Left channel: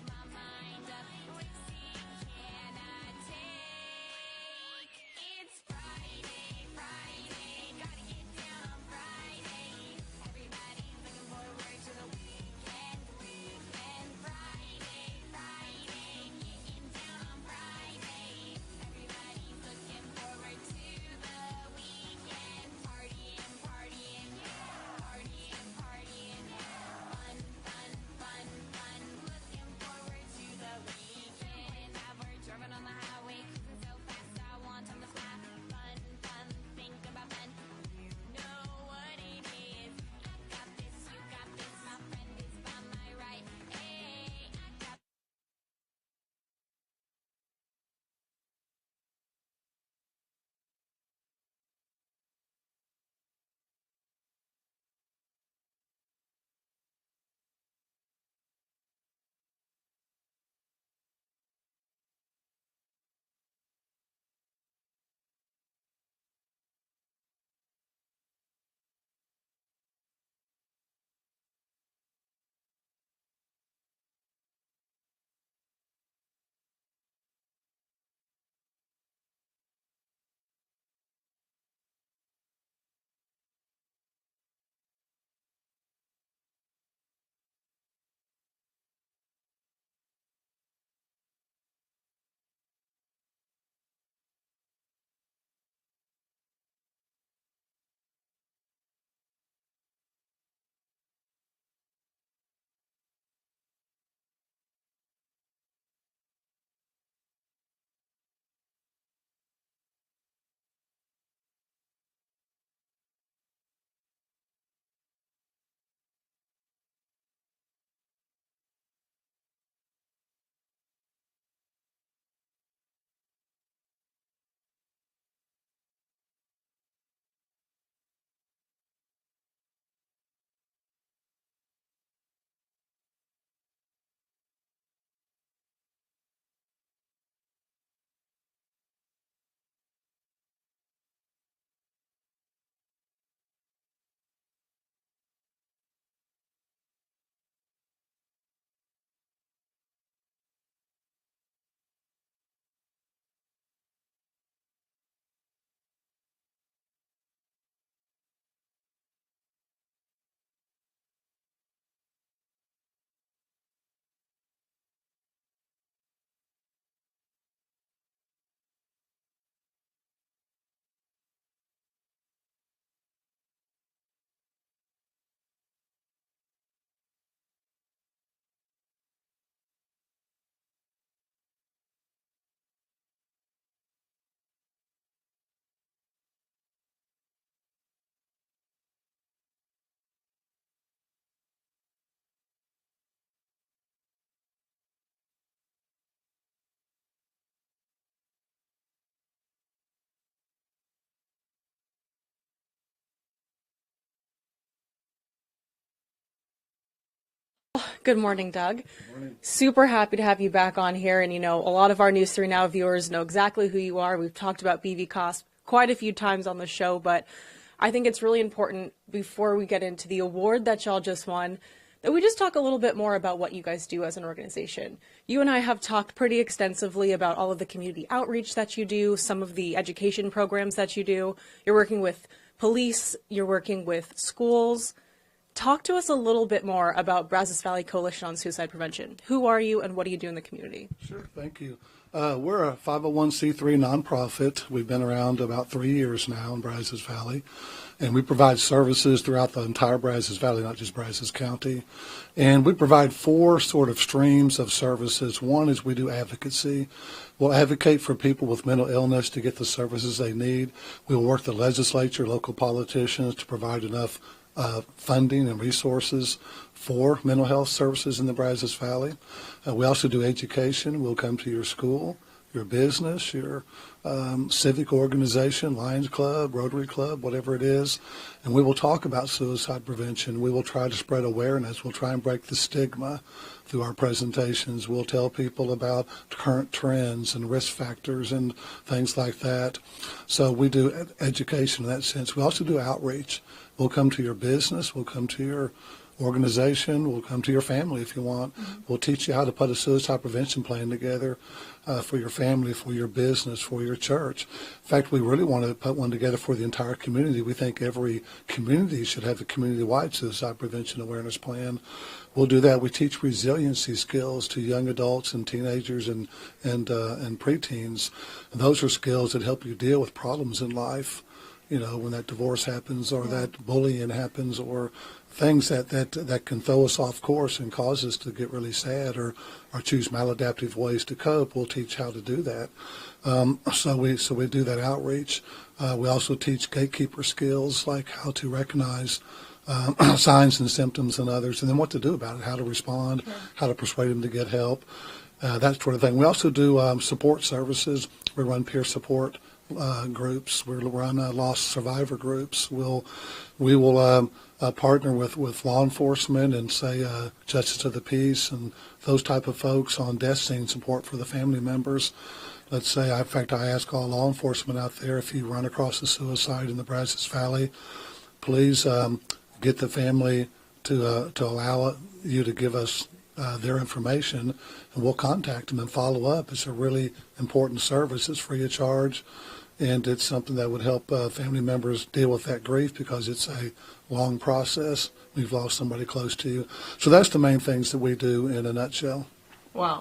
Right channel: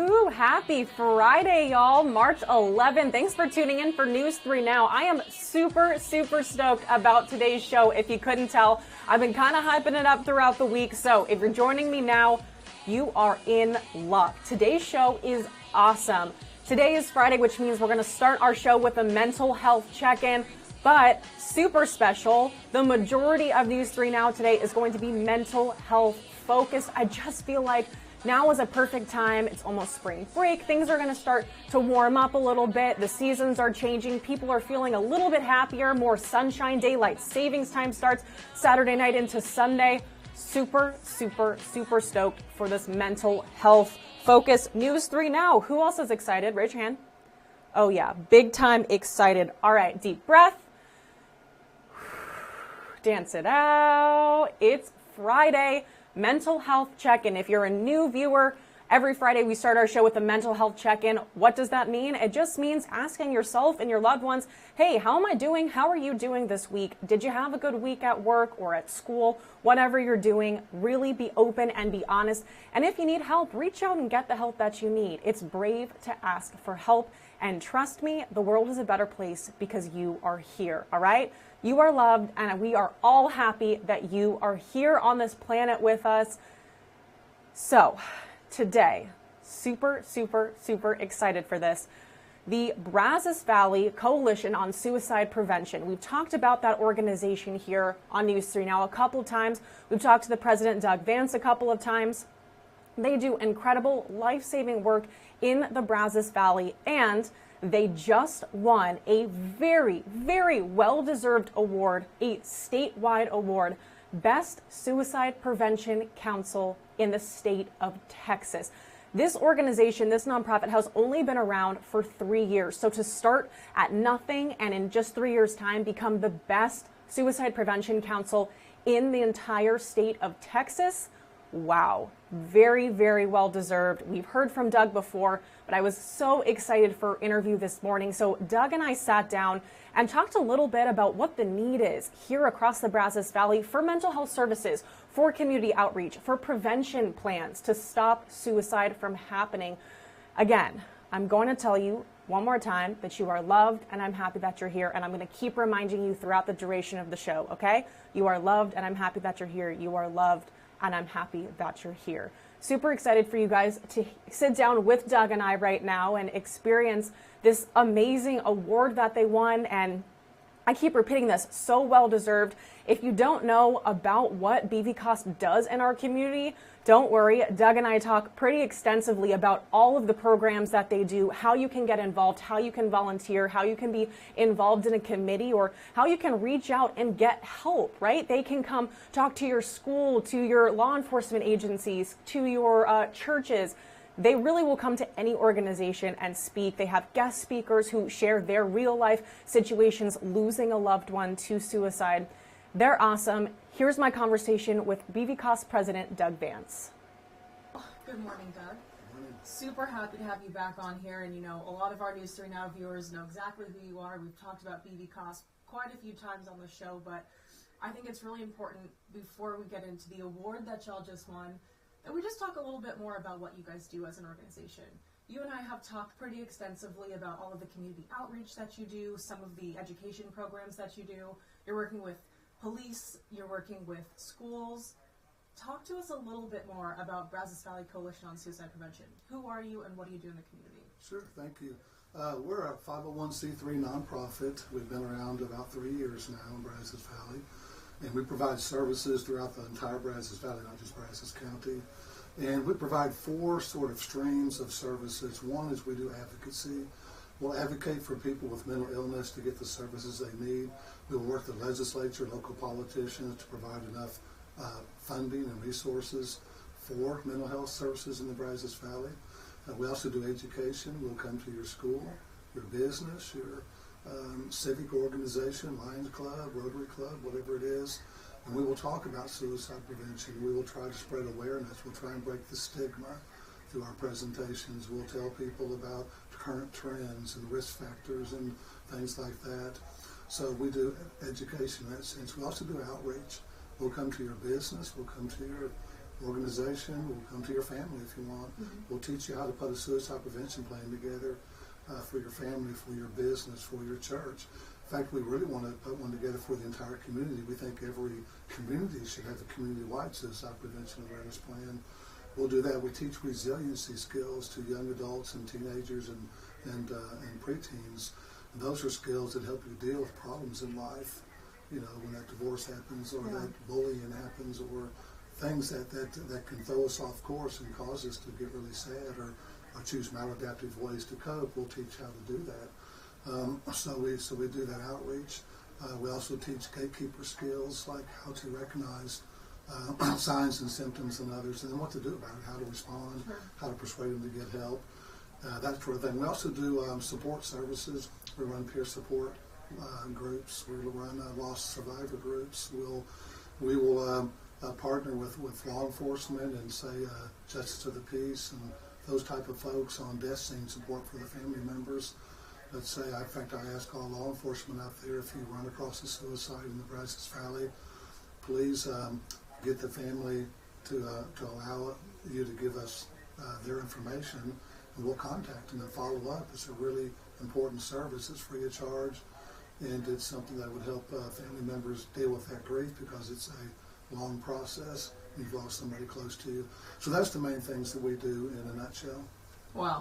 Woohoo! Happy Friday, y'all. March 11th. Thanks for tuning in for News 3 Now. I am super stoked about today's show. If you couldn't tell, I've been kind of hyping it up throughout the week. So if you're joining me now, you are in luck. Today's show is awesome. Today is Friday, which means we're going to start our show with a mental health check-in. But super special, the majority of News 3 Now today is going to be mental health focused. I just feel like now is a perfect time. It's almost spring break. Things are going to start to warm up a little bit. The seasons are changing. People are feeling a little bit happier. More sunshine. Daylight savings time starts Saturday night into Sunday. Super stoked for this mental health focus. News 3 Now. Who else is excited? Raise your hand. Oh yeah, big time excited. All right, deep breath. Dance it out. It's Friday. Mental health check-in. If you're a new viewer, every Friday we start our show with a mental health check-in. What does that mean? It just means asking yourself and your loved ones, hey, how am I doing? How are you doing this week? Did you have a good week at work or at school? Whatever you're doing, really be open and be honest. And if you need help, reach out and get the help that you need. It's brave to ask for help. And trust me, the world is a better place because you are here, all right? You are loved, and we are all happy that you are here on this planet with us. So, today, super excited for this. The Brazos Valley Coalition on Suicide Prevention. We've talked about that organization here on News 3 Now a couple times. We've talked to the president, Doug Vance, a couple of times. They do incredible life-saving work in the Brazos Valley, and they just won a very well-deserved award, a statewide award, Best Suicide Prevention Council in the state of Texas. This organization, this nonprofit, has only been around for 3 years. So to start at nothing and in just 3 years' time become the best suicide prevention council in the entire state of Texas, wow, very well deserved. We've heard from Doug before, but I was so excited for our interview this morning. So Doug and I sat down and talked a little bit about what the need is here across the Brazos Valley for mental health services, for community outreach, for prevention plans to stop suicide from happening. Again, I'm going to tell you one more time that you are loved, and I'm happy that you're here, and I'm going to keep reminding you throughout the duration of the show, okay? You are loved, and I'm happy that you're here. You are loved, and I'm happy that you're here. Super excited for you guys to sit down with Doug and I right now and experience this amazing award that they won. And I keep repeating this, so well deserved. If you don't know about what BVCOSP does in our community, don't worry. Doug and I talk pretty extensively about all of the programs that they do, how you can get involved, how you can volunteer, how you can be involved in a committee, or how you can reach out and get help, right? They can come talk to your school, to your law enforcement agencies, to your churches. They really will come to any organization and speak. They have guest speakers who share their real life situations losing a loved one to suicide. They're awesome. Here's my conversation with BVCOSP President Doug Vance. Good morning, Doug. Good morning. Super happy to have you back on here. And, you know, a lot of our News 3 Now viewers know exactly who you are. We've talked about BVCOSP quite a few times on the show, but I think it's really important before we get into the award that y'all just won that we just talk a little bit more about what you guys do as an organization. You and I have talked pretty extensively about all of the community outreach that you do, some of the education programs that you do. You're working with police, you're working with schools. Talk to us a little bit more about Brazos Valley Coalition on Suicide Prevention. Who are you and what do you do in the community? Sure, thank you. We're a 501c3 nonprofit. We've been around about 3 years now in Brazos Valley, and we provide services throughout the entire Brazos Valley, not just Brazos County. And we provide four sort of streams of services. One is we do advocacy. We'll advocate for people with mental illness to get the services they need. We'll work the legislature, local politicians to provide enough funding and resources for mental health services in the Brazos Valley. We also do education. We'll come to your school, your business, your civic organization, Lions Club, Rotary Club, whatever it is, and we will talk about suicide prevention. We will try to spread awareness. We'll try and break the stigma through our presentations. We'll tell people about current trends and risk factors and things like that. So we do education in that sense. We also do outreach. We'll come to your business. We'll come to your organization. We'll come to your family if you want. We'll teach you how to put a suicide prevention plan together for your family, for your business, for your church. In fact, we really want to put one together for the entire community. We think every community should have a community-wide suicide prevention awareness plan. We'll do that. We teach resiliency skills to young adults and teenagers and preteens. And those are skills that help you deal with problems in life. You know, when that divorce happens or that bullying happens or things that can throw us off course and cause us to get really sad or choose maladaptive ways to cope. We'll teach how to do that. So we do that outreach. We also teach gatekeeper skills like how to recognize signs and symptoms in others, and then what to do about it, how to respond, how to persuade them to get help, that sort of thing. We also do support services. We run peer support groups. We run lost survivor groups. We will partner with law enforcement and say justice of the peace and those type of folks on death scene support for the family members. Let's say, in fact, I ask all law enforcement out there, if you run across a suicide in the Brazos Valley, please get the family to allow you to give us their information, and we'll contact them and follow up. It's a really important service. It's free of charge, and it's something that would help family members deal with that grief because it's a long process. You've lost somebody close to you. So that's the main things that we do in a nutshell. Wow.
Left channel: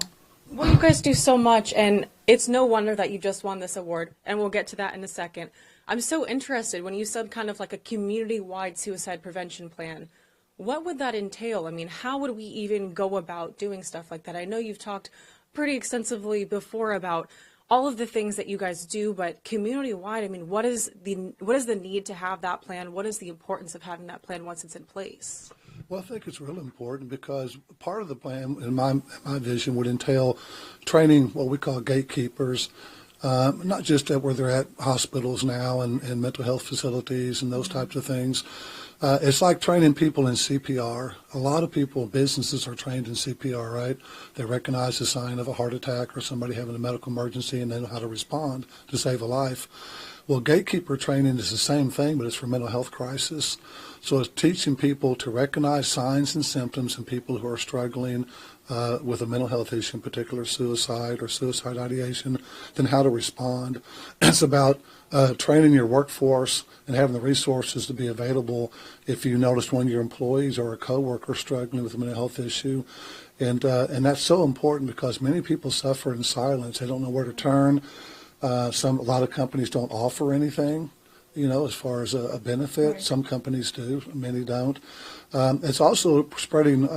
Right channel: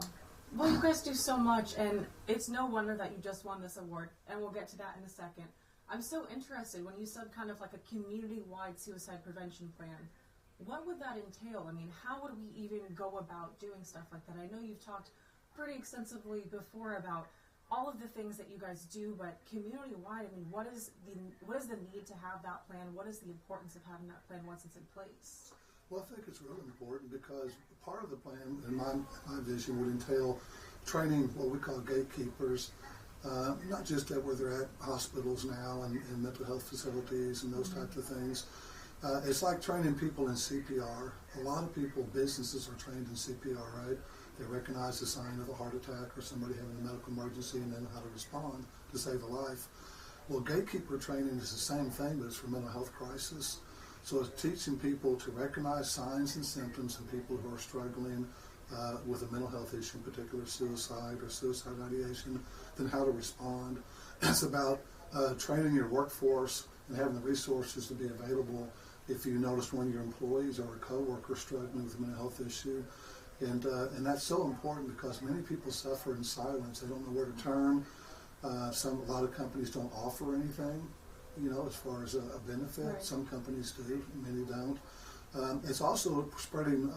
Well, you guys do so much, and it's no wonder that you just won this award, and we'll get to that in a second. I'm so interested when you said kind of like a community-wide suicide prevention plan. What would that entail? I mean, how would we even go about doing stuff like that? I know you've talked pretty extensively before about all of the things that you guys do, but community-wide, I mean, what is the need to have that plan? What is the importance of having that plan once it's in place? Well, I think it's really important because part of the plan, in my vision, would entail training what we call gatekeepers, not just where they're at hospitals now and mental health facilities and those types of things. It's like training people in CPR. A lot of people, businesses are trained in CPR, right? They recognize the sign of a heart attack or somebody having a medical emergency and they know how to respond to save a life. Well, gatekeeper training is the same thing, but it's for mental health crisis. So it's teaching people to recognize signs and symptoms in people who are struggling with a mental health issue, in particular suicide or suicide ideation, then how to respond. It's about training your workforce and having the resources to be available if you notice one of your employees or a coworker struggling with a mental health issue. And that's so important because many people suffer in silence. They don't know where to turn. A lot of companies don't offer anything, as far as a benefit. Right. Some companies do, many don't. It's also spreading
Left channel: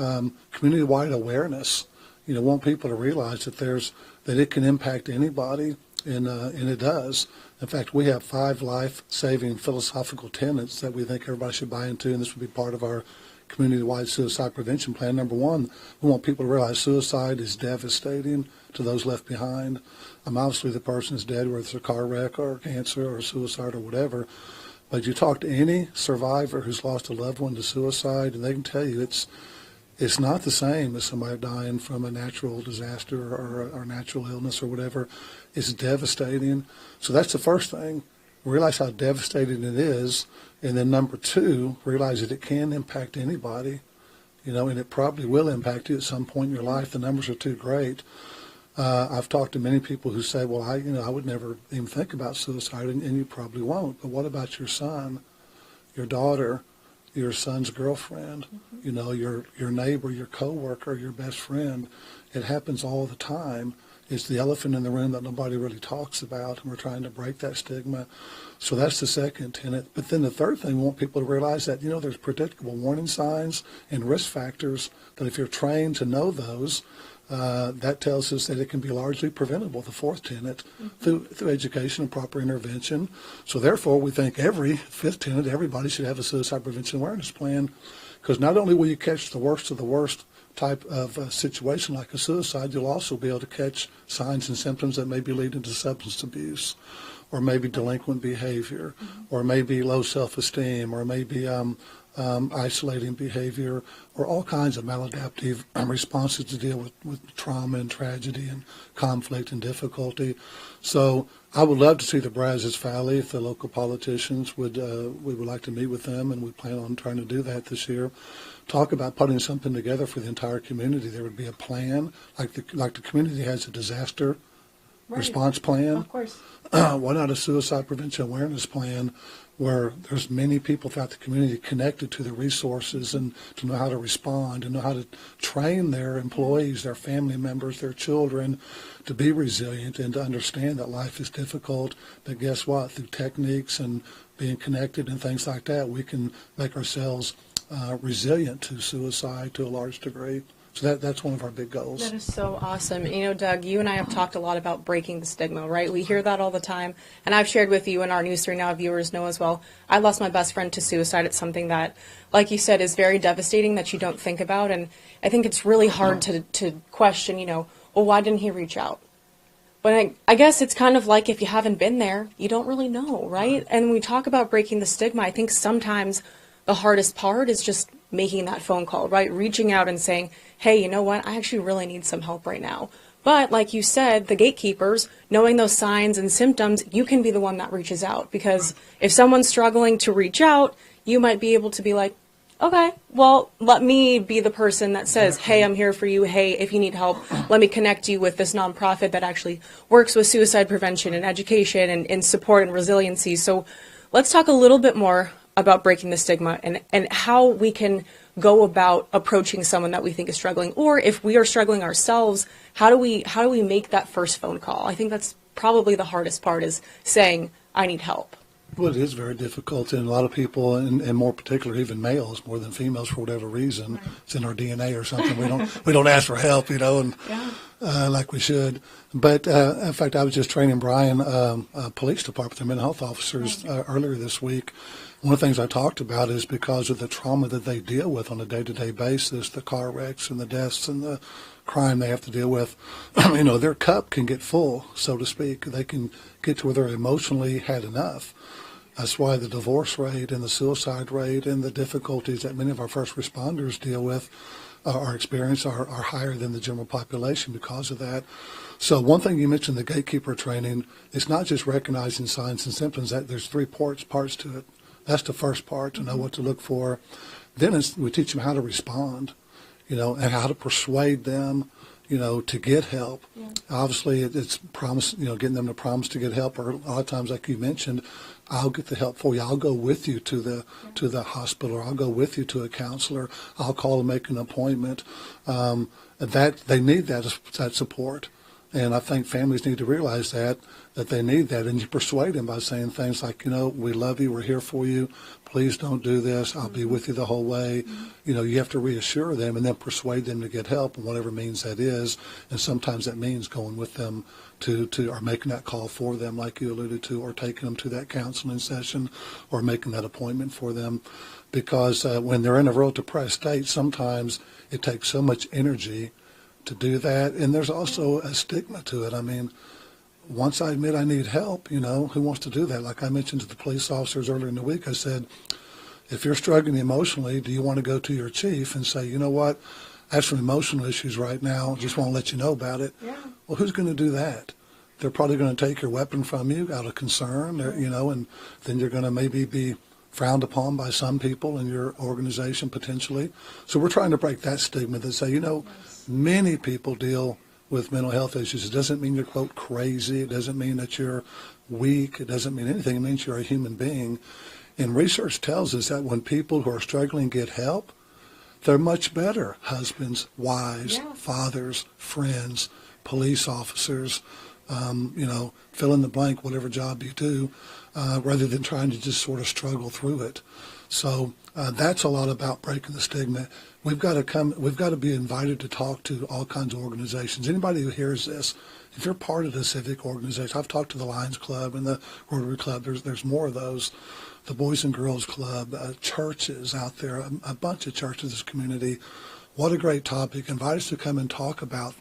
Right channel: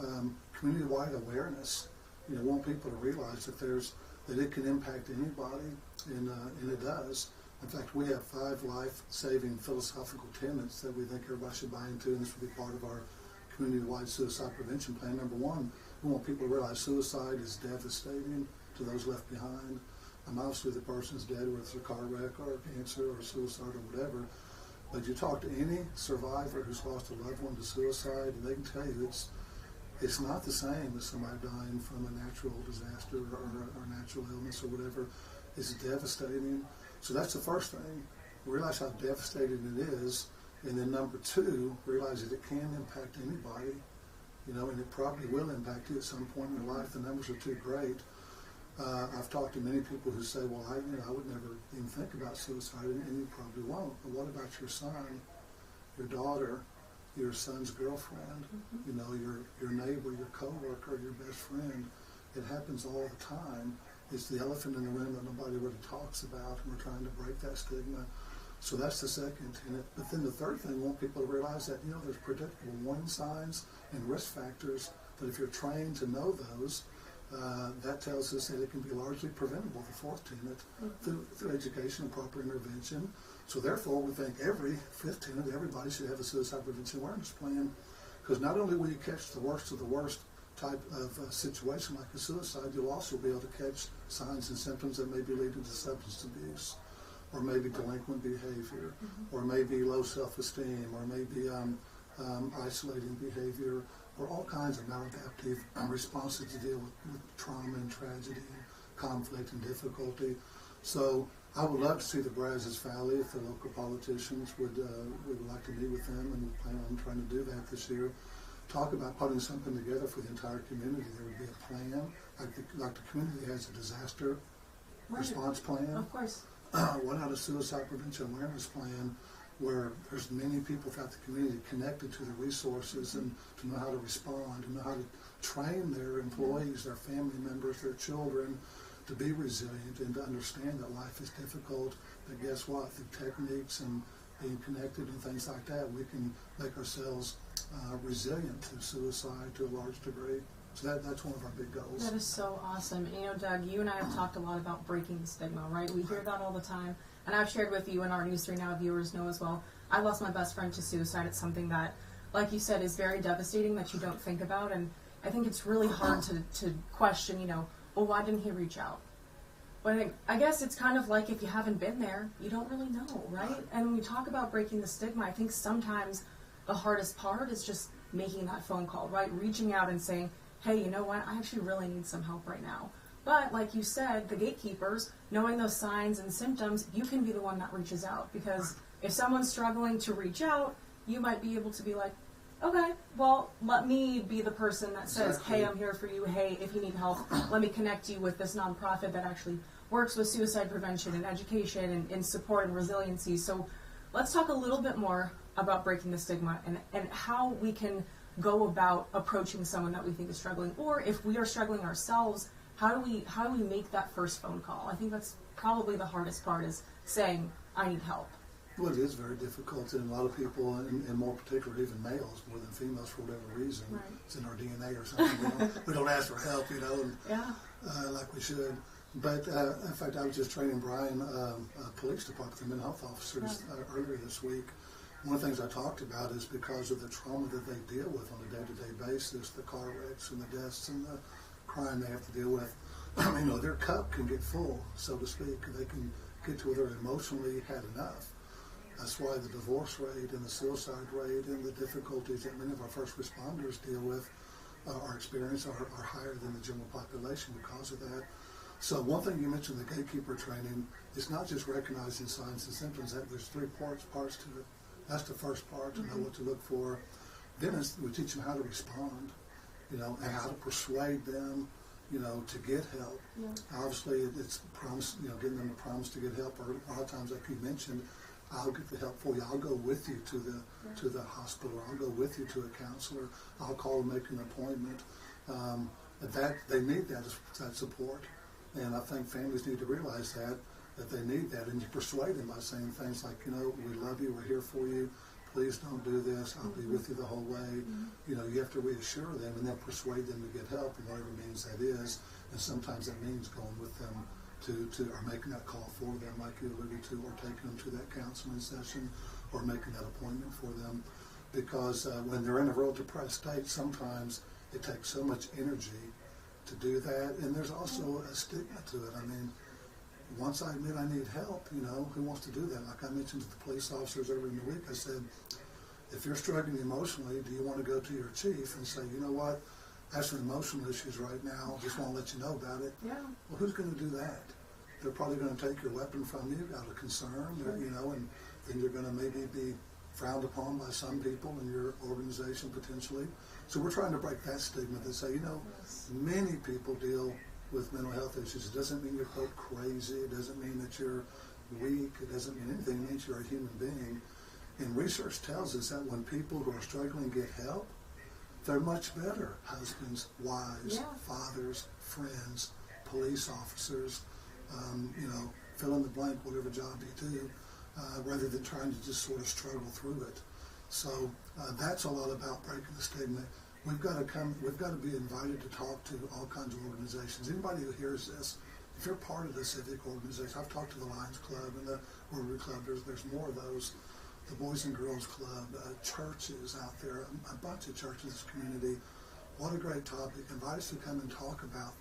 community-wide awareness. Want people to realize that it can impact anybody, and it does. In fact, we have 5 life-saving philosophical tenets that we think everybody should buy into, and this would be part of our community-wide suicide prevention plan. Number 1, we want people to realize suicide is devastating to those left behind. Obviously, the person is dead, whether it's a car wreck or cancer or suicide or whatever. But you talk to any survivor who's lost a loved one to suicide, and they can tell you it's not the same as somebody dying from a natural disaster or natural illness or whatever. It's devastating. So that's the first thing. Realize how devastating it is. And then number 2, realize that it can impact anybody, and it probably will impact you at some point in your life. The numbers are too great. I've talked to many people who say, well, I would never even think about suicide, and you probably won't. But what about your son, your daughter, your son's girlfriend, your neighbor, your coworker, your best friend? It happens all the time. It's the elephant in the room that nobody really talks about, and we're trying to break that stigma. So that's the second tenet. But then the third thing, we want people to realize that, there's predictable warning signs and risk factors that if you're trained to know those, that tells us that it can be largely preventable, the fourth tenet, through education and proper intervention. So therefore, we think fifth tenet, everybody should have a suicide prevention awareness plan, because not only will you catch the worst of the worst type of situation like a suicide, you'll also be able to catch signs and symptoms that may be leading to substance abuse, or maybe delinquent behavior, or maybe low self-esteem, or maybe isolating behavior, or all kinds of maladaptive responses to deal with trauma and tragedy and conflict and difficulty. So I would love to see the Brazos Valley, if the local politicians we would like to meet with them, and we plan on trying to do that this year. Talk about putting something together for the entire community. There would be a plan, like the community has a disaster response plan. Of course. Why not a suicide prevention awareness plan where there's many people throughout the community connected to the resources and to know how to respond and know how to train their employees, their family members, their children to be resilient and to understand that life is difficult. But guess what? Through techniques and being connected and things like that, we can make ourselves resilient to suicide to a large degree. So that's one of our big goals. That is so awesome. You know, Doug, you and I have talked a lot about breaking the stigma, right? We hear that all the time. And I've shared with you, and our News 3 Now viewers know as well, I lost my best friend to suicide. It's something that, like you said, is very devastating that you don't think about. And I think it's really hard to question, you know, well, why didn't he reach out? But I guess it's kind of like if you haven't been there, you don't really know, right? And when we talk about breaking the stigma, I think sometimes the hardest part is just making that phone call, right? Reaching out and saying, hey, you know what? I actually really need some help right now. But like you said, the gatekeepers, knowing those signs and symptoms, you can be the one that reaches out. Because if someone's struggling to reach out, you might be able to be like, okay, well, let me be the person that says, hey, I'm here for you. Hey, if you need help, let me connect you with this nonprofit that actually works with suicide prevention and education and support and resiliency. So let's talk a little bit more about breaking the stigma and how we can go about approaching someone that we think is struggling, or if we are struggling ourselves, how do we make that first phone call? I think that's probably the hardest part, is saying, I need help. Well, it is very difficult, and a lot of people, and more particularly even males, more than females, for whatever reason, right. It's in our DNA or something. We don't ask for help, you know, and like we should. But in fact, I was just training Bryan, police department, their mental health officers, earlier this week. One of the things I talked about is because of the trauma that they deal with on a day-to-day basis, the car wrecks and the deaths and the crime they have to deal with, you know, their cup can get full, so to speak. They can get to where they're emotionally had enough. That's why the divorce rate and the suicide rate and the difficulties that many of our first responders deal with or experience are higher than the general population because of that. So one thing you mentioned, the gatekeeper training, it's not just recognizing signs and symptoms. That there's three parts to it. That's the first part, to know what to look for. Then we teach them how to respond, you know, and how to persuade them, you know, to get help. Yeah. Obviously, it's promise, you know, getting them to promise to get help. Or a lot of times, like you mentioned, I'll get the help for you. I'll go with you to the hospital, or I'll go with you to a counselor. I'll call and make an appointment. That they need that support, and I think families need to realize that they need that, and you persuade them by saying things like, you know, we love you, we're here for you, please don't do this, I'll be with you the whole way. You know, you have to reassure them and then persuade them to get help, and whatever means that is, and sometimes that means going with them to or making that call for them, like you alluded to, or taking them to that counseling session, or making that appointment for them, because when they're in a real depressed state, sometimes it takes so much energy to do that, and there's also a stigma to it. I mean, once I admit I need help, you know, who wants to do that? Like I mentioned to the police officers earlier in the week, I said, if you're struggling emotionally, do you want to go to your chief and say, you know what, I have some emotional issues right now, just want to let you know about it? Yeah. Well, who's going to do that? They're probably going to take your weapon from you out of concern, you know, and then you're going to maybe be frowned upon by some people in your organization potentially. So we're trying to break that stigma that say, you know, many people deal with mental health issues. It doesn't mean you're, quote, crazy. It doesn't mean that you're weak. It doesn't mean anything. It means you're a human being. And research tells us that when people who are struggling get help, they're much better husbands, wives, fathers, friends, police officers, you know, fill in the blank, whatever job you do, rather than trying to just sort of struggle through it. So that's a lot about breaking the stigma. We've got to be invited to talk to all kinds of organizations. Anybody who hears this, if you're part of the civic organization, I've talked to the Lions Club and the Rotary Club. There's more of those. The Boys and Girls Club, churches out there, a bunch of churches in this community. What a great topic. Invite us to come and talk about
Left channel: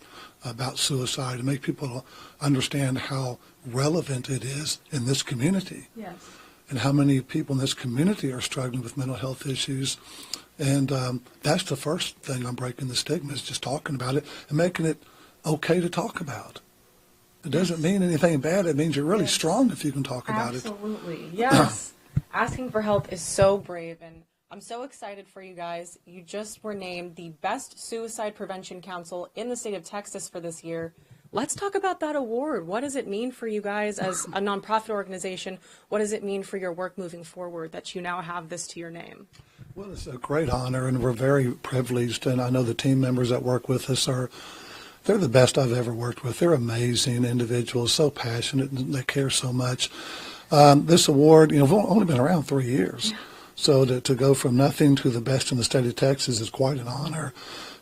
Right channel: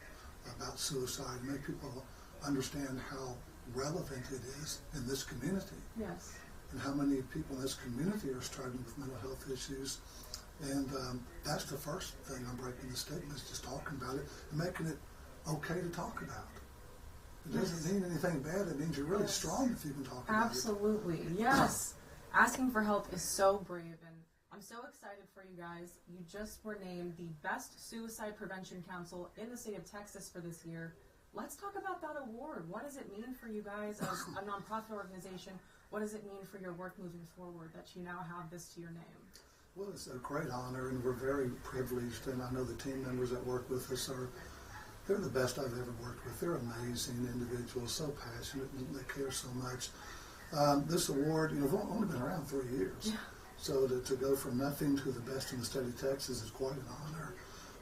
suicide and make people understand how relevant it is in this community. Yes. and how many people in this community are struggling with mental health issues. And that's the first thing on breaking the stigma, is just talking about it and making it okay to talk about. It doesn't mean anything bad. It means you're really strong if you can talk about it. Absolutely, yes. Asking for help is so brave, and I'm so excited for you guys. You just were named the Best Suicide Prevention Council in the state of Texas for this year. Let's talk about that award. What does it mean for you guys as a nonprofit organization? What does it mean for your work moving forward that you now have this to your name? Well, it's a great honor, and we're very privileged, and I know the team members that work with us they're the best I've ever worked with. They're amazing individuals, so passionate, and they care so much. This award, we've only been around 3 years, so to go from nothing to the best in the state of Texas is quite an honor.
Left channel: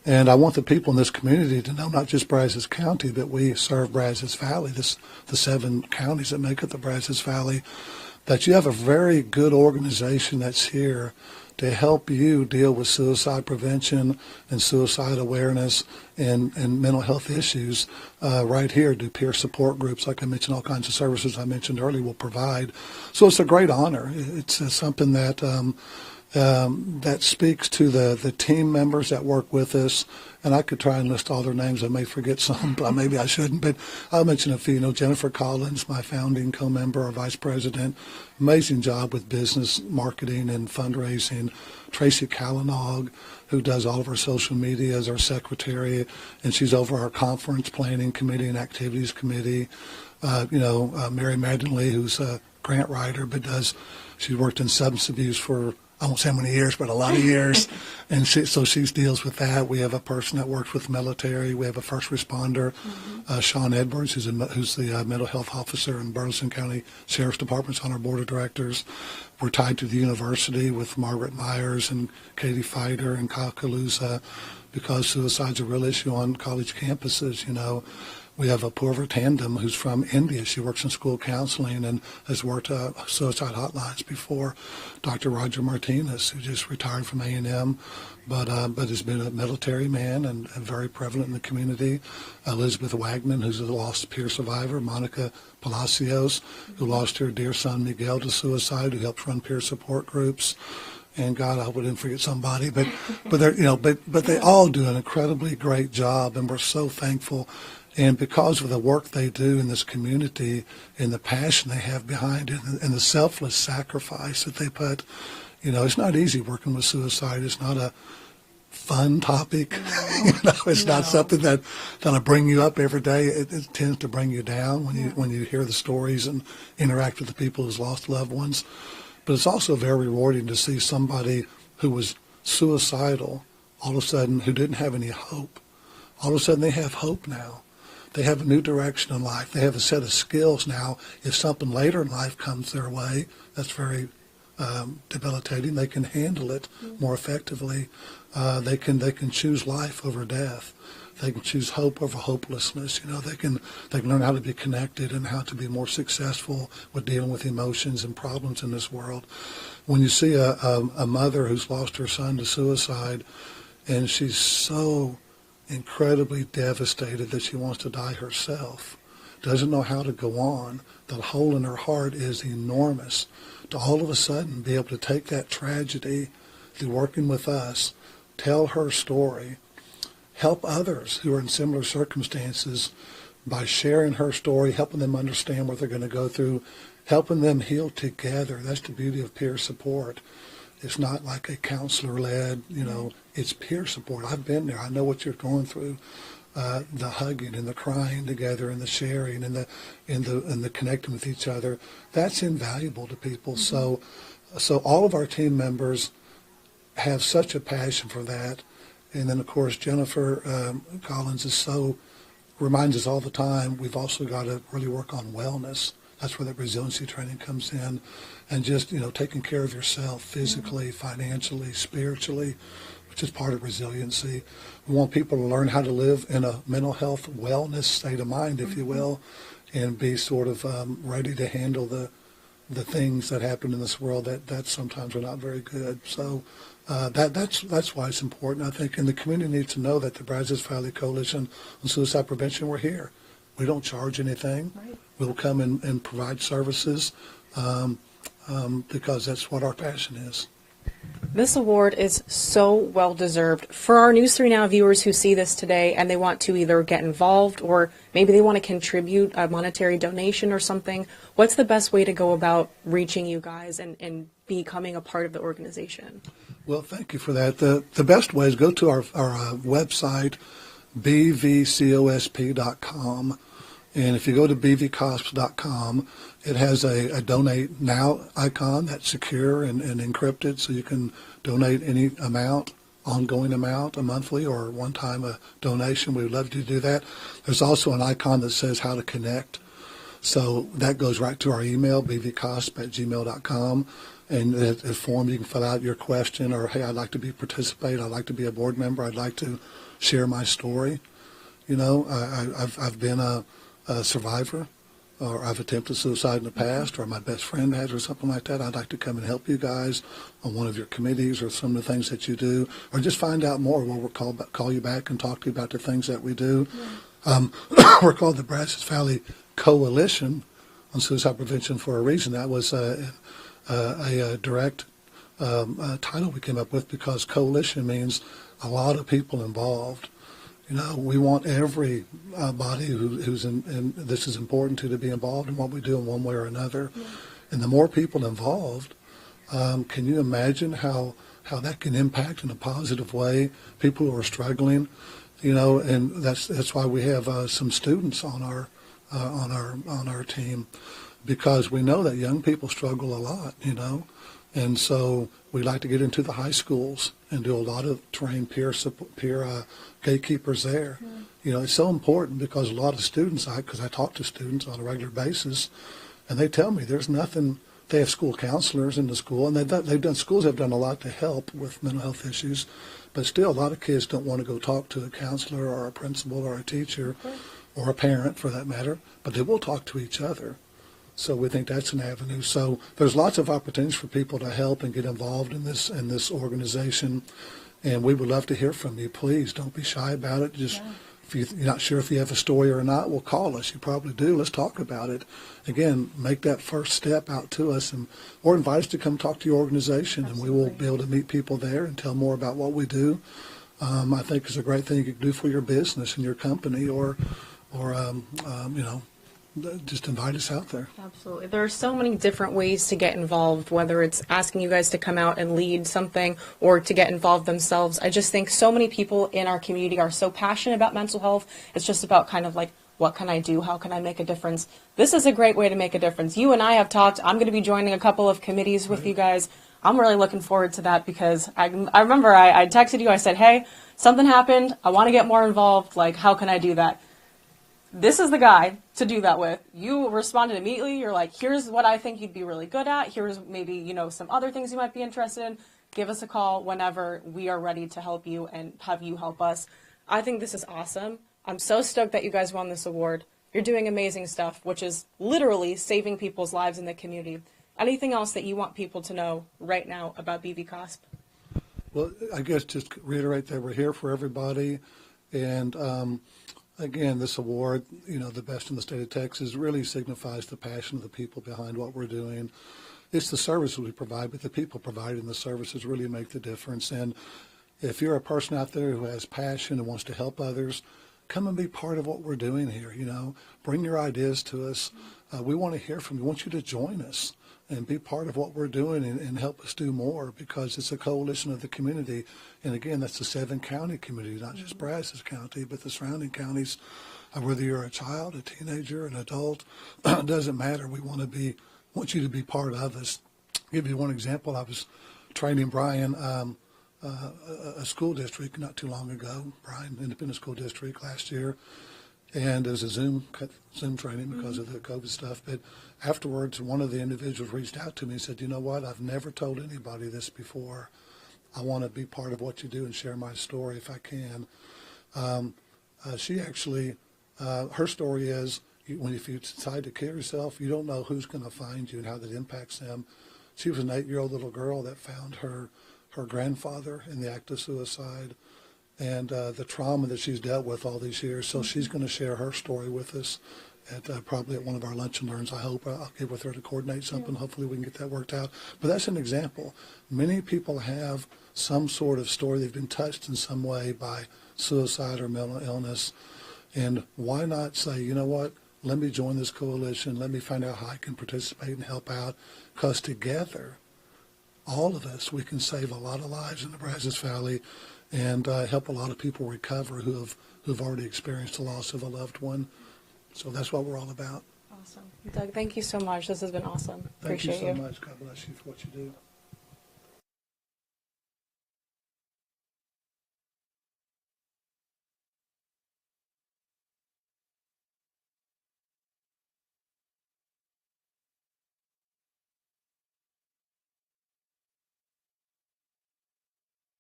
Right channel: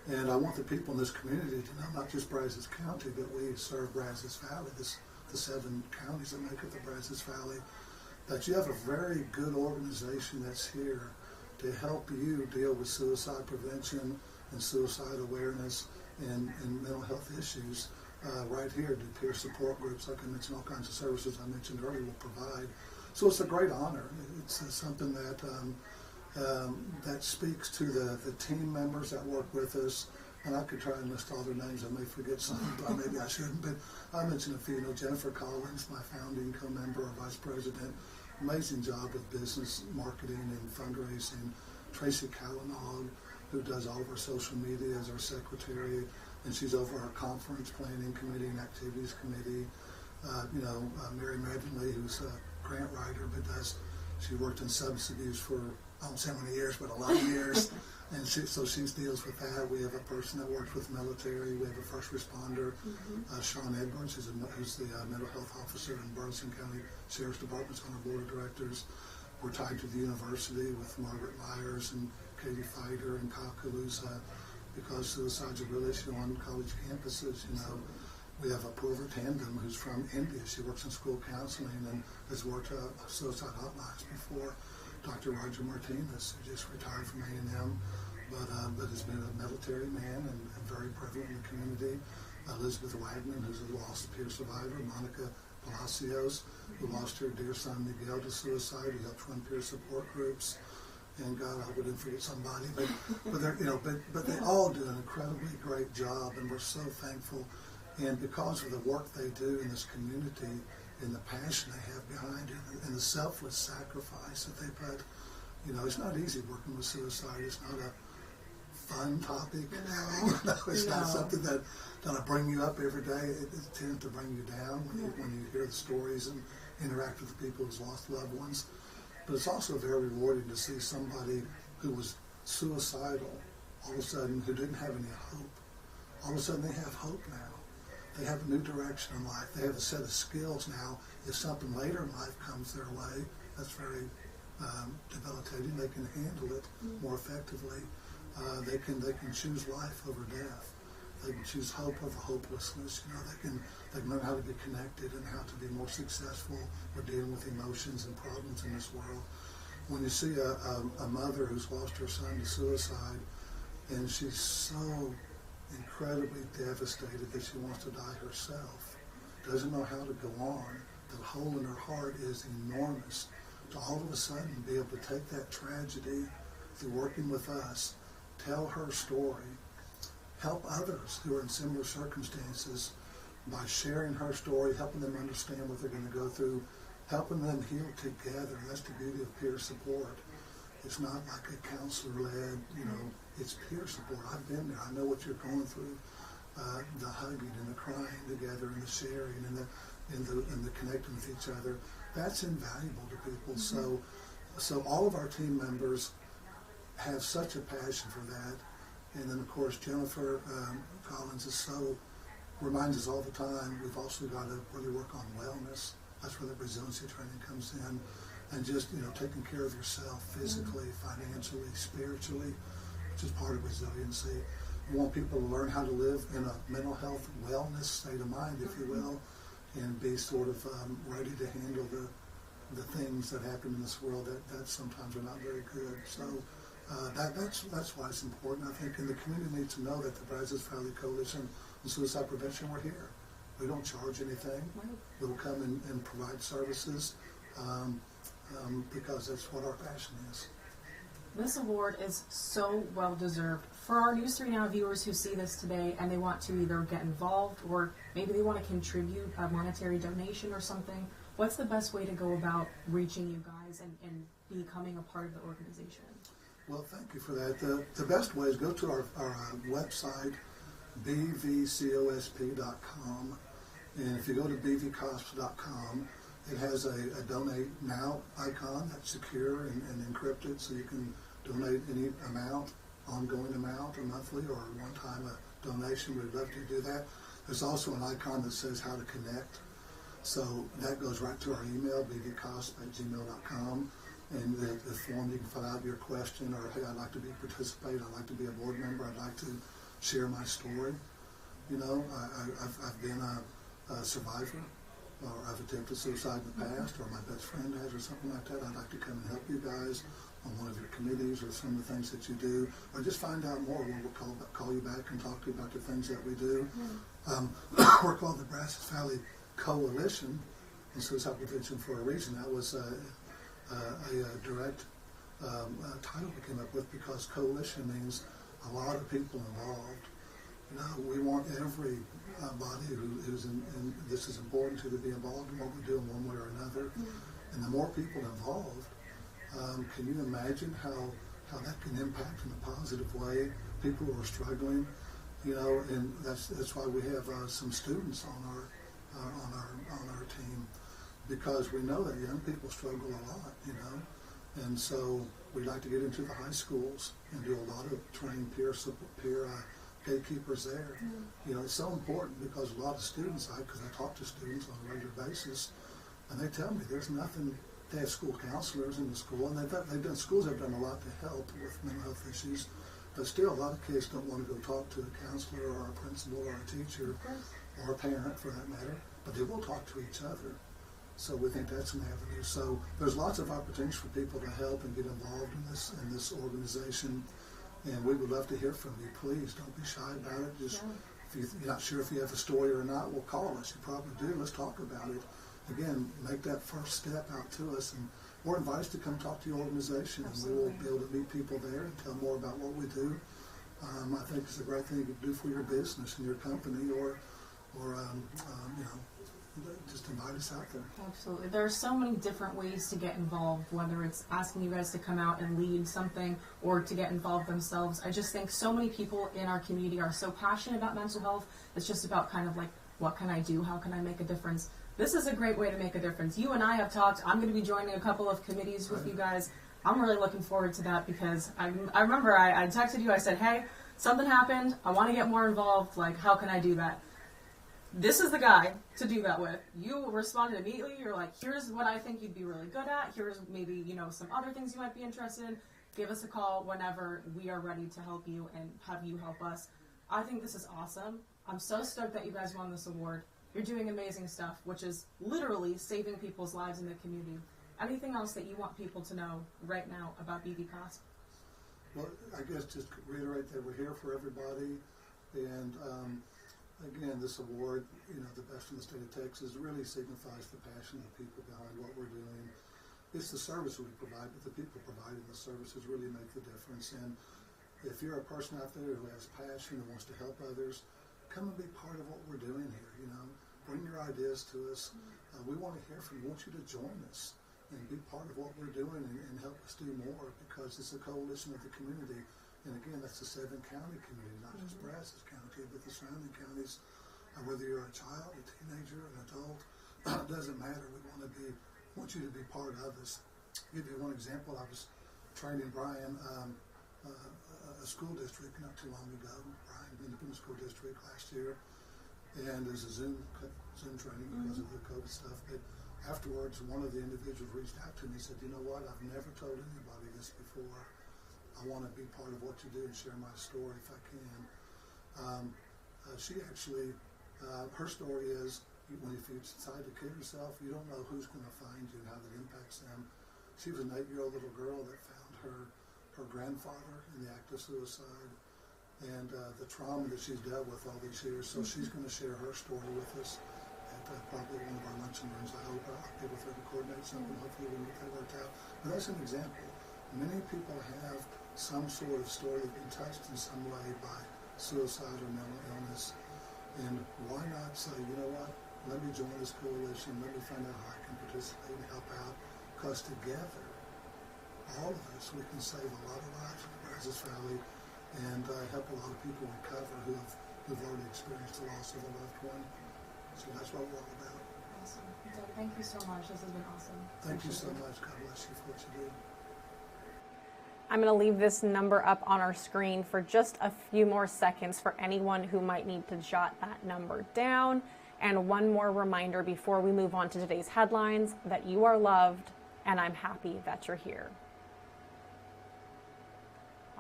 And I want the people in this community to know not just Brazos County, but we serve Brazos Valley, the 7 counties that make up the Brazos Valley, that you have a very good organization that's here to help you deal with suicide prevention and suicide awareness and mental health issues right here. Do peer support groups, like I mentioned, all kinds of services I mentioned earlier will provide. So it's a great honor. It's something that that speaks to the team members that work with us. And I could try and list all their names. I may forget some, but maybe I shouldn't. But I'll mention a few. Jennifer Collins, my founding co-member or vice president, amazing job with business marketing and fundraising. Tracy Calinog, who does all of our social media as our secretary, and she's over our conference planning committee and activities committee. Mary Magdalene, who's a grant writer, but she's worked in substance abuse for I won't say how many years, but a lot of years. And she deals with that. We have a person that works with the military. We have a first responder, Sean Edwards, who's the mental health officer in Burleson County Sheriff's Department, on our board of directors. We're tied to the university with Margaret Myers and Katie Fider and Kyle Kaluza, because suicide's a real issue on college campuses. We have a Purva Tandem who's from India. She works in school counseling and has worked suicide hotlines before. Dr. Roger Martinez, who just retired from A&M, but has been a military man and very prevalent in the community. Elizabeth Wagman, who's a lost peer survivor. Monica Palacios, who lost her dear son Miguel to suicide, who helps run peer support groups. And God, I wouldn't forget somebody, but they all do an incredibly great job, and we're so thankful. And because of the work they do in this community and the passion they have behind it and the selfless sacrifice that they put, it's not easy working with suicide. It's not a fun topic. It's not something that'll bring you up every day. It tends to bring you down when you hear the stories and interact with the people who's lost loved ones. But it's also very rewarding to see somebody who was suicidal, all of a sudden, who didn't have any hope. All of a sudden, they have hope now. They have a new direction in life. They have a set of skills now. If something later in life comes their way that's very debilitating, they can handle it more effectively. They can choose life over death. They can choose hope over hopelessness. They can learn how to be connected and how to be more successful with dealing with emotions and problems in this world. When you see a mother who's lost her son to suicide, and she's so incredibly devastated that she wants to die herself, doesn't know how to go on, the hole in her heart is enormous. To all of a sudden be able to take that tragedy through working with us, tell her story, help others who are in similar circumstances by sharing her story, helping them understand what they're going to go through, helping them heal together. That's the beauty of peer support. It's not like a counselor-led, it's peer support. I've been there. I know what you're going through. The hugging and the crying together and the sharing and the connecting with each other. That's invaluable to people. So all of our team members have such a passion for that. And then, of course, Jennifer Collins reminds us all the time, we've also got to really work on wellness. That's where the resiliency training comes in. And just, taking care of yourself physically, financially, spiritually, which is part of resiliency. We want people to learn how to live in a mental health wellness state of mind, if you will, and be sort of ready to handle the things that happen in this world that sometimes are not very good. So that's why it's important, I think. And the community needs to know that the Brazos Valley Coalition on Suicide Prevention, we're here. We don't charge anything. Right. We'll come and provide services. because that's what our passion is. This award is so well deserved. For our News 3 Now viewers who see this today and they want to either get involved or maybe they want to contribute a monetary donation or something, what's the best way to go about reaching you guys and becoming a part of the organization? Well, thank you for that. The best way is go to our website, bvcosp.com. And if you go to bvcosp.com, it has a donate now icon that's secure and encrypted, so you can donate any amount, ongoing amount, a monthly or one-time donation. We would love to do that. There's also an icon that says how to connect. So that goes right to our email, bvcosp@gmail.com. And a form you can fill out your question, or, hey, I'd like to participate. I'd like to be a board member. I'd like to share my story. You know, I've been a survivor, or I've attempted suicide in the past, or my best friend has, or something like that. I'd like to come and help you guys on one of your committees or some of the things that you do, or just find out more. We'll call you back and talk to you about the things that we do. We're called the Brazos Valley Coalition on Suicide Prevention for a reason. That was a direct title we came up with, because coalition means a lot of people involved. You know, we want every body who's in this is important to be involved in what we do in one way or another. Yeah. And the more people involved, can you imagine how that can impact in a positive way people who are struggling? You know, and that's why we have some students on our team, because we know that young people struggle a lot. You know, and so we like to get into the high schools and do a lot of train peer gatekeepers there. Mm. You know, it's so important, because a lot of students, because I talk to students on a regular basis, and they tell me there's nothing. They have school counselors in the school, and schools have done a lot to help with mental health issues, but still a lot of kids don't want to go talk to a counselor or a principal or a teacher, or a parent for that matter, but they will talk to each other. So we think that's an avenue. So there's lots of opportunities for people to help and get involved in this organization. And we would love to hear from you. Please don't be shy about it. Just if you're not sure if you have a story or not, well, call us. You probably do. Let's talk about it. Again, make that first step out to us, or invite us to come talk to your organization. Absolutely. And we will be able to meet people there and tell more about what we do. I think it's a great thing you can do for your business and your company, or you know, just invite us out there. Absolutely. There are so many different ways to get involved, whether it's asking you guys to come out and lead something or to get involved themselves. I just think so many people in our community are so passionate about mental health. It's just about kind of like, what can I do? How can I make a difference? This is a great way to make a difference. You and I have talked. I'm going to be joining a couple of committees with you guys. I'm really looking forward to that, because I remember I texted you. I said, hey, something happened. I want to get more involved. Like, how can I do that? This is the guy to do that with. You responded immediately. You're like, here's what I think you'd be really good at. Here's maybe, you know, some other things you might be interested in. Give us a call whenever we are ready to help you and have you help us. I think this is awesome. I'm so stoked that you guys won this award. You're doing amazing stuff, which is literally saving people's lives in the community. Anything else that you want people to know right now about BVCOSP? Well, I guess just reiterate that we're here for everybody. And again, this award, you know, the best in the state of Texas, really signifies the passion of the people behind what we're doing. It's the services we provide, but the people providing the services really make the difference. And if you're a person out there who has passion and wants to help others, come and be part of what we're doing here. You know, bring your ideas to us. We want to hear from you. We want you to join us and be part of what we're doing, and help us do more, because it's a coalition of the community. And again, that's the 7-county community, not just Brazos County, but the surrounding counties. Whether you're a child, a teenager, an adult, it doesn't matter. We want you to be part of us. I'll give you one example. I was training Brian, a school district not too long ago, Brian Independent School District last year, and it was a Zoom training because of the COVID stuff. But afterwards, one of the individuals reached out to me and said, you know what, I've never told anybody this before. I want to be part of what you do and share my story if I can. She actually, her story is, if you decide to kill yourself, you don't know who's going to find you and how that impacts them. She was an 8-year-old little girl that found her grandfather in the act of suicide, and the trauma that she's dealt with all these years. So she's going to share her story with us probably at one of our lunch and learns. I hope I'll get with her to coordinate something. Hopefully we can get that worked out. But that's an example. Many people have some sort of story. They've been touched in some way by suicide or mental illness. And why not say, you know what, let me join this coalition. Let me find out how I can participate and help out. Because together, all of us, we can save a lot of lives in the Brazos Valley and help a lot of people recover who've already experienced the loss of a loved one. So that's what we're all about. Awesome. Doug, thank you so much. This has been awesome. Thank you Appreciate so much. God bless you for what you do. I'm going to leave this number up on our screen for just a few more seconds for anyone who might need to jot that number down. And one more reminder before we move on to today's headlines, that you are loved, and I'm happy that you're here.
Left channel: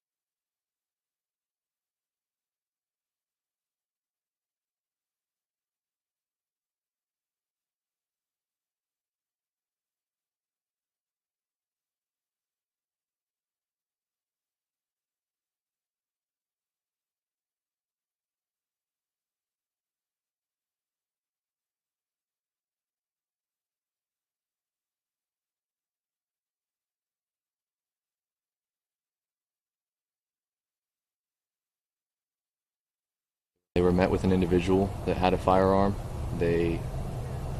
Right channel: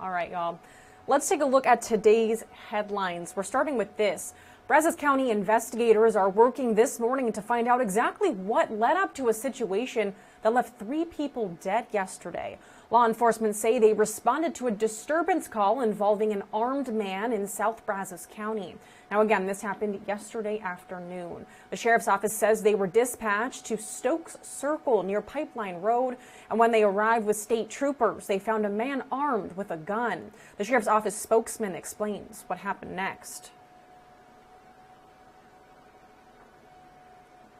All right, y'all. Let's take a look at today's headlines. We're starting with this. Brazos County investigators are working this morning to find out exactly what led up to a situation that left 3 people dead yesterday. Law enforcement say they responded to a disturbance call involving an armed man in South Brazos County. Now, again, this happened yesterday afternoon. The sheriff's office says they were dispatched to Stokes Circle near Pipeline Road, and when they arrived with state troopers, they found a man armed with a gun. The sheriff's office spokesman explains what happened next. They were met with an individual that had a firearm. They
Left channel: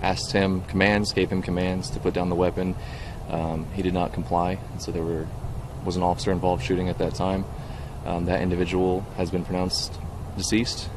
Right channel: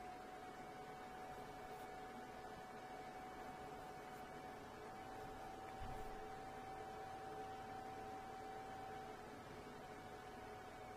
asked him commands, gave him commands to put down the weapon. He did not comply, and so there was an officer involved shooting at that time. That individual has been pronounced deceased.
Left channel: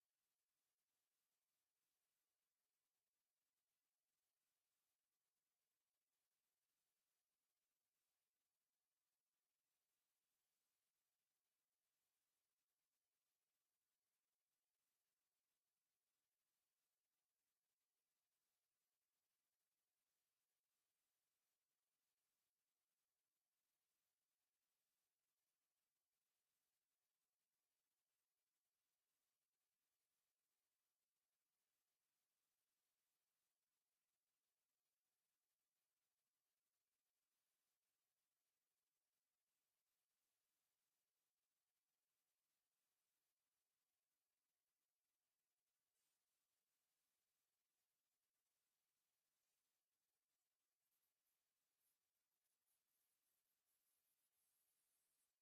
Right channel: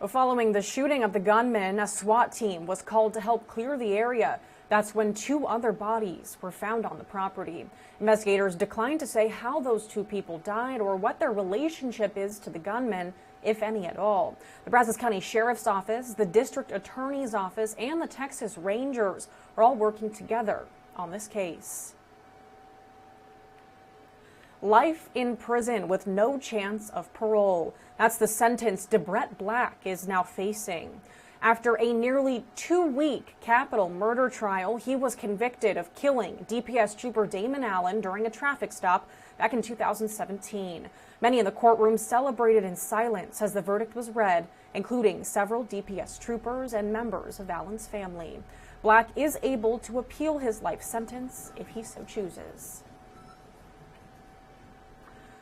Well, following the shooting of the gunman, a SWAT team was called to help clear the area. That's when 2 other bodies were found on the property. Investigators declined to say how those 2 people died or what their relationship is to the gunman, if any at all. The Brazos County Sheriff's Office, the District Attorney's Office, and the Texas Rangers are all working together on this case. Life in prison with no chance of parole. That's the sentence DeBrett Black is now facing. After a nearly 2-week capital murder trial, he was convicted of killing DPS Trooper Damon Allen during a traffic stop back in 2017. Many in the courtroom celebrated in silence as the verdict was read, including several DPS troopers and members of Allen's family. Black is able to appeal his life sentence if he so chooses.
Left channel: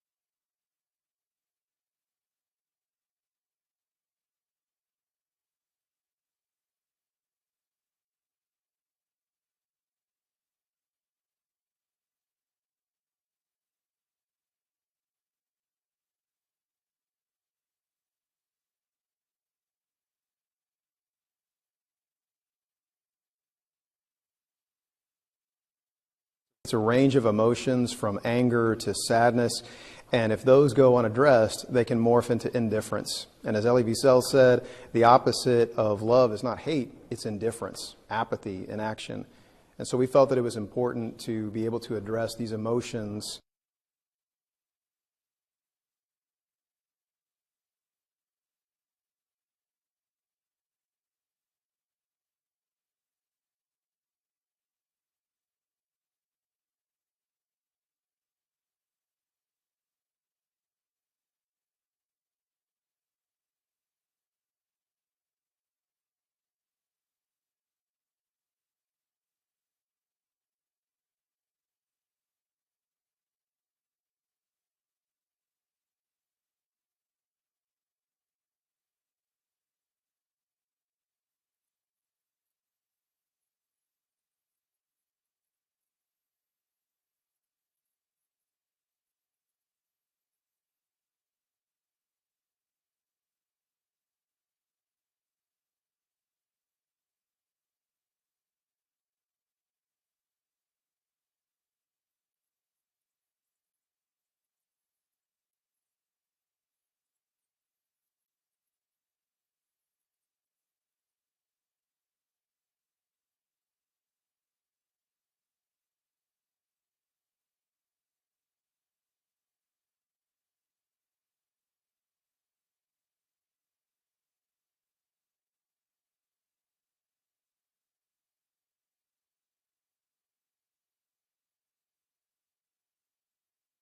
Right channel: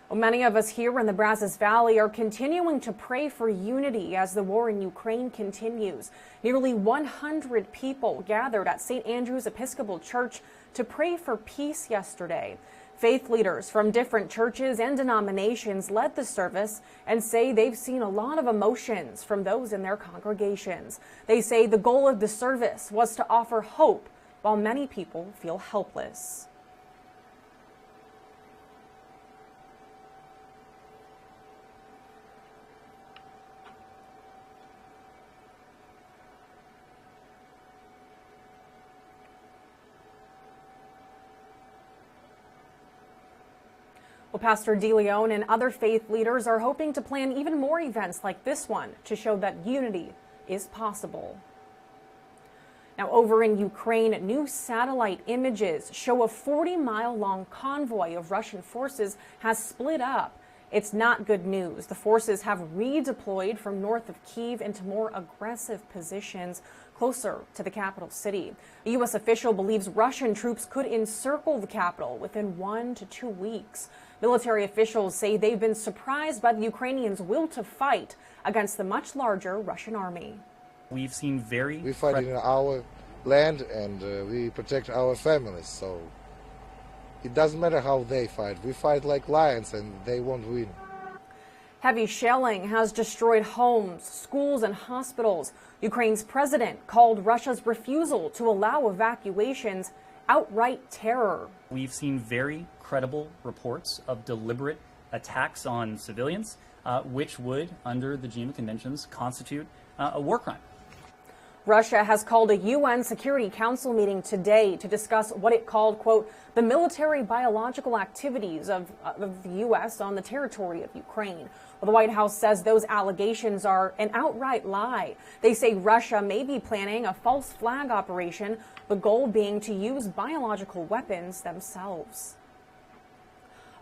Well, many of us here in the Brazos Valley are continuing to pray for unity as the war in Ukraine continues. Nearly 100 people gathered at St. Andrew's Episcopal Church to pray for peace yesterday. Faith leaders from different churches and denominations led the service and say they've seen a lot of emotions from those in their congregations. They say the goal of the service was to offer hope while many people feel helpless. It's a range of emotions from anger to sadness. And if those go unaddressed, they can morph into indifference. And as Elie Wiesel said, the opposite of love is not hate, it's indifference, apathy, inaction. And so we felt that it was important to be able to address these emotions. Well, Pastor DeLeon and other faith leaders are hoping to plan even more events like this one to show that unity is possible. Now, over in Ukraine, new satellite images show a 40-mile-long convoy of Russian forces has split up. It's not good news. The forces have redeployed from north of Kyiv into more aggressive positions closer to the capital city. A U.S. official believes Russian troops could encircle the capital within 1 to 2 weeks. Military officials say they've been surprised by the Ukrainians' will to fight against the much larger Russian army. We've seen We fight in our land and we protect our families, so it doesn't matter how they fight. We fight like lions and they won't win. Heavy shelling has destroyed homes, schools, and hospitals. Ukraine's president called Russia's refusal to allow evacuations outright terror. We've seen very credible reports of deliberate attacks on civilians, which would, under the Geneva Conventions, constitute a war crime. Russia has called a UN Security Council meeting today to discuss what it called, quote, the military biological activities of the U.S. on the territory of Ukraine. Well, the White House says those allegations are an outright lie. They say Russia may be planning a false flag operation, the goal being to use biological weapons themselves.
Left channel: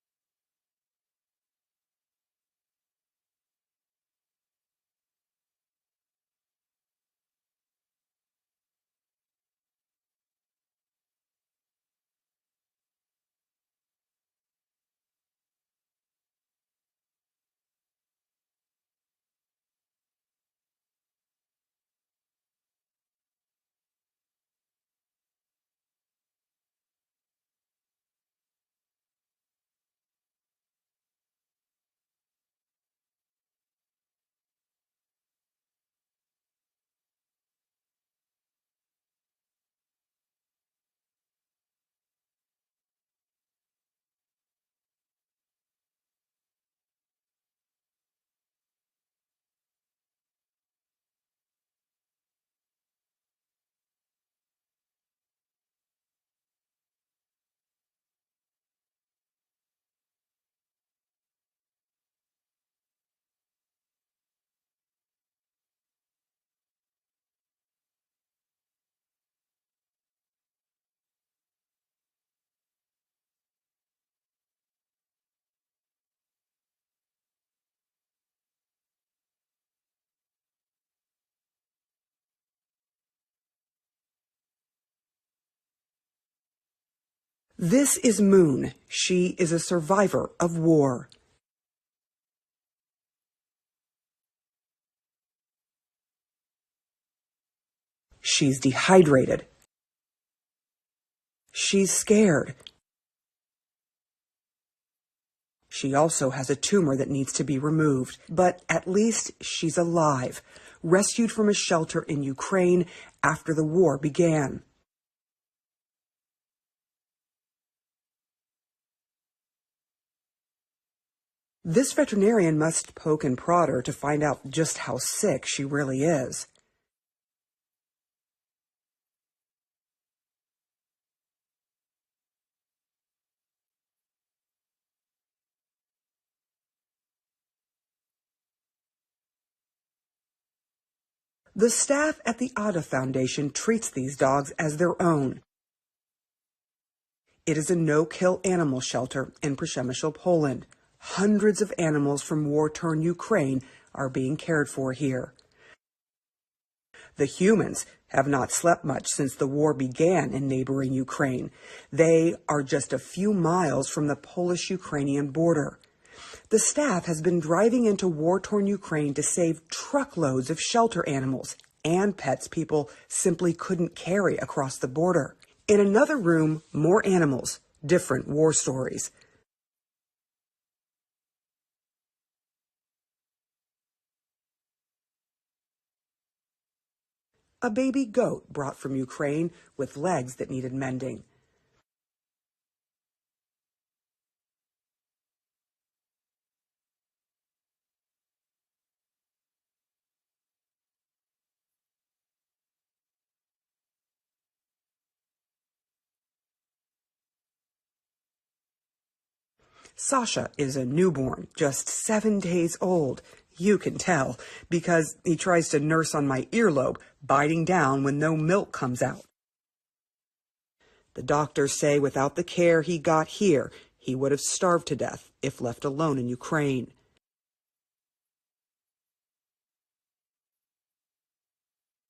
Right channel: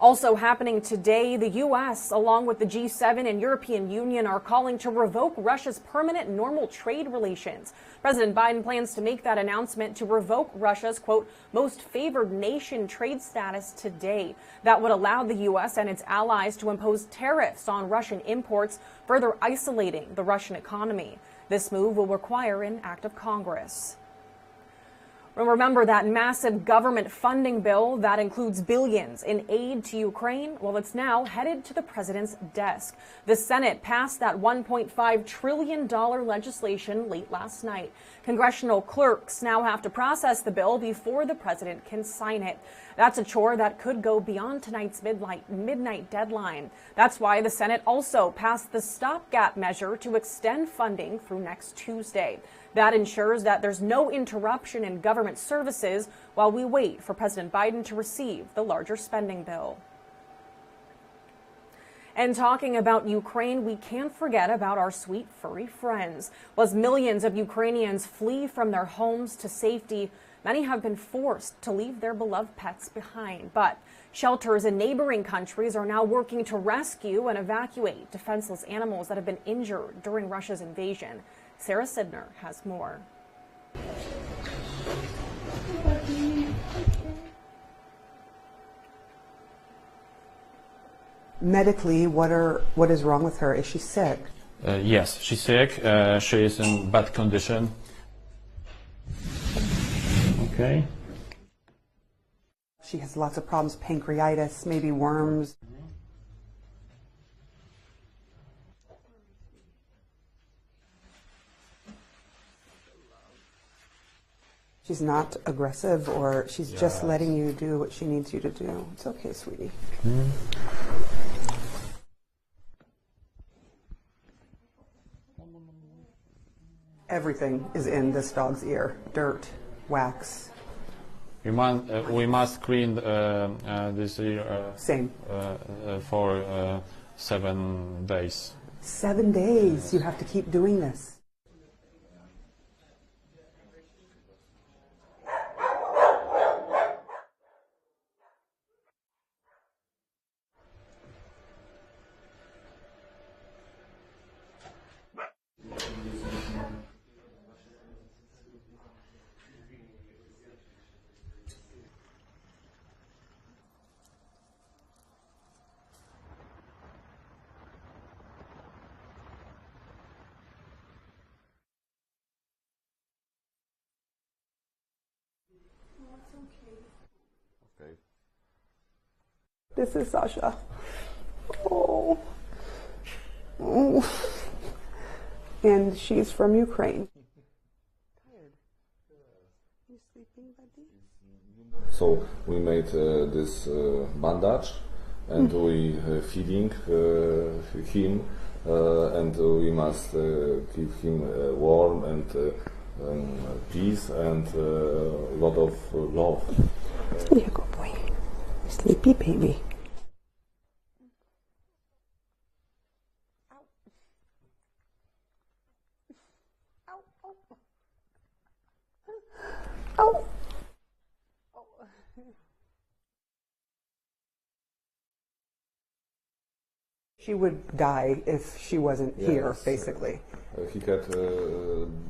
Also happening today, the U.S., along with the G7 and European Union, are calling to revoke Russia's permanent normal trade relations. President Biden plans to make that announcement to revoke Russia's, quote, most favored nation trade status today. That would allow the U.S. and its allies to impose tariffs on Russian imports, further isolating the Russian economy. This move will require an act of Congress. Remember that massive government funding bill that includes billions in aid to Ukraine? Well, it's now headed to the president's desk. The Senate passed that $1.5 trillion legislation late last night. Congressional clerks now have to process the bill before the president can sign it. That's a chore that could go beyond tonight's midnight deadline. That's why the Senate also passed the stopgap measure to extend funding through next Tuesday. That ensures that there's no interruption in government services while we wait for President Biden to receive the larger spending bill. And talking about Ukraine, we can't forget about our sweet furry friends. As millions of Ukrainians flee from their homes to safety, many have been forced to leave their beloved pets behind. But shelters in neighboring countries are now working to rescue and evacuate defenseless animals that have been injured during Russia's invasion. Sarah Sidner has more. This is Moon. She is a survivor of war. Medically, what is wrong with her? Is she sick? Yes, she's sick. She is in bad condition. She's dehydrated. Okay. She's scared. She has lots of problems, pancreatitis, maybe worms. She also has a tumor that needs to be removed. But at least she's alive, rescued from a shelter in Ukraine after the war began. She's not aggressive, or she's just letting you do what she needs you to do. It's okay, sweetie. This veterinarian must poke and prod her to find out just how sick she really is. Everything is in this dog's ear. Dirt, wax. We must clean this ear Same. for 7 days. 7 days. You have to keep doing this. The staff at the Ada Foundation treats these dogs as their own. It is a no-kill animal shelter in Przemysl, Poland. Hundreds of animals from war-torn Ukraine are being cared for here. The humans have not slept much since the war began in neighboring Ukraine. They are just a few miles from the Polish-Ukrainian border. The staff has been driving into war-torn Ukraine to save truckloads of shelter animals and pets people simply couldn't carry across the border. In another room, more animals, different war stories. This is Sasha. Oh. Oh. And she's from Ukraine. A baby goat brought from Ukraine with legs that needed mending. So we made this bandage, and we feeding him, and we must keep him warm and peace and a lot of love. Here you go, boy. Sleepy baby. Sasha is a newborn, just 7 days old. You can tell, because he tries to nurse on my earlobe, biting down when no milk comes out. Oh. The doctors say without the care he got here, he would have starved to death if left alone in Ukraine. She would die if she wasn't here, basically. He had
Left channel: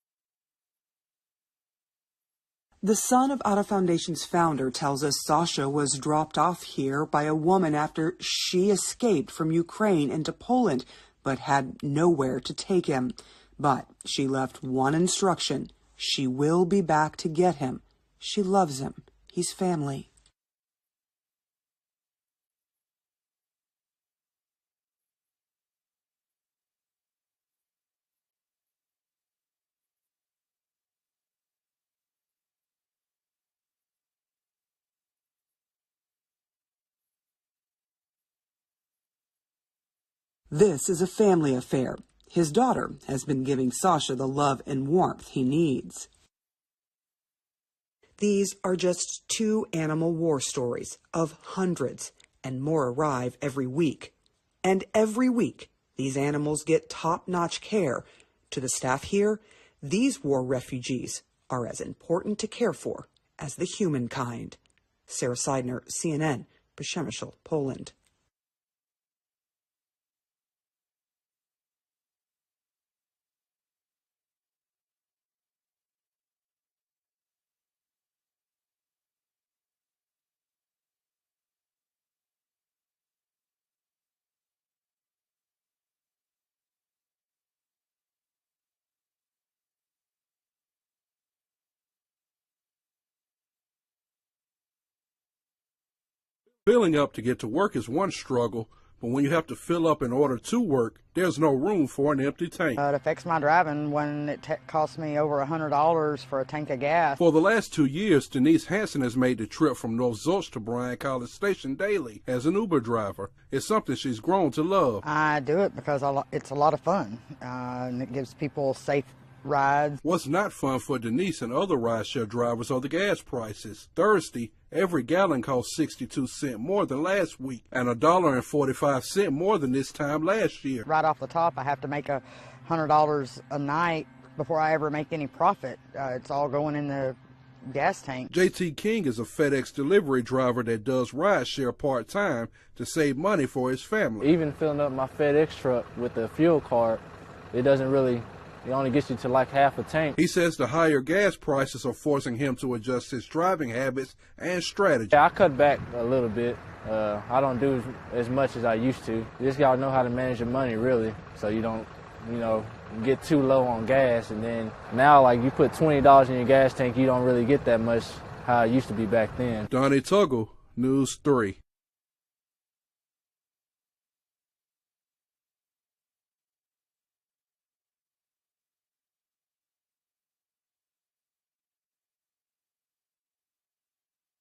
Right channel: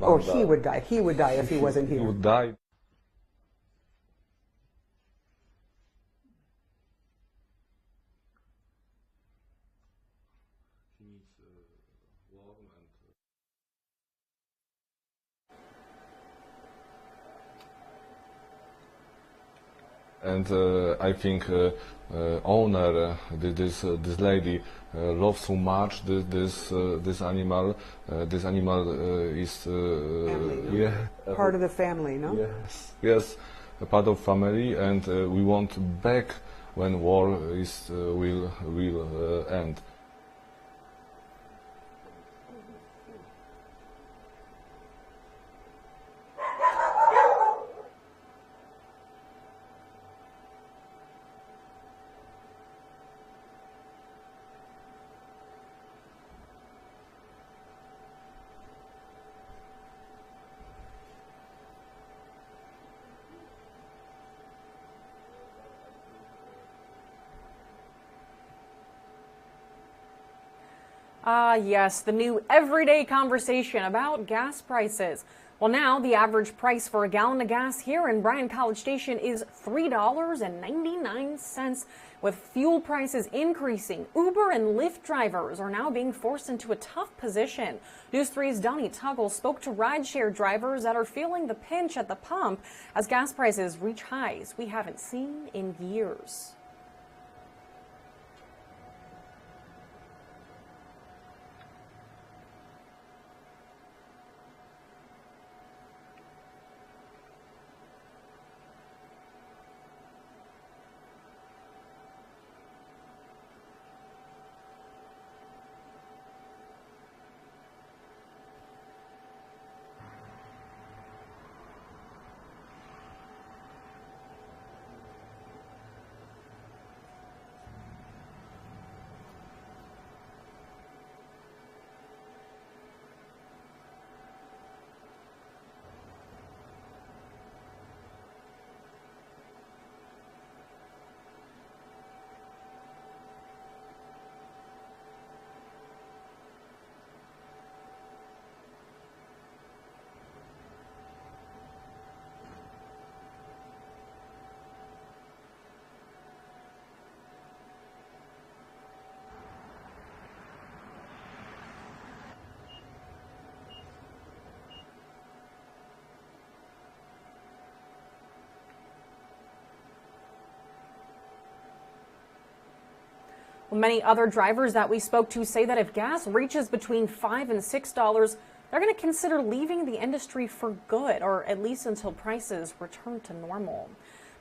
Or he would die. He would die if he wasn't here. He would die. The son of Ada Foundation's founder tells us Sasha was dropped off here by a woman after she escaped from Ukraine into Poland, but had nowhere to take him. But she left one instruction. She will be back to get him. She loves him. He's family. And I think owner, this lady, loves so much this animal. This animal is Part of the family, no? Yes, a part of family, and we want back when war will end. This is a family affair. His daughter has been giving Sasha the love and warmth he needs. These are just 2 animal war stories of hundreds, and more arrive every week. And every week, these animals get top-notch care. To the staff here, these war refugees are as important to care for as the humankind. Sarah Sidner, CNN, Przemysl, Poland. Yes, the new everyday conversation about gas prices. Well, now the average price for a gallon of gas here in Bryan College Station is $3.99. With fuel prices increasing, Uber and Lyft drivers are now being forced into a tough position. News 3's Donnie Tuggle spoke to rideshare drivers that are feeling the pinch at the pump as gas prices reach highs we haven't seen in years. Filling up to get to work is one struggle, but when you have to fill up in order to work, there's no room for an empty tank. It affects my driving when it costs me over $100 for a tank of gas. For the last 2 years, Denise Hansen has made the trip from North Zolch to Bryan College Station daily as an Uber driver. It's something she's grown to love. I do it because it's a lot of fun, and it gives people safe rides. What's not fun for Denise and other rideshare drivers are the gas prices. Thursday, every gallon cost 62 cents more than last week and $1.45 more than this time last year. Right off the top, I have to make $100 a night before I ever make any profit. It's all going in the gas tank. JT King is a FedEx delivery driver that does rideshare part-time to save money for his family. Even filling up my FedEx truck with the fuel card, it only gets you to like half a tank. He says the higher gas prices are forcing him to adjust his driving habits and strategy. Yeah, I cut back a little bit. I don't do as much as I used to. You just gotta know how to manage your money, really, so you don't, get too low on gas. And then now, like, you put $20 in your gas tank, you don't really get that much how it used to be back then. Donnie Tuggle, News 3. Well, many other drivers that we spoke to say that if gas reaches between $5 and $6, they're going to consider leaving the industry for good, or at least until prices return to normal.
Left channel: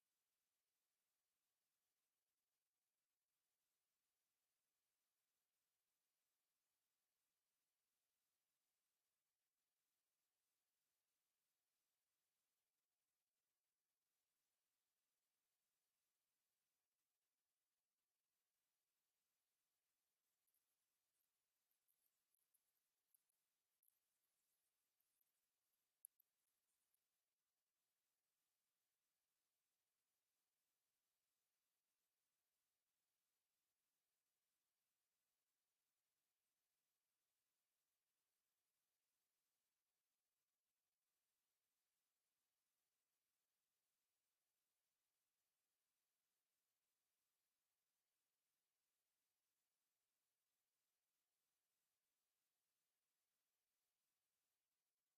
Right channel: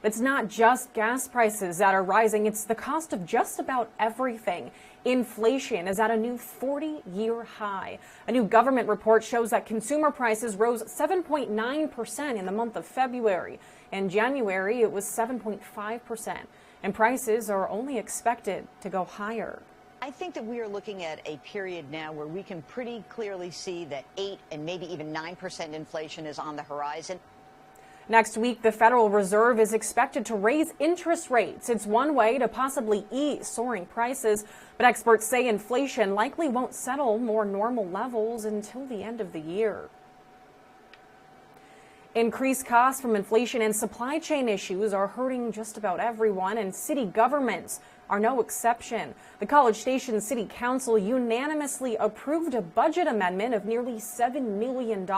But it's not just gas prices that are rising, it's the cost of just about everything. Inflation is at a new 40-year high. A new government report shows that consumer prices rose 7.9% in the month of February. In January, it was 7.5%. And prices are only expected to go higher. I think that we are looking at a period now where we can pretty clearly see that 8 and maybe even 9% inflation is on the horizon. Next week, the Federal Reserve is expected to raise interest rates. It's one way to possibly ease soaring prices, but experts say inflation likely won't settle more normal levels until the end of the year. Increased costs from inflation and supply chain issues are hurting just about everyone, and city governments are no exception. The College Station City Council unanimously approved a budget amendment of nearly $7 million,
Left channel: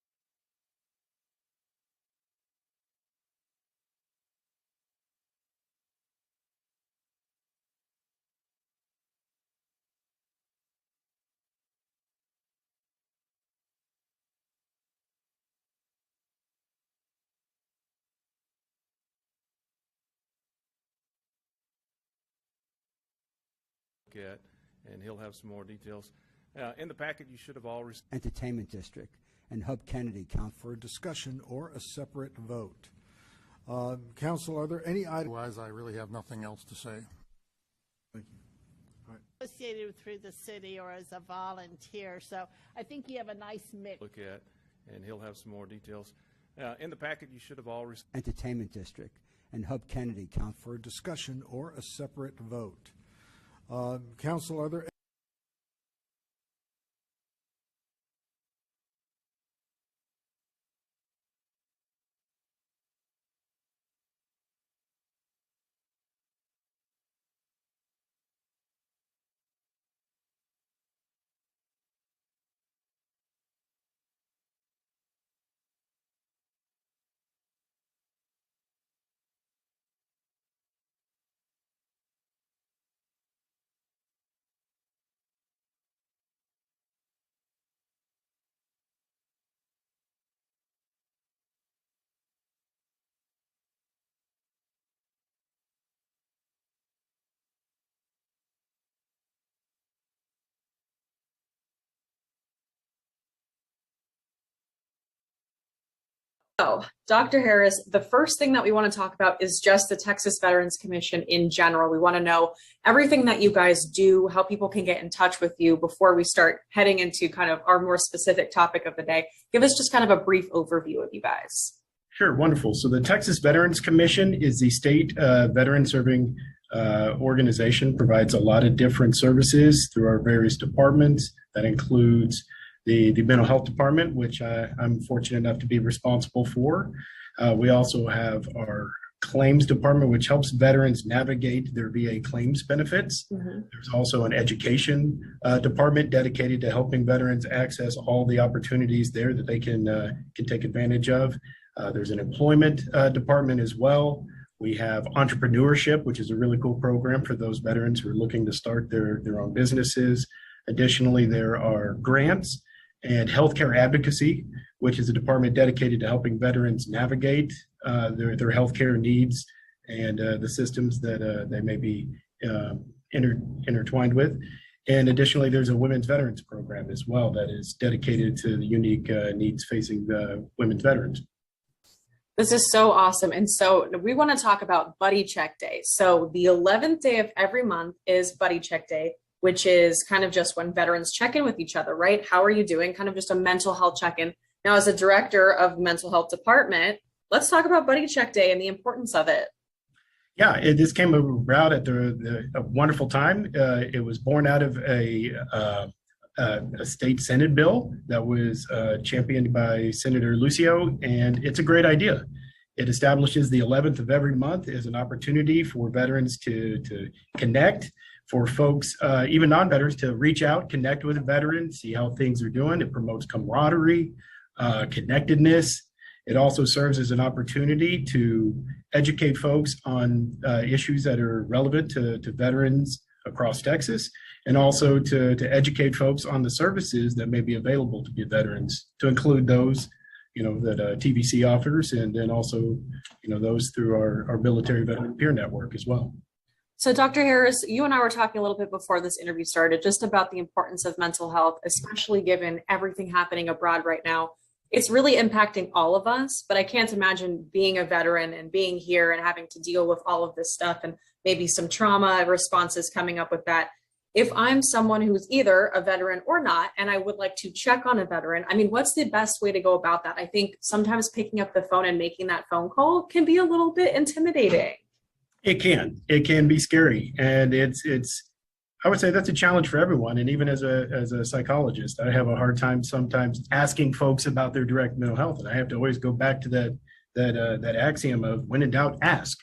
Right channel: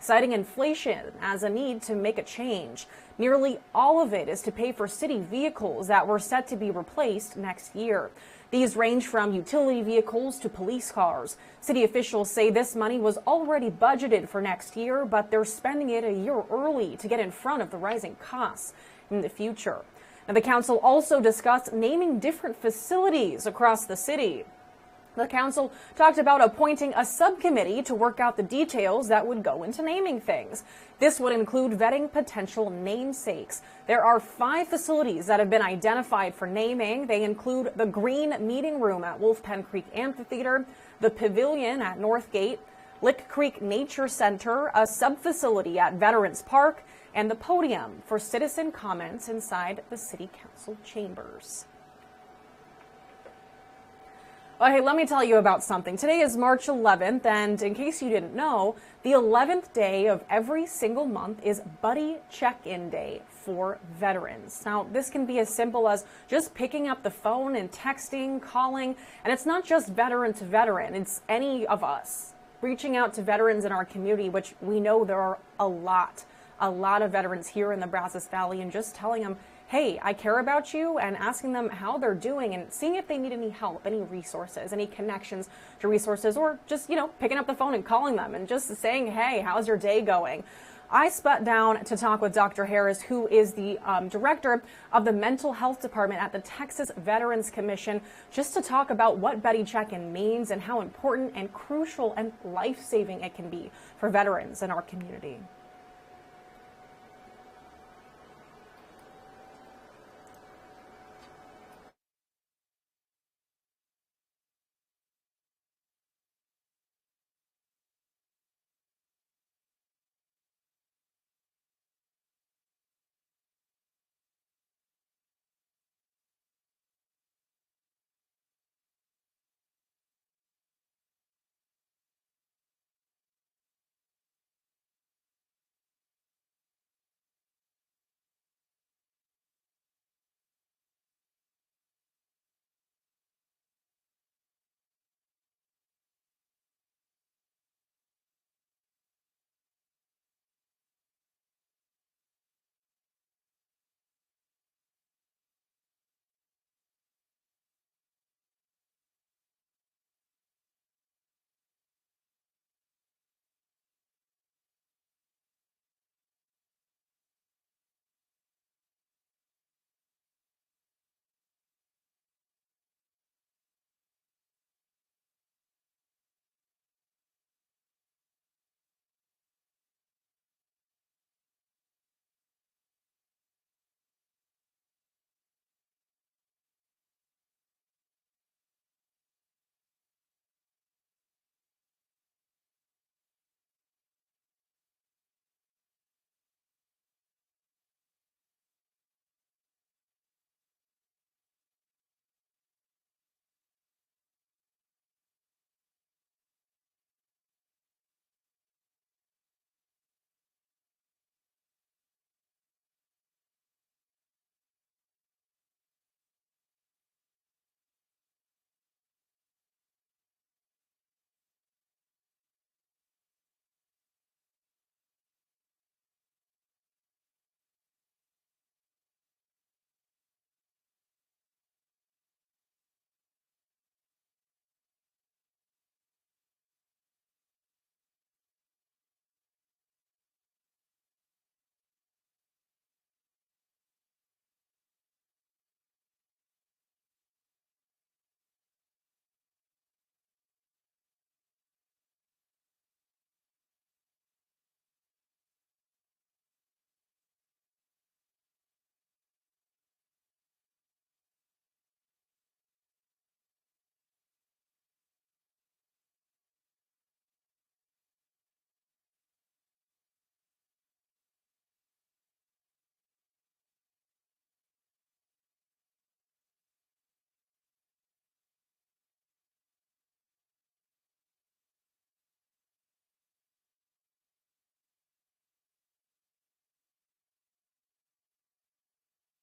citing inflation as a need to make a change. Nearly all of it is to pay for city vehicles that were set to be replaced next year. These range from utility vehicles to police cars. City officials say this money was already budgeted for next year, but they're spending it a year early to get in front of the rising costs in the future. Now, the council also discussed naming different facilities across the city. The council talked about appointing a subcommittee to work out the details that would go into naming things. This would include vetting potential namesakes. There are 5 facilities that have been identified for naming. They include the Green Meeting Room at Wolf Pen Creek Amphitheater, the Pavilion at Northgate, Lick Creek Nature Center, a sub-facility at Veterans Park, and the podium for citizen comments inside the City Council chambers. Or a separate vote. Well, hey, let me tell you about something. Today is March 11th, and in case you didn't know, the 11th day of every single month is Buddy Check-In Day for veterans. Now, this can be as simple as just picking up the phone and texting, calling, and it's not just veteran to veteran, it's any of us reaching out to veterans in our community, which we know there are a lot of veterans here in the Brazos Valley, and just telling them, hey, I care about you, and asking them how they're doing and seeing if they need any help, any resources, any connections to resources, or just, picking up the phone and calling them and just saying, hey, how's your day going? I sat down to talk with Dr. Harris, who is the director of the mental health department at the Texas Veterans Commission, just to talk about what Buddy Check-In means and how important and crucial and life-saving it can be for veterans in our community. So, Dr. Harris, the first thing that we want to talk about is just the Texas Veterans Commission in general. We want to know everything that you guys do, how people can get in touch with you before we start heading into kind of our more specific topic of the day. Give us just kind of a brief overview of you guys. Sure, wonderful. So the Texas Veterans Commission is the state veteran serving organization, provides a lot of different services through our various departments. That includes the mental health department, which I'm fortunate enough to be responsible for. We also have our claims department, which helps veterans navigate their VA claims benefits. There's also an education department dedicated to helping veterans access all the opportunities there that they can take advantage of. There's an employment department as well. We have entrepreneurship, which is a really cool program for those veterans who are looking to start their own businesses. Additionally, there are grants and healthcare advocacy, which is a department dedicated to helping veterans navigate their healthcare needs and the systems that they may be intertwined with. And additionally, there's a women's veterans program as well that is dedicated to the unique needs facing women's veterans. This is so awesome. And so we want to talk about Buddy Check Day. So the 11th day of every month is Buddy Check Day, which is kind of just when veterans check in with each other, right? How are you doing? Kind of just a mental health check-in. Now, as a director of mental health department, let's talk about Buddy Check Day and the importance of it. Yeah, this came about at a wonderful time. It was born out of a state Senate bill that was championed by Senator Lucio, and it's a great idea. It establishes the 11th of every month as an opportunity for veterans to connect, for folks, even non-veterans, to reach out, connect with a veteran, see how things are doing. It promotes camaraderie, connectedness. It also serves as an opportunity to educate folks on issues that are relevant to veterans across Texas, and also to educate folks on the services that may be available to be veterans, to include those, that TVC offers, and then also, those through our military veteran peer network as well. So Dr. Harris, you and I were talking a little bit before this interview started, just about the importance of mental health, especially given everything happening abroad right now. It's really impacting all of us, but I can't imagine being a veteran and being here and having to deal with all of this stuff and maybe some trauma responses coming up with that. If I'm someone who's either a veteran or not, and I would like to check on a veteran, I mean, what's the best way to go about that? I think sometimes picking up the phone and making that phone call can be a little bit intimidating. It can be scary. And I would say that's a challenge for everyone. And even as a psychologist, I have a hard time sometimes asking folks about their direct mental health. And I have to always go back to that axiom of when in doubt, ask.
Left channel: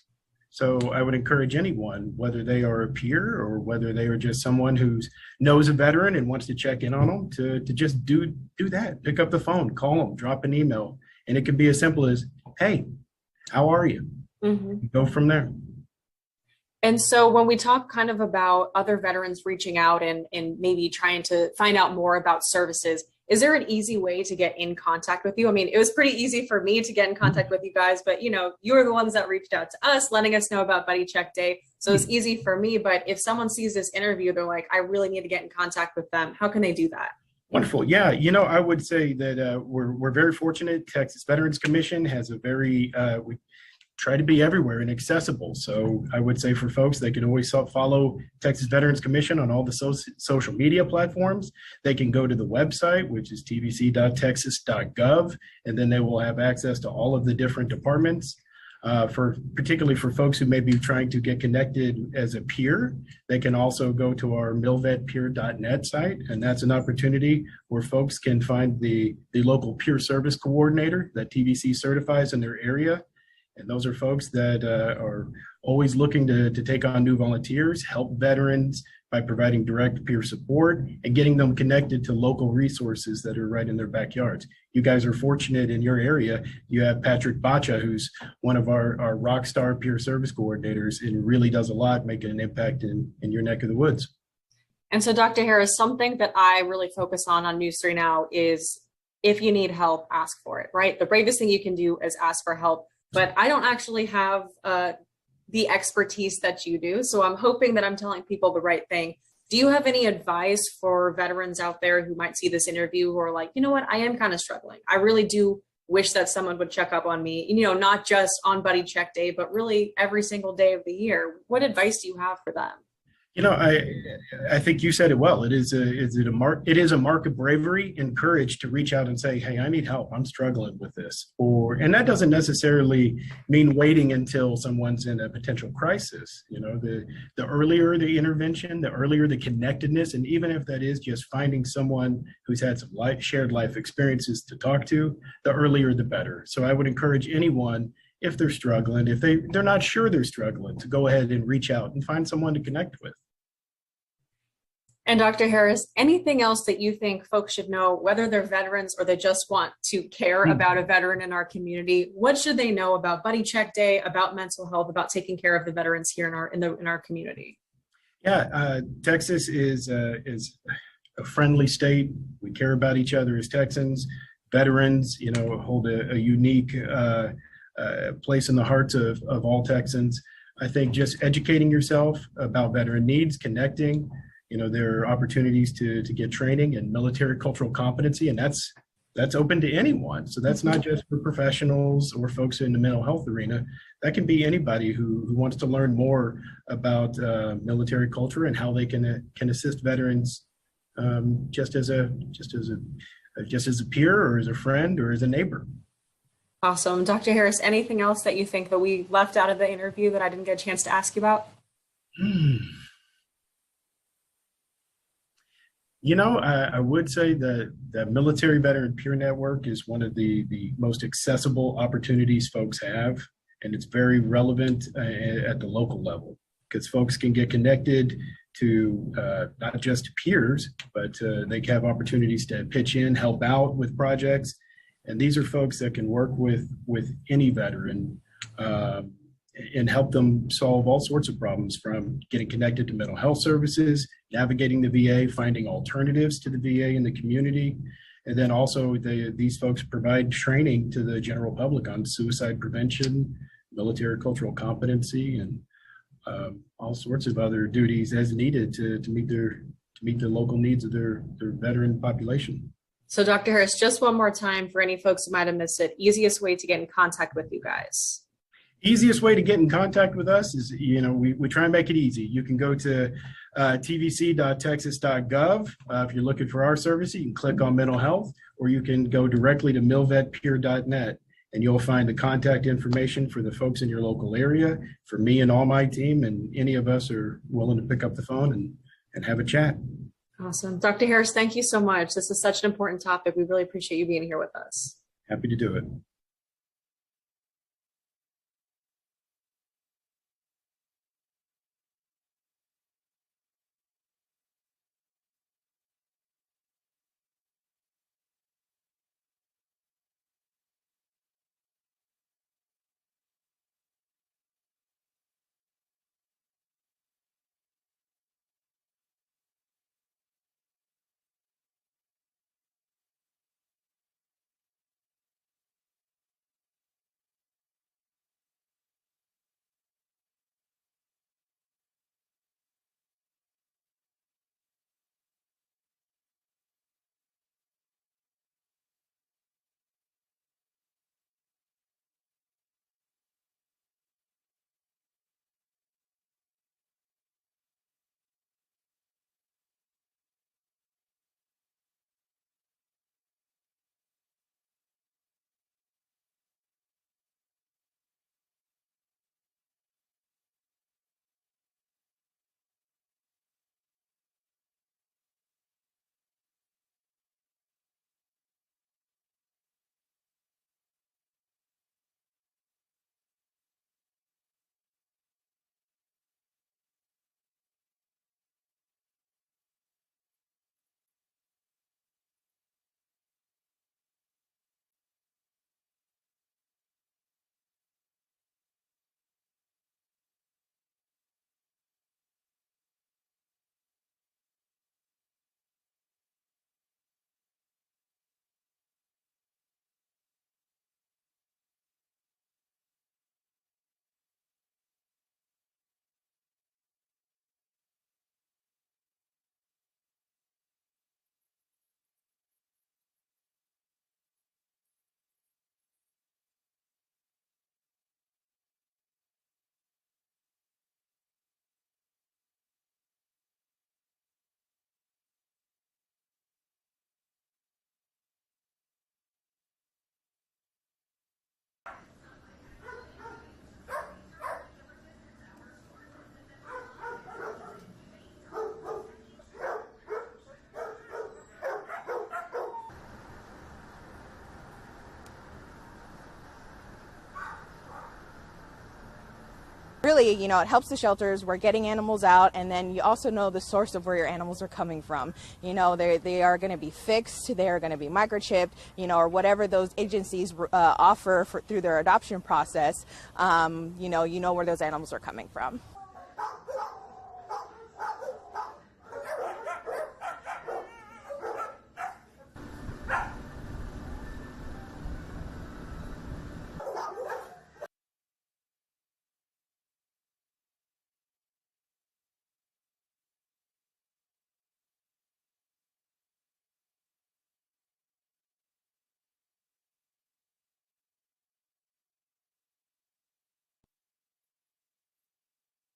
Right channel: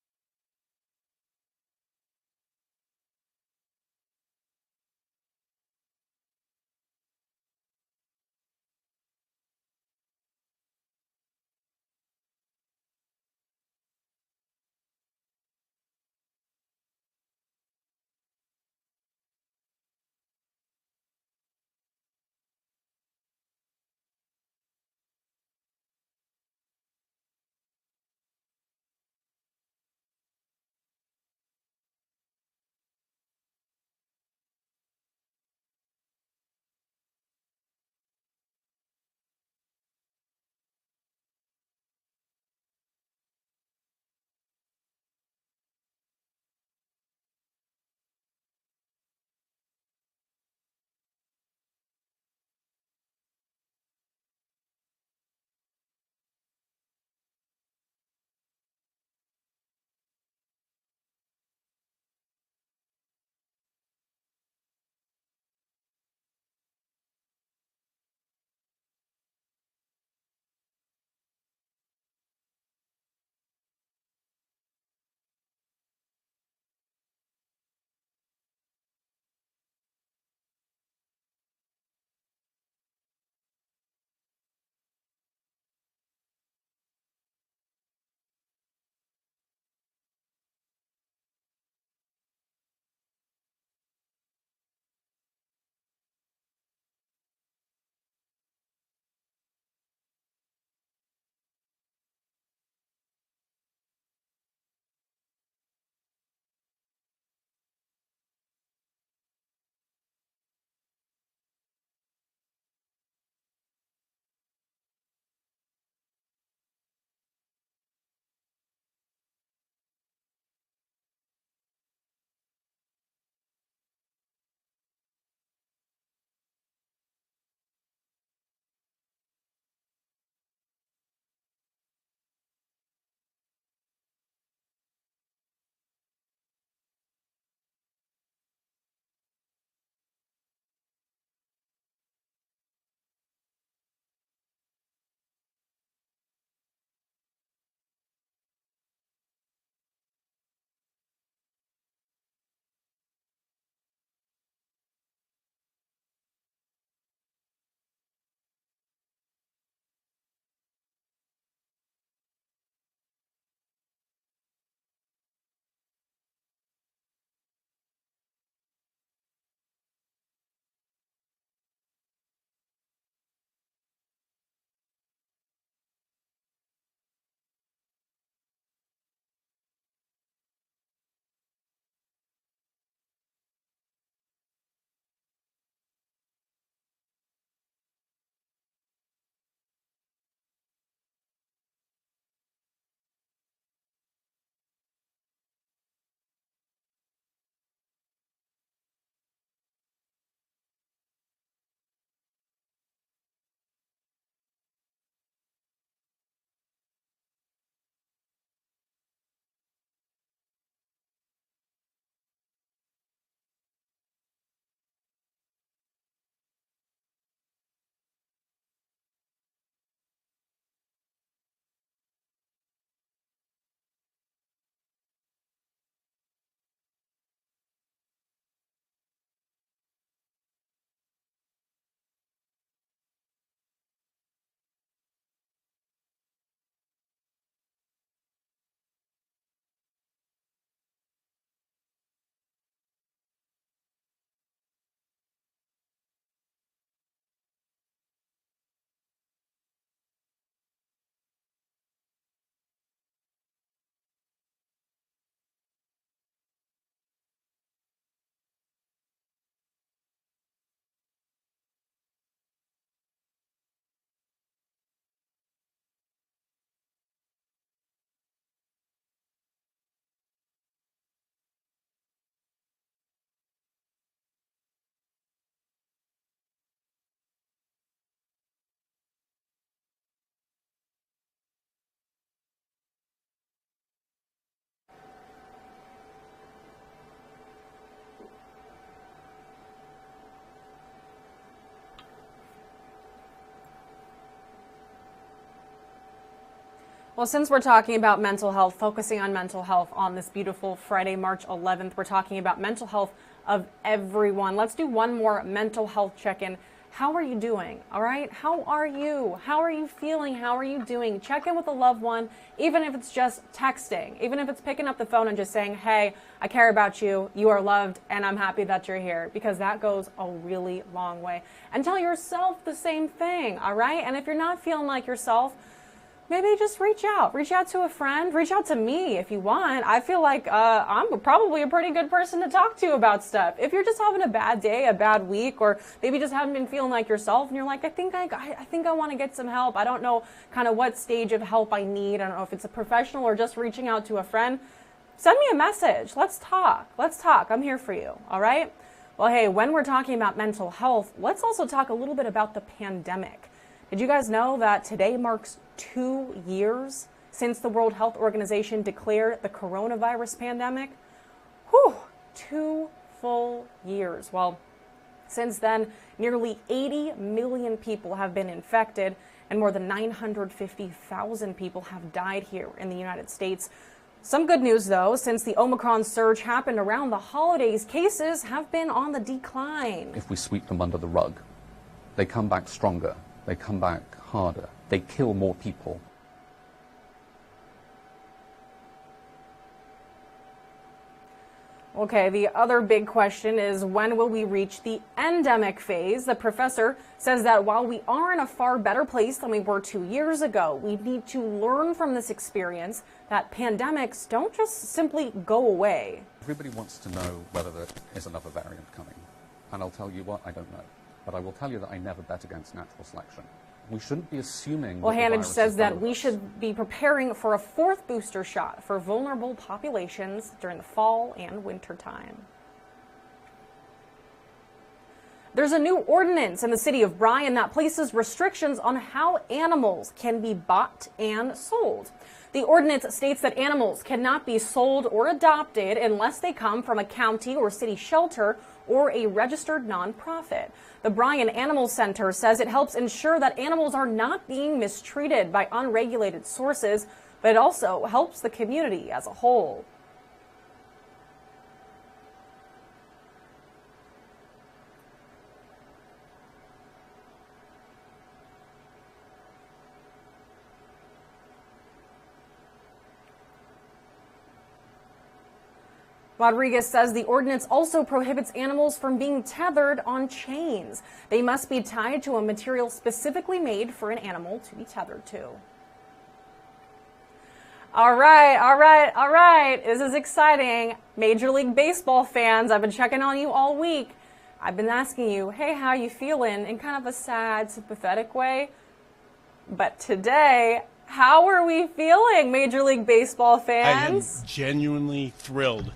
So I would encourage anyone, whether they are a peer or whether they are just someone who knows a veteran and wants to check in on them, to just do that. Pick up the phone, call them, drop an email. And it can be as simple as, hey, how are you? Go from there. And so when we talk kind of about other veterans reaching out and maybe trying to find out more about services, is there an easy way to get in contact with you? I mean, it was pretty easy for me to get in contact with you guys, but you're the ones that reached out to us, letting us know about Buddy Check Day. So it's easy for me, but if someone sees this interview, they're like, I really need to get in contact with them. How can they do that? Wonderful. Yeah, I would say that we're very fortunate. Texas Veterans Commission has a very, we try to be everywhere and accessible. So I would say for folks, they can always follow Texas Veterans Commission on all the social media platforms. They can go to the website, which is tvc.texas.gov, and then they will have access to all of the different departments. Particularly for folks who may be trying to get connected as a peer, they can also go to our milvetpeer.net site, and that's an opportunity where folks can find the local peer service coordinator that TVC certifies in their area. And those are folks that are always looking to take on new volunteers, help veterans by providing direct peer support and getting them connected to local resources that are right in their backyards. You guys are fortunate in your area. You have Patrick Bacha, who's one of our rock star peer service coordinators and really does a lot, making an impact in your neck of the woods. And so Dr. Harris, something that I really focus on News 3 Now is if you need help, ask for it, right? The bravest thing you can do is ask for help. But I don't actually have the expertise that you do. So I'm hoping that I'm telling people the right thing. Do you have any advice for veterans out there who might see this interview who are like, you know what, I am kind of struggling. I really do wish that someone would check up on me, not just on Buddy Check Day, but really every single day of the year. What advice do you have for them? You know, I think you said it well. It is a mark of bravery and courage to reach out and say, "Hey, I need help. I'm struggling with this." And that doesn't necessarily mean waiting until someone's in a potential crisis. You know, the earlier the intervention, the earlier the connectedness, and even if that is just finding someone who's had some shared life experiences to talk to, the earlier the better. So I would encourage anyone, if they're struggling, if they're not sure they're struggling, to go ahead and reach out and find someone to connect with. And Dr. Harris, anything else that you think folks should know, whether they're veterans or they just want to care about a veteran in our community? What should they know about Buddy Check Day, about mental health, about taking care of the veterans here in our community? Yeah, Texas is a friendly state. We care about each other as Texans. Veterans, you know, hold a unique place in the hearts of all Texans. I think just educating yourself about veteran needs, connecting. You know, there are opportunities to get training and military cultural competency, and that's open to anyone. So that's not just for professionals or folks in the mental health arena. That can be anybody who wants to learn more about military culture and how they can assist veterans, just as a peer or as a friend or as a neighbor. Awesome. Dr. Harris, anything else that you think that we left out of the interview that I didn't get a chance to ask you about? You know, I would say that the Military Veteran Peer Network is one of the most accessible opportunities folks have, and it's very relevant at the local level because folks can get connected to not just peers, but they have opportunities to pitch in, help out with projects, and these are folks that can work with any veteran and help them solve all sorts of problems, from getting connected to mental health services, navigating the VA, finding alternatives to the VA in the community. And then also these folks provide training to the general public on suicide prevention, military cultural competency, and all sorts of other duties as needed to meet the local needs of their veteran population. So Dr. Harris, just one more time for any folks who might have missed it, easiest way to get in contact with you guys. Easiest way to get in contact with us is, you know, we try and make it easy. You can go to tvc.texas.gov. If you're looking for our service, you can click on mental health, or you can go directly to milvetpeer.net, and you'll find the contact information for the folks in your local area, for me and all my team, and any of us are willing to pick up the phone and have a chat. Awesome. Dr. Harris, thank you so much. This is such an important topic. We really appreciate you being here with us. Happy to do it. Well, since we're talking about mental health, focusing on mental health on this beautiful Friday, March 11th, we're talking about mental health of everyone. Let's do one more mental health check-in. How are you doing? All right? How are you? How are you feeling? How are you doing? Check in with a loved one, even if it's just texting, even if it's picking up the phone and just saying, hey, I care about you, you are loved, and I'm happy that you're here, because that goes a really long way. And tell yourself the same thing, all right? And if you're not feeling like yourself, maybe just reach out to a friend, reach out to me if you want. I feel like I'm probably a pretty good person to talk to about stuff. If you're just having a bad day, a bad week, or maybe just haven't been feeling like yourself and you're like, I think I want to get some help. I don't know kind of what stage of help I need. I don't know if it's a professional or just reaching out to a friend. Send me a message. Let's talk. I'm here for you. All right? Well, hey, when we're talking about mental health, let's also talk a little bit about the pandemic. Did you guys know that today marks 2 years since the World Health Organization declared the coronavirus pandemic? Whew, 2 full years. Well, since then, nearly 80 million people have been infected and more than 950,000 people have died here in the United States. Some good news, though, since the Omicron surge happened around the holidays, cases have been on the decline. If we sweep them under the rug, they come back stronger. They come back harder. They kill more people. Okay, the other big question is, when will we reach the endemic phase? The professor says that while we are in a far better place than we were 2 years ago, we need to learn from this experience that pandemics don't just simply go away. Everybody wants to know whether there is another variant coming. And I'll tell you what, I don't know. But I will tell you that I never bet against natural selection. We shouldn't be assuming. Well, Hannage says that we should be preparing for a 4th booster shot for vulnerable populations during the fall and winter time. There's a new ordinance in the city of Bryan that places restrictions on how animals can be bought and sold. The ordinance states that animals cannot be sold or adopted unless they come from a county or city shelter or a registered nonprofit. The Bryan Animal Center says it helps ensure that animals are not being mistreated by unregulated sources, but it also helps the community as a whole. Really, you know, it helps the shelters. We're getting animals out, and then you also know the source of where your animals are coming from. You know, they are going to be fixed, they are going to be microchipped, you know, or whatever those agencies offer through their adoption process. You know where those animals are coming from. Rodriguez says the ordinance also prohibits animals from being tethered on chains. They must be tied to a material specifically made for an animal to be tethered to. All right. This is exciting. Major League Baseball fans, I've been checking on you all week. I've been asking you, hey, how you feeling? In kind of a sad, sympathetic way. But today, how are we feeling, Major League Baseball fans? I am genuinely thrilled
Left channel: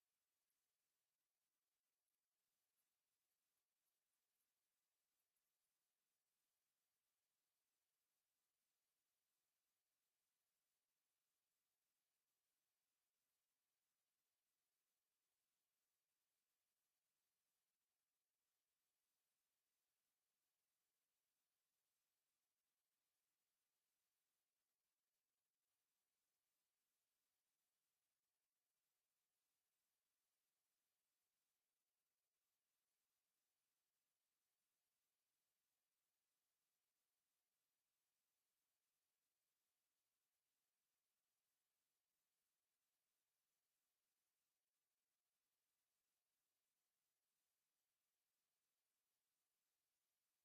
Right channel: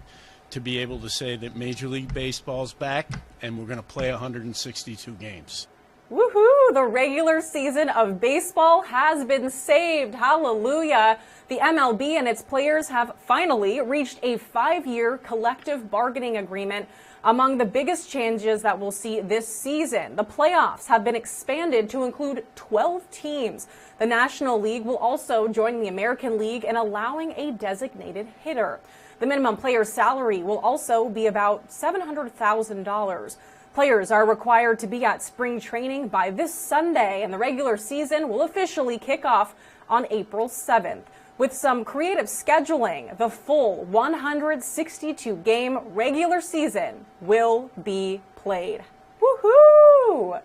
to be able to say that Major League Baseball's back and we're going to play 162 games. Woohoo! The regular season of baseball has been saved. Hallelujah. The MLB and its players have finally reached a 5-year collective bargaining agreement. Among the biggest changes that we'll see this season, the playoffs have been expanded to include 12 teams. The National League will also join the American League in allowing a designated hitter. The minimum player's salary will also be about $700,000. Players are required to be at spring training by this Sunday, and the regular season will officially kick off on April 7th. With some creative scheduling, the full 162-game regular season will be played. Woohoo!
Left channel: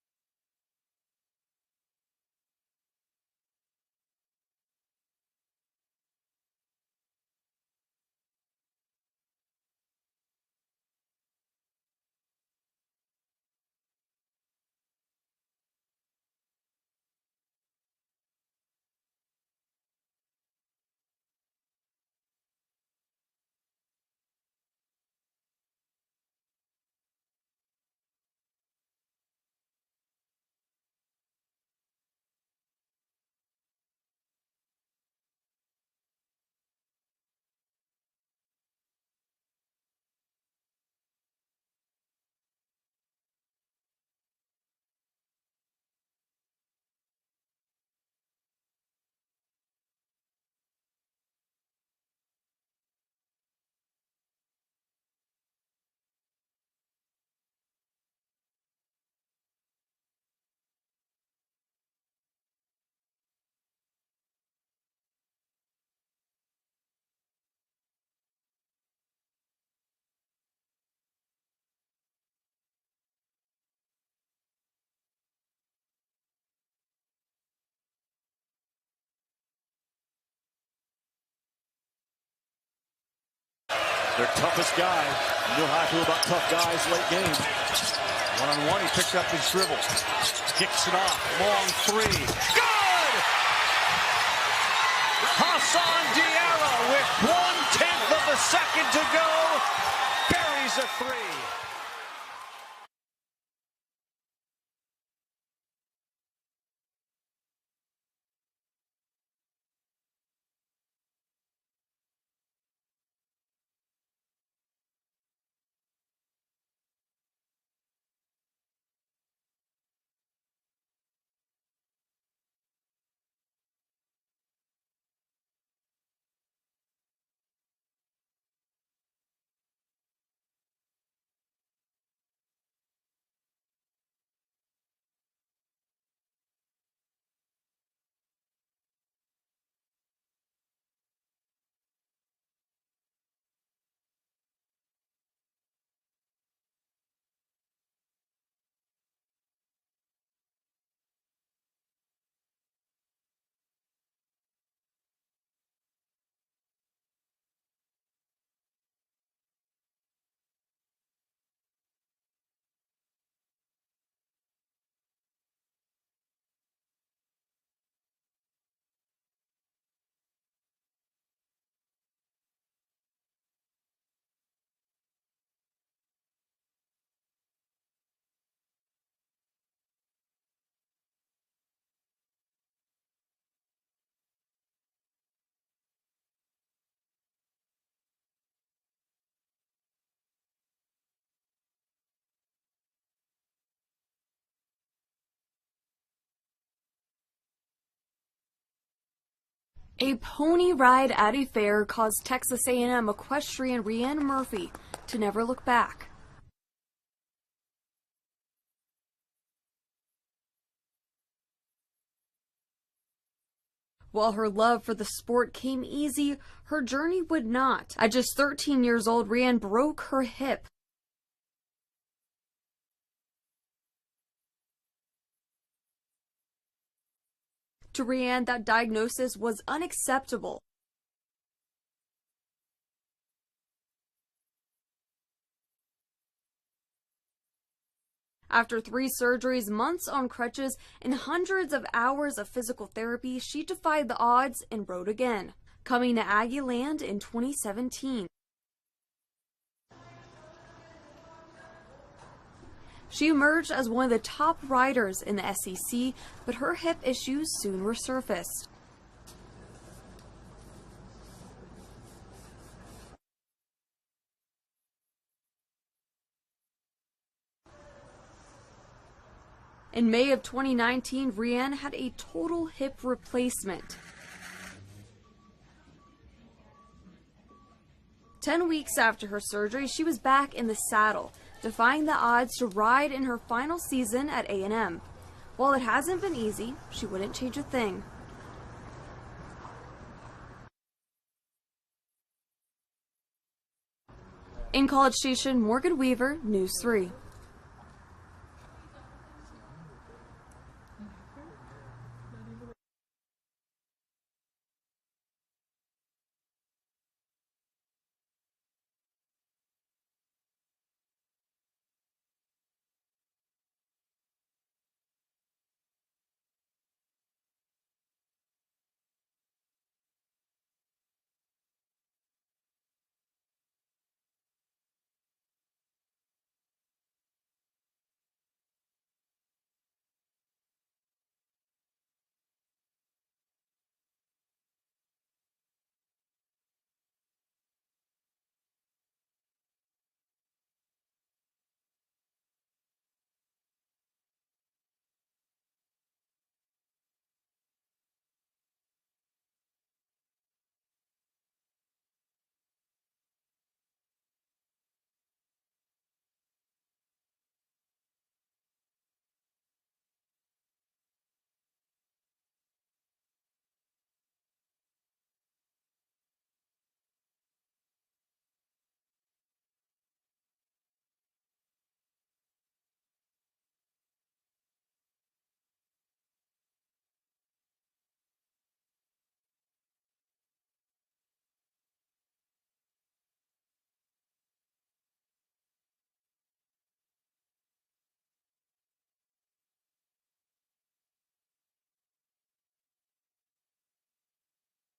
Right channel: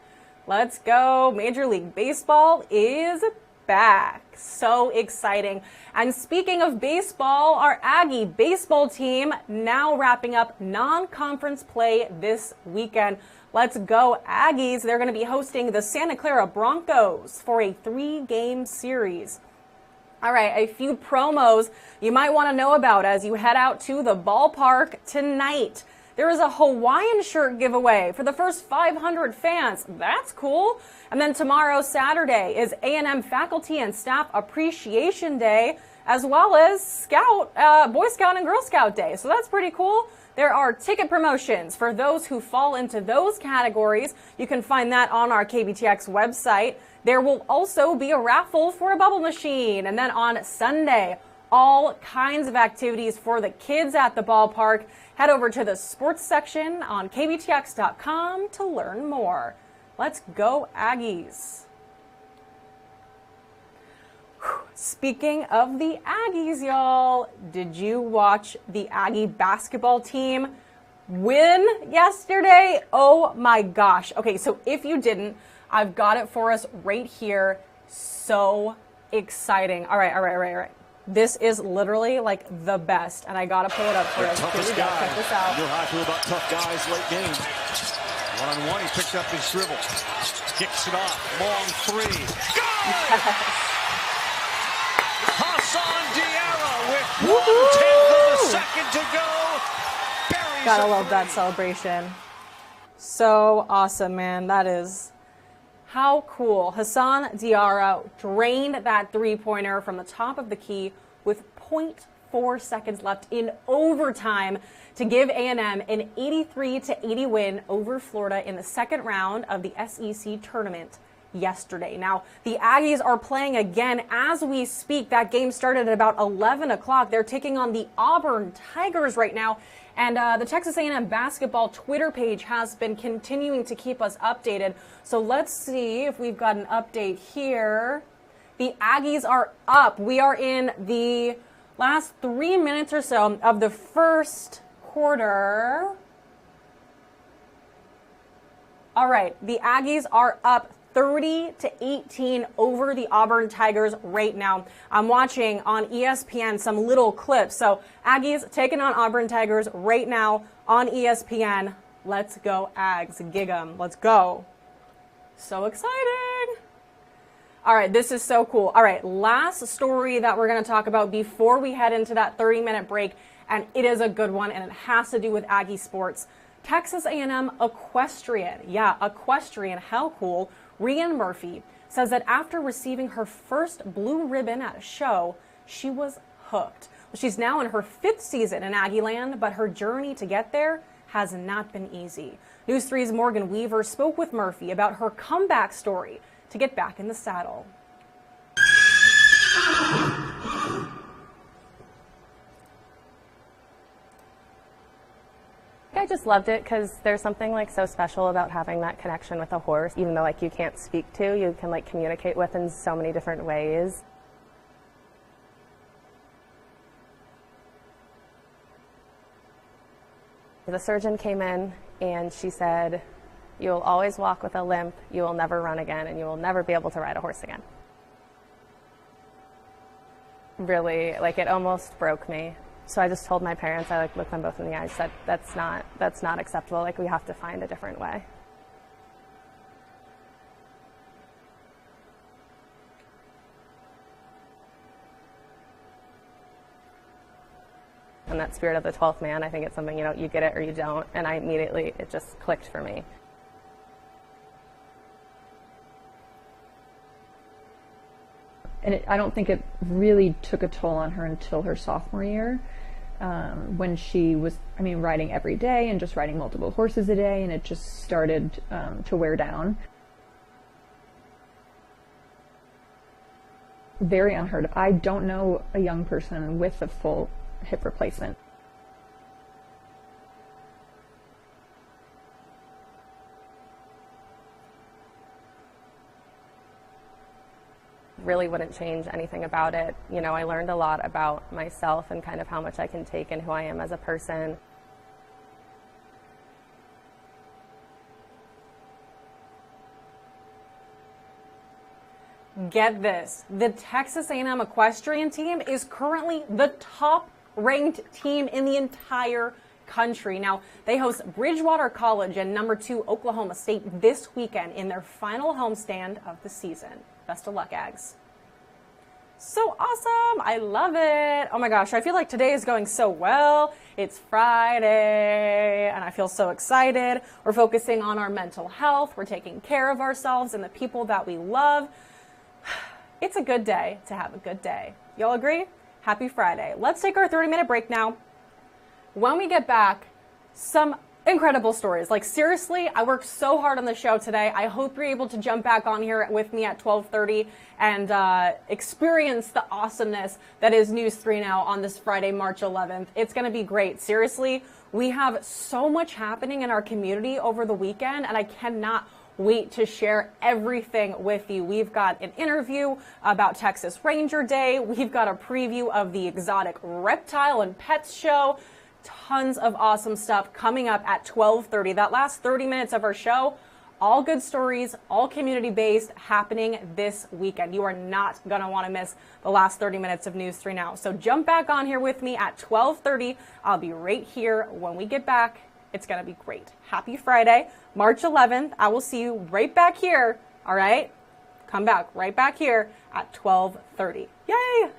Let's go. Major League Baseball is back. So exciting. And speaking of baseball, our Aggie baseball team now wrapping up non-conference play this weekend. Let's go Aggies. They're going to be hosting the Santa Clara Broncos for a 3-game series. All right, a few promos you might want to know about as you head out to the ballpark tonight. There is a Hawaiian shirt giveaway for the first 500 fans. That's cool. And then tomorrow, Saturday, is A&M Faculty and Staff Appreciation Day, as well as Boy Scout and Girl Scout Day. So that's pretty cool. There are ticket promotions for those who fall into those categories. You can find that on our KBTX website. There will also be a raffle for a bubble machine. And then on Sunday, all kinds of activities for the kids at the ballpark. Head over to the sports section on kbtx.com to learn more. Let's go Aggies. Speaking of the Aggies, y'all, did you watch the Aggie basketball team win yesterday? Oh my gosh. Okay, so if you didn't, I've got it for us right here. So exciting. All right. This is literally like the best, and I gotta pull it up here. Their toughest guy. You know how I feel about tough guys late game. One-on-one, he picked up his dribble. Kicks it off. Long three. Good! Hassan Diarra with 1/10 of the second to go. Buries Gotta a love three. that celebration. So awesome, man. That is how cool. Hassan Diarra drained that three-pointer from the top of the key with 0.4 seconds left in overtime to give A&M an 83-80 win over Florida in the second round of the SEC tournament yesterday. Now, the Aggies are playing again as we speak. That game started at about 11 o'clock. They're taking on the Auburn Tigers right now. And the Texas A&M basketball Twitter page has been continuing to keep us updated. So let's see if we've got an update here. The Aggies are up. We are in the last 3 minutes or so of the first quarter. All right, the Aggies are up 30-18 over the Auburn Tigers right now. I'm watching on ESPN some little clips. So Aggies taking on Auburn Tigers right now on ESPN. Let's go Ags, gig 'em. Let's go. So exciting. All right, this is so cool. All right, last story that we're going to talk about before we head into that 30-minute break, and it is a good one, and it has to do with Aggie sports. Texas A&M equestrian, yeah, equestrian, how cool, Rhiann Murphy says that after receiving her first blue ribbon at a show, she was hooked. She's now in her 5th season in Aggieland, but her journey to get there has not been easy. News 3's Morgan Weaver spoke with Murphy about her comeback story to get back in the saddle. A pony ride at a fair caused Texas A&M equestrian Rhiann Murphy to never look back. I just loved it because there's something like so special about having that connection with a horse, even though like you can't speak to, you can like communicate with in so many different ways. While her love for the sport came easy, her journey would not. At just 13 years old, Rhiann broke her hip. The surgeon came in and she said, "You will always walk with a limp, you will never run again, and you will never be able to ride a horse again." To Rhiann, that diagnosis was unacceptable. Really, like it almost broke me. So I just told my parents, I like looked them both in the eyes, said that's not acceptable. Like we have to find a different way. After 3 surgeries, months on crutches, and hundreds of hours of physical therapy, she defied the odds and rode again, coming to Aggieland in 2017. And that spirit of the 12th man, I think it's something, you get it or you don't. And it just clicked for me. She emerged as one of the top riders in the SEC, but her hip issues soon resurfaced. And I don't think it really took a toll on her until her sophomore year. When she was, riding every day and just riding multiple horses a day, and it just started to wear down. In May of 2019, Rhiann had a total hip replacement. Very unheard of. I don't know a young person with a full hip replacement. 10 weeks after her surgery, she was back in the saddle, defying the odds to ride in her final season at A&M. While it hasn't been easy, she wouldn't change a thing. Really wouldn't change anything about it. I learned a lot about myself and kind of how much I can take and who I am as a person. In College Station, Morgan Weaver, News 3. Get this, the Texas A&M equestrian team is currently the top-ranked team in the entire country. Now, they host Bridgewater College and number 2 Oklahoma State this weekend in their final homestand of the season. Best of luck, Ags. So awesome. I love it. Oh my gosh, I feel like today is going so well. It's Friday and I feel so excited. We're focusing on our mental health. We're taking care of ourselves and the people that we love. It's a good day to have a good day. Y'all agree? Happy Friday. Let's take our 30-minute break now. When we get back, some incredible stories. Like seriously, I worked so hard on the show today. I hope you're able to jump back on here with me at 12:30 and experience the awesomeness that is News 3 Now on this Friday, March 11th. It's going to be great. Seriously, we have so much happening in our community over the weekend, and I cannot wait to share everything with you. We've got an interview about Texas Ranger Day. We've got a preview of the Exotic Reptile and Pets Show. Tons of awesome stuff coming up at 12:30. That last 30 minutes of our show, all good stories, all community-based, happening this weekend. You are not going to want to miss the last 30 minutes of News 3 Now. So jump back on here with me at 12:30. I'll be right here when we get back. It's going to be great. Happy Friday, March 11th. I will see you right back here, all right? Come back right back here at 12:30. Yay!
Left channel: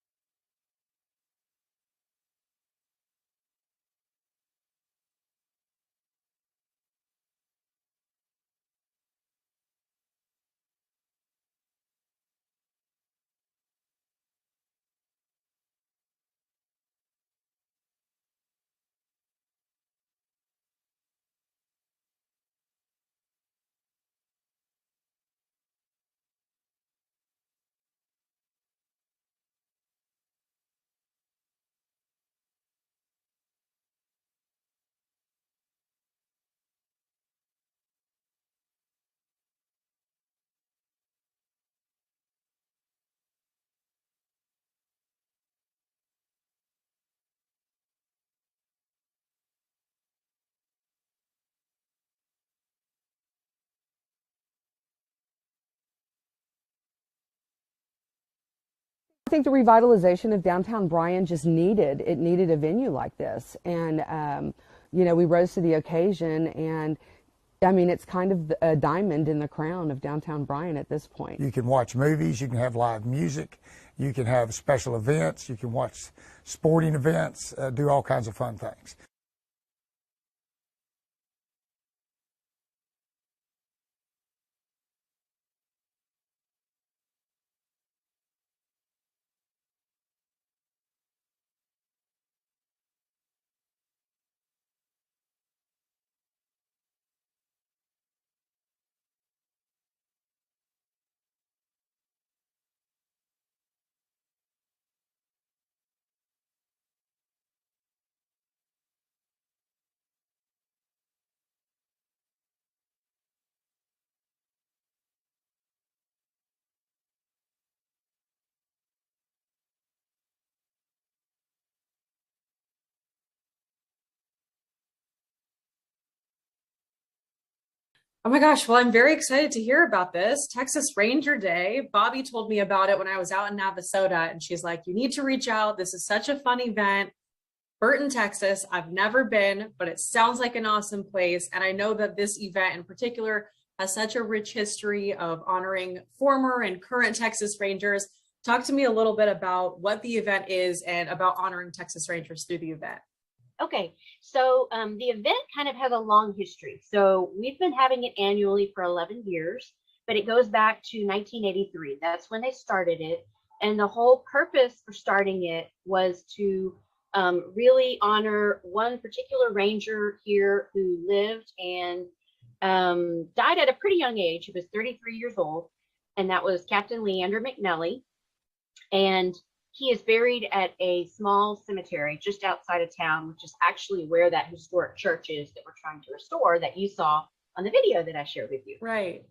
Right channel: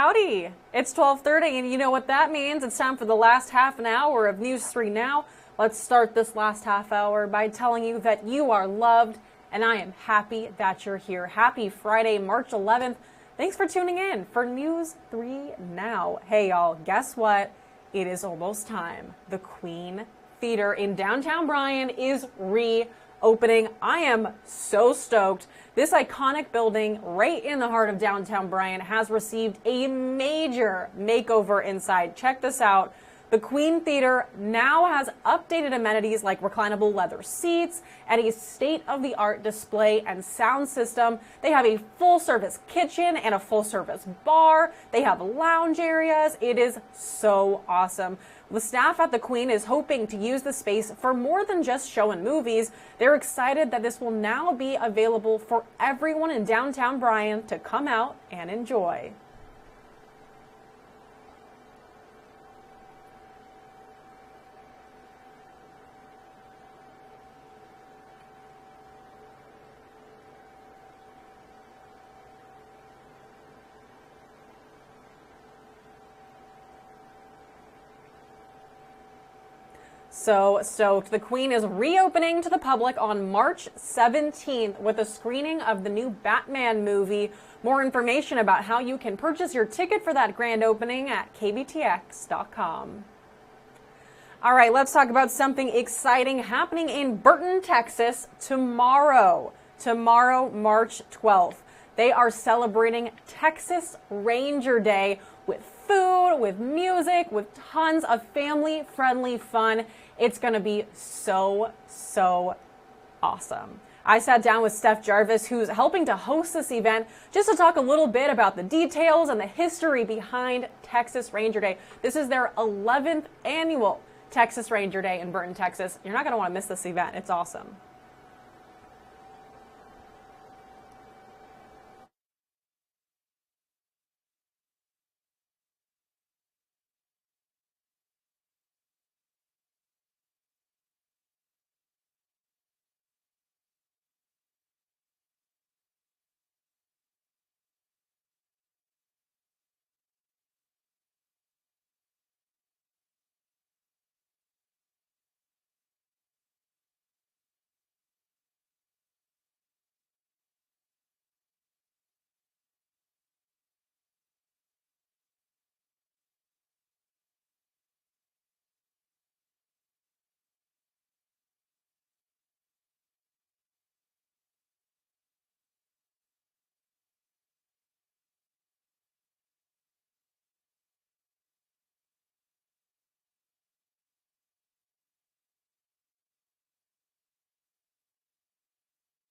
Howdy, it's 12:30 and you know what that means. It's time for the last half an hour of News 3 Now. Let's start this last half hour by telling you that you are loved and I am happy that you're here. Happy Friday, March 11th. Thanks for tuning in for News 3 Now. Hey y'all, guess what? It is almost time. The Queen Theater in downtown Bryan is reopening. I am so stoked. This iconic building right in the heart of downtown Bryan has received a major makeover inside. Check this out. The Queen Theater now has updated amenities like reclinable leather seats and a state-of-the-art display and sound system. They have a full-service kitchen and a full-service bar. They have lounge areas. It is so awesome. The staff at the Queen is hoping to use the space for more than just showing movies. They're excited that this will now be available for everyone in downtown Bryan to come out and enjoy. I think the revitalization of downtown Bryan just needed a venue like this. And, you know, we rose to the occasion, and I mean, it's kind of a diamond in the crown of downtown Bryan at this point. You can watch movies, you can have live music, you can have special events, you can watch sporting events, do all kinds of fun things. So stoked. The Queen is reopening to the public on March 17th with a screening of the new Batman movie. More information about how you can purchase your ticket for that grand opening at kbtx.com. All right, let's talk about something exciting happening in Burton, Texas tomorrow. Tomorrow, March 12th. They are celebrating Texas Ranger Day with food, with music, with tons of family-friendly fun. It's going to be so awesome. I sat down with Steph Jarvis, who's helping to host this event, just to talk a little bit about the details and the history behind Texas Ranger Day. This is their 11th annual Texas Ranger Day in Burton, Texas. You're not going to want to miss this event. It's awesome. Oh my gosh, well, I'm very excited to hear about this. Texas Ranger Day. Bobby told me about it when I was out in Navasota, and she's like, you need to reach out. This is such a fun event. Burton, Texas. I've never been, but it sounds like an awesome place. And I know that this event in particular has such a rich history of honoring former and current Texas Rangers. Talk to me a little bit about what the event is and about honoring Texas Rangers through the event. Okay, so the event kind of has a long history. So we've been having it annually for 11 years, but it goes back to 1983. That's when they started it. And the whole purpose for starting it was to really honor one particular ranger here who lived and died at a pretty young age. He was 33 years old, and that was Captain Leander McNelly. And he is buried at a small cemetery just outside of town, which is actually where that historic church is that we're trying to restore that you saw on the video that I shared with you. Right.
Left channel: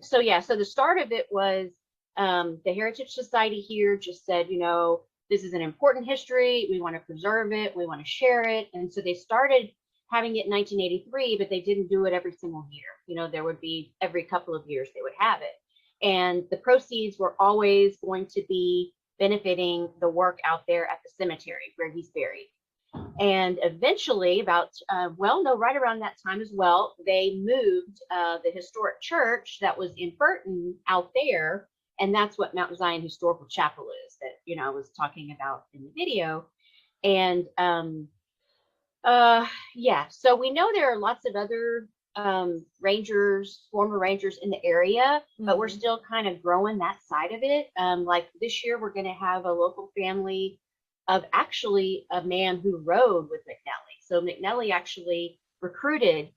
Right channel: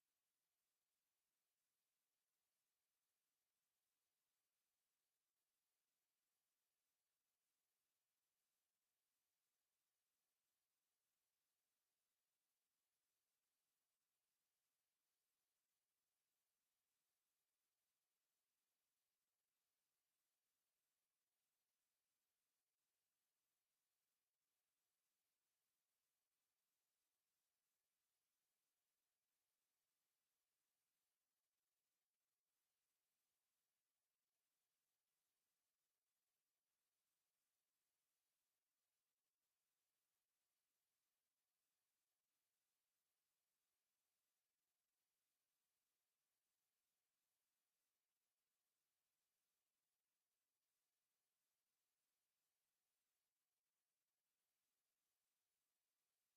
So the start of it was the Heritage Society here just said, you know, this is an important history. We want to preserve it. We want to share it. And so they started having it in 1983, but they didn't do it every single year. You know, there would be every couple of years they would have it. And the proceeds were always going to be benefiting the work out there at the cemetery where he's buried. And eventually right around that time as well, they moved the historic church that was in Burton out there. And that's what Mount Zion Historical Chapel is that, you know, I was talking about in the video. And so we know there are lots of other former rangers in the area, but we're still kind of growing that side of it. Like this year, we're going to have a local family of actually a man who rode with McNelly. So McNelly actually recruited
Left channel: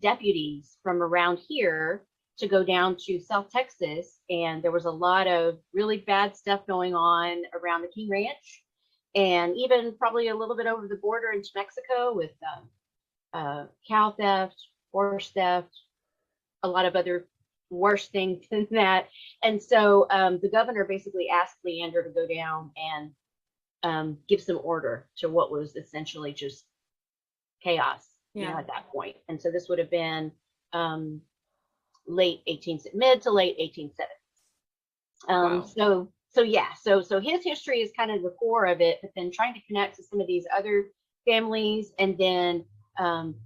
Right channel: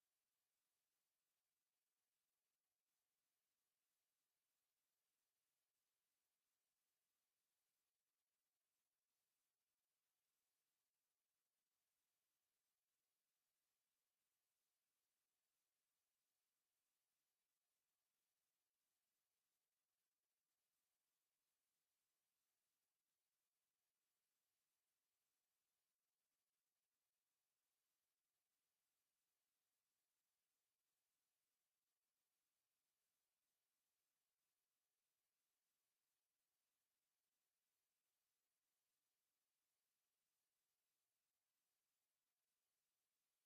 deputies from around here to go down to South Texas. And there was a lot of really bad stuff going on around the King Ranch, and even probably a little bit over the border into Mexico with cow theft, horse theft, a lot of other worse things than that. And so the governor basically asked Leander to go down and give some order to what was essentially just chaos, you know, at that point. And so this would have been mid to late 1870s. Wow. So his history is kind of the core of it, but then trying to connect to some of these other families, and then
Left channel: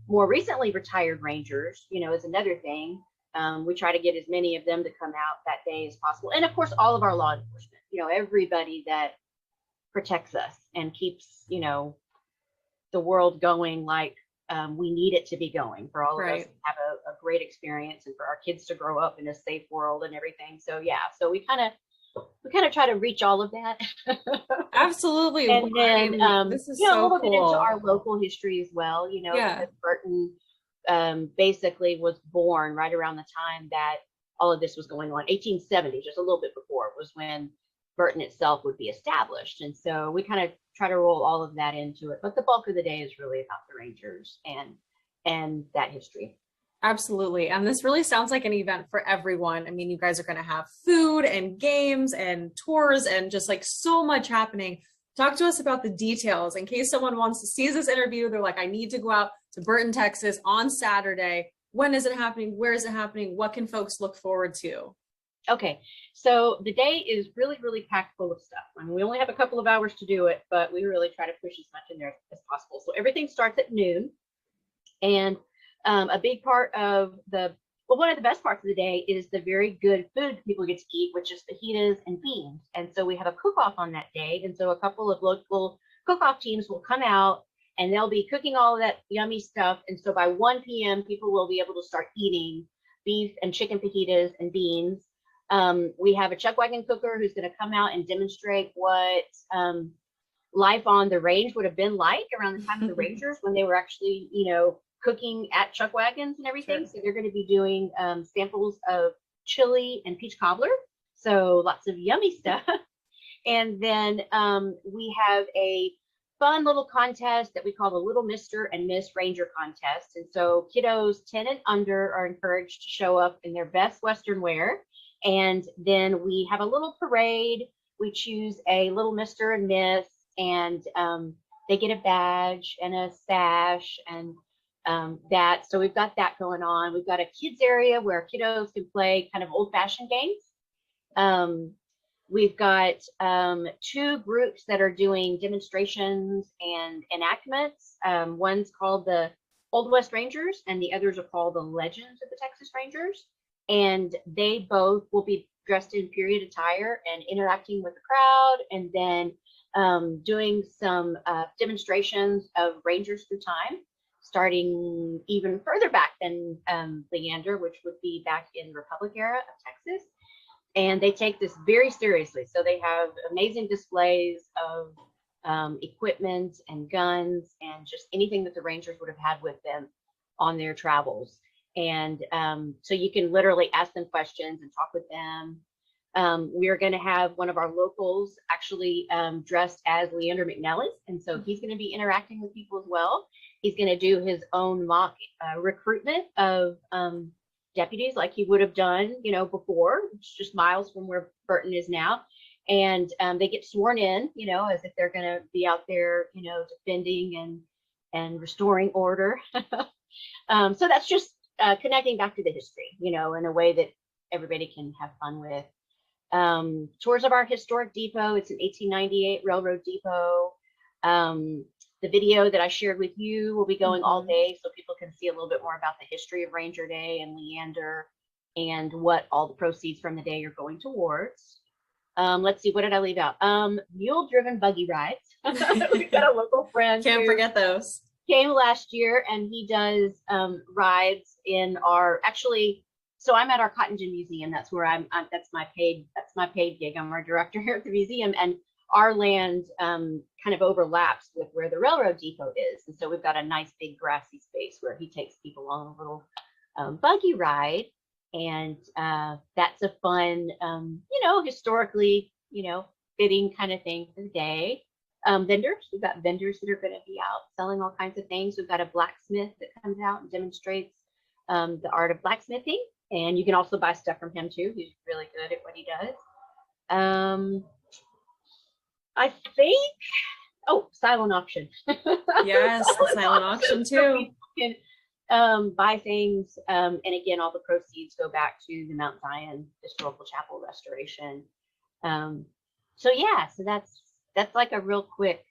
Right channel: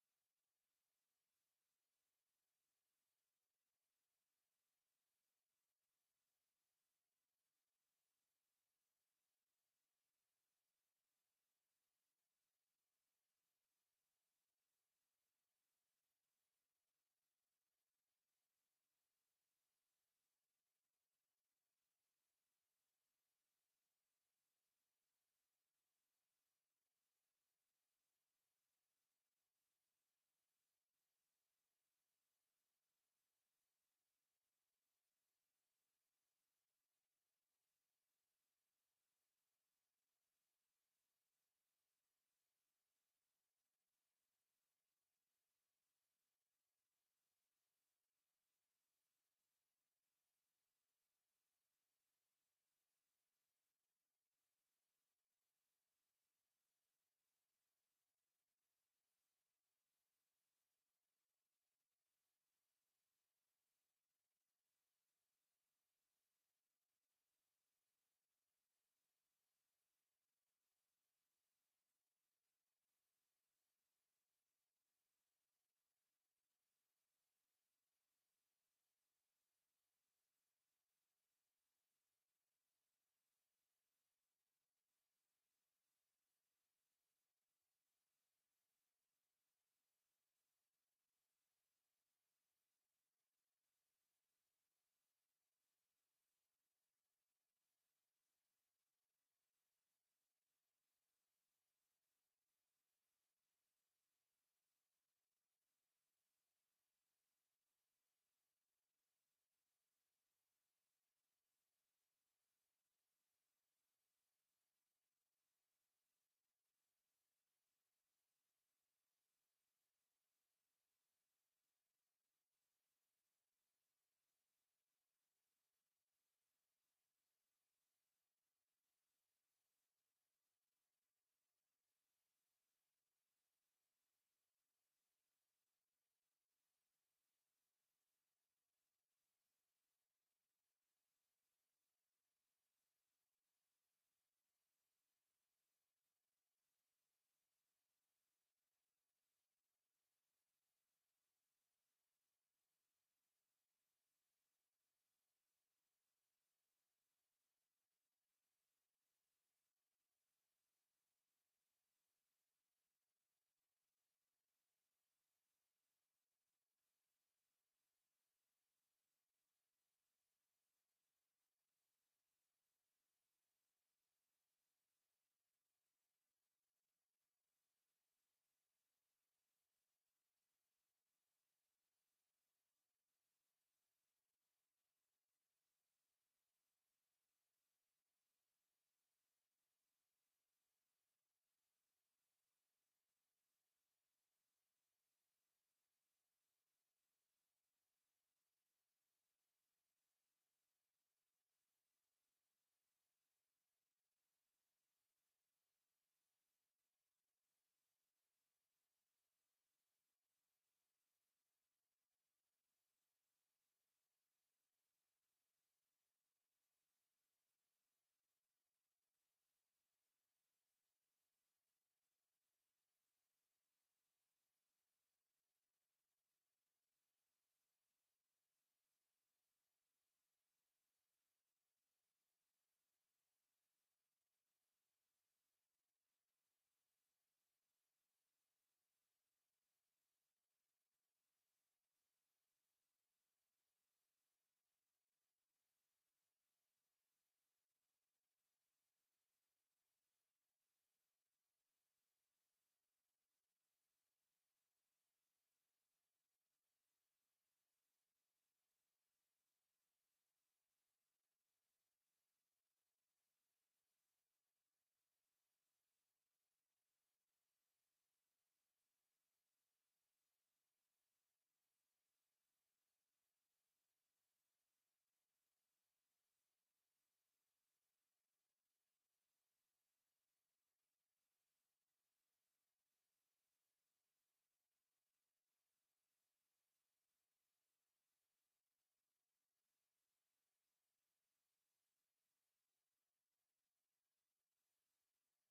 more recently retired rangers, you know, is another thing. We try to get as many of them to come out that day as possible. And of course, all of our law enforcement, you know, everybody that protects us and keeps, you know, the world going like we need it to be going, for all of us to have a great experience and for our kids to grow up in a safe world and everything. So yeah, so we kind of try to reach all of that. Absolutely. And then this is you know, so a little bit into cool. our local history as well, you know, because Burton basically was born right around the time that all of this was going on. 1870, just a little bit before, was when Burton itself would be established. And so we kind of try to roll all of that into it. But the bulk of the day is really about the Rangers and that history. Absolutely. And this really sounds like an event for everyone. I mean, you guys are going to have food and games and tours and just like so much happening. Talk to us about the details in case someone wants to see this interview. They're like, I need to go out to Burton, Texas on Saturday. When is it happening? Where is it happening? What can folks look forward to? Okay, so the day is really, really packed full of stuff. I mean, we only have a couple of hours to do it, but we really try to push as much in there as possible. So everything starts at noon. And a big part of one of the best parts of the day is the very good food people get to eat, which is fajitas and beans. And so we have a cook-off on that day. And so a couple of local cook-off teams will come out and they'll be cooking all of that yummy stuff. And so by 1 p.m., people will be able to start eating beef and chicken fajitas and beans. We have a chuck wagon cooker who's going to come out and demonstrate what life on the range would have been like around the time of the Rangers when they were actually, you know, cooking at chuck wagons and everything. Sure. So they're going to be doing samples of chili and peach cobbler. So lots of yummy stuff. And then we have a fun little contest that we call the Little Mr. and Miss Ranger contest. And so kiddos 10 and under are encouraged to show up in their best Western wear. And then we have a little parade. We choose a little Mr. and Miss, and they get a badge and a sash and that. So we've got that going on. We've got a kids area where kiddos can play kind of old-fashioned games. We've got 2 groups that are doing demonstrations and enactments. One's called the Old West Rangers, and the others are called the Legends of the Texas Rangers. And they both will be dressed in period attire and interacting with the crowd, and then doing some demonstrations of Rangers through time, starting even further back than Leander, which would be back in Republic era of Texas. And they take this very seriously. So they have amazing displays of equipment and guns and just anything that the Rangers would have had with them on their travels. And so you can literally ask them questions and talk with them. We're going to have one of our locals actually dressed as Leander McNellis. And so he's going to be interacting with people as well. He's going to do his own mock recruitment of deputies like he would have done, you know, before, which is just miles from where Burton is now. And they get sworn in, you know, as if they're going to be out there, you know, defending and restoring order. So that's just connecting back to the history, you know, in a way that everybody can have fun with. Tours of our historic depot. It's an 1898 railroad depot. The video that I shared with you will be going all day, so people can see a little bit more about the history of Ranger Day and Leander and what all the proceeds from the day are going towards. Let's see, what did I leave out? Mule-driven buggy rides. We've got a local friend. Can't forget those. Came last year, and he does rides in our, actually, so I'm at our Cotton Gin Museum. That's where that's my paid gig. I'm our director here at the museum, and our land kind of overlaps with where the railroad depot is. And so we've got a nice big grassy space where he takes people on a little buggy ride. And that's a fun, you know, historically, you know, fitting kind of thing for the day. Vendors, we've got vendors that are going to be out selling all kinds of things. We've got a blacksmith that comes out and demonstrates the art of blacksmithing. And you can also buy stuff from him too. He's really good at what he does. I think, silent auction. Yes, the silent auction too. You can buy things, and again, all the proceeds go back to the Mount Zion Historical Chapel restoration. So yeah, so that's like a real quick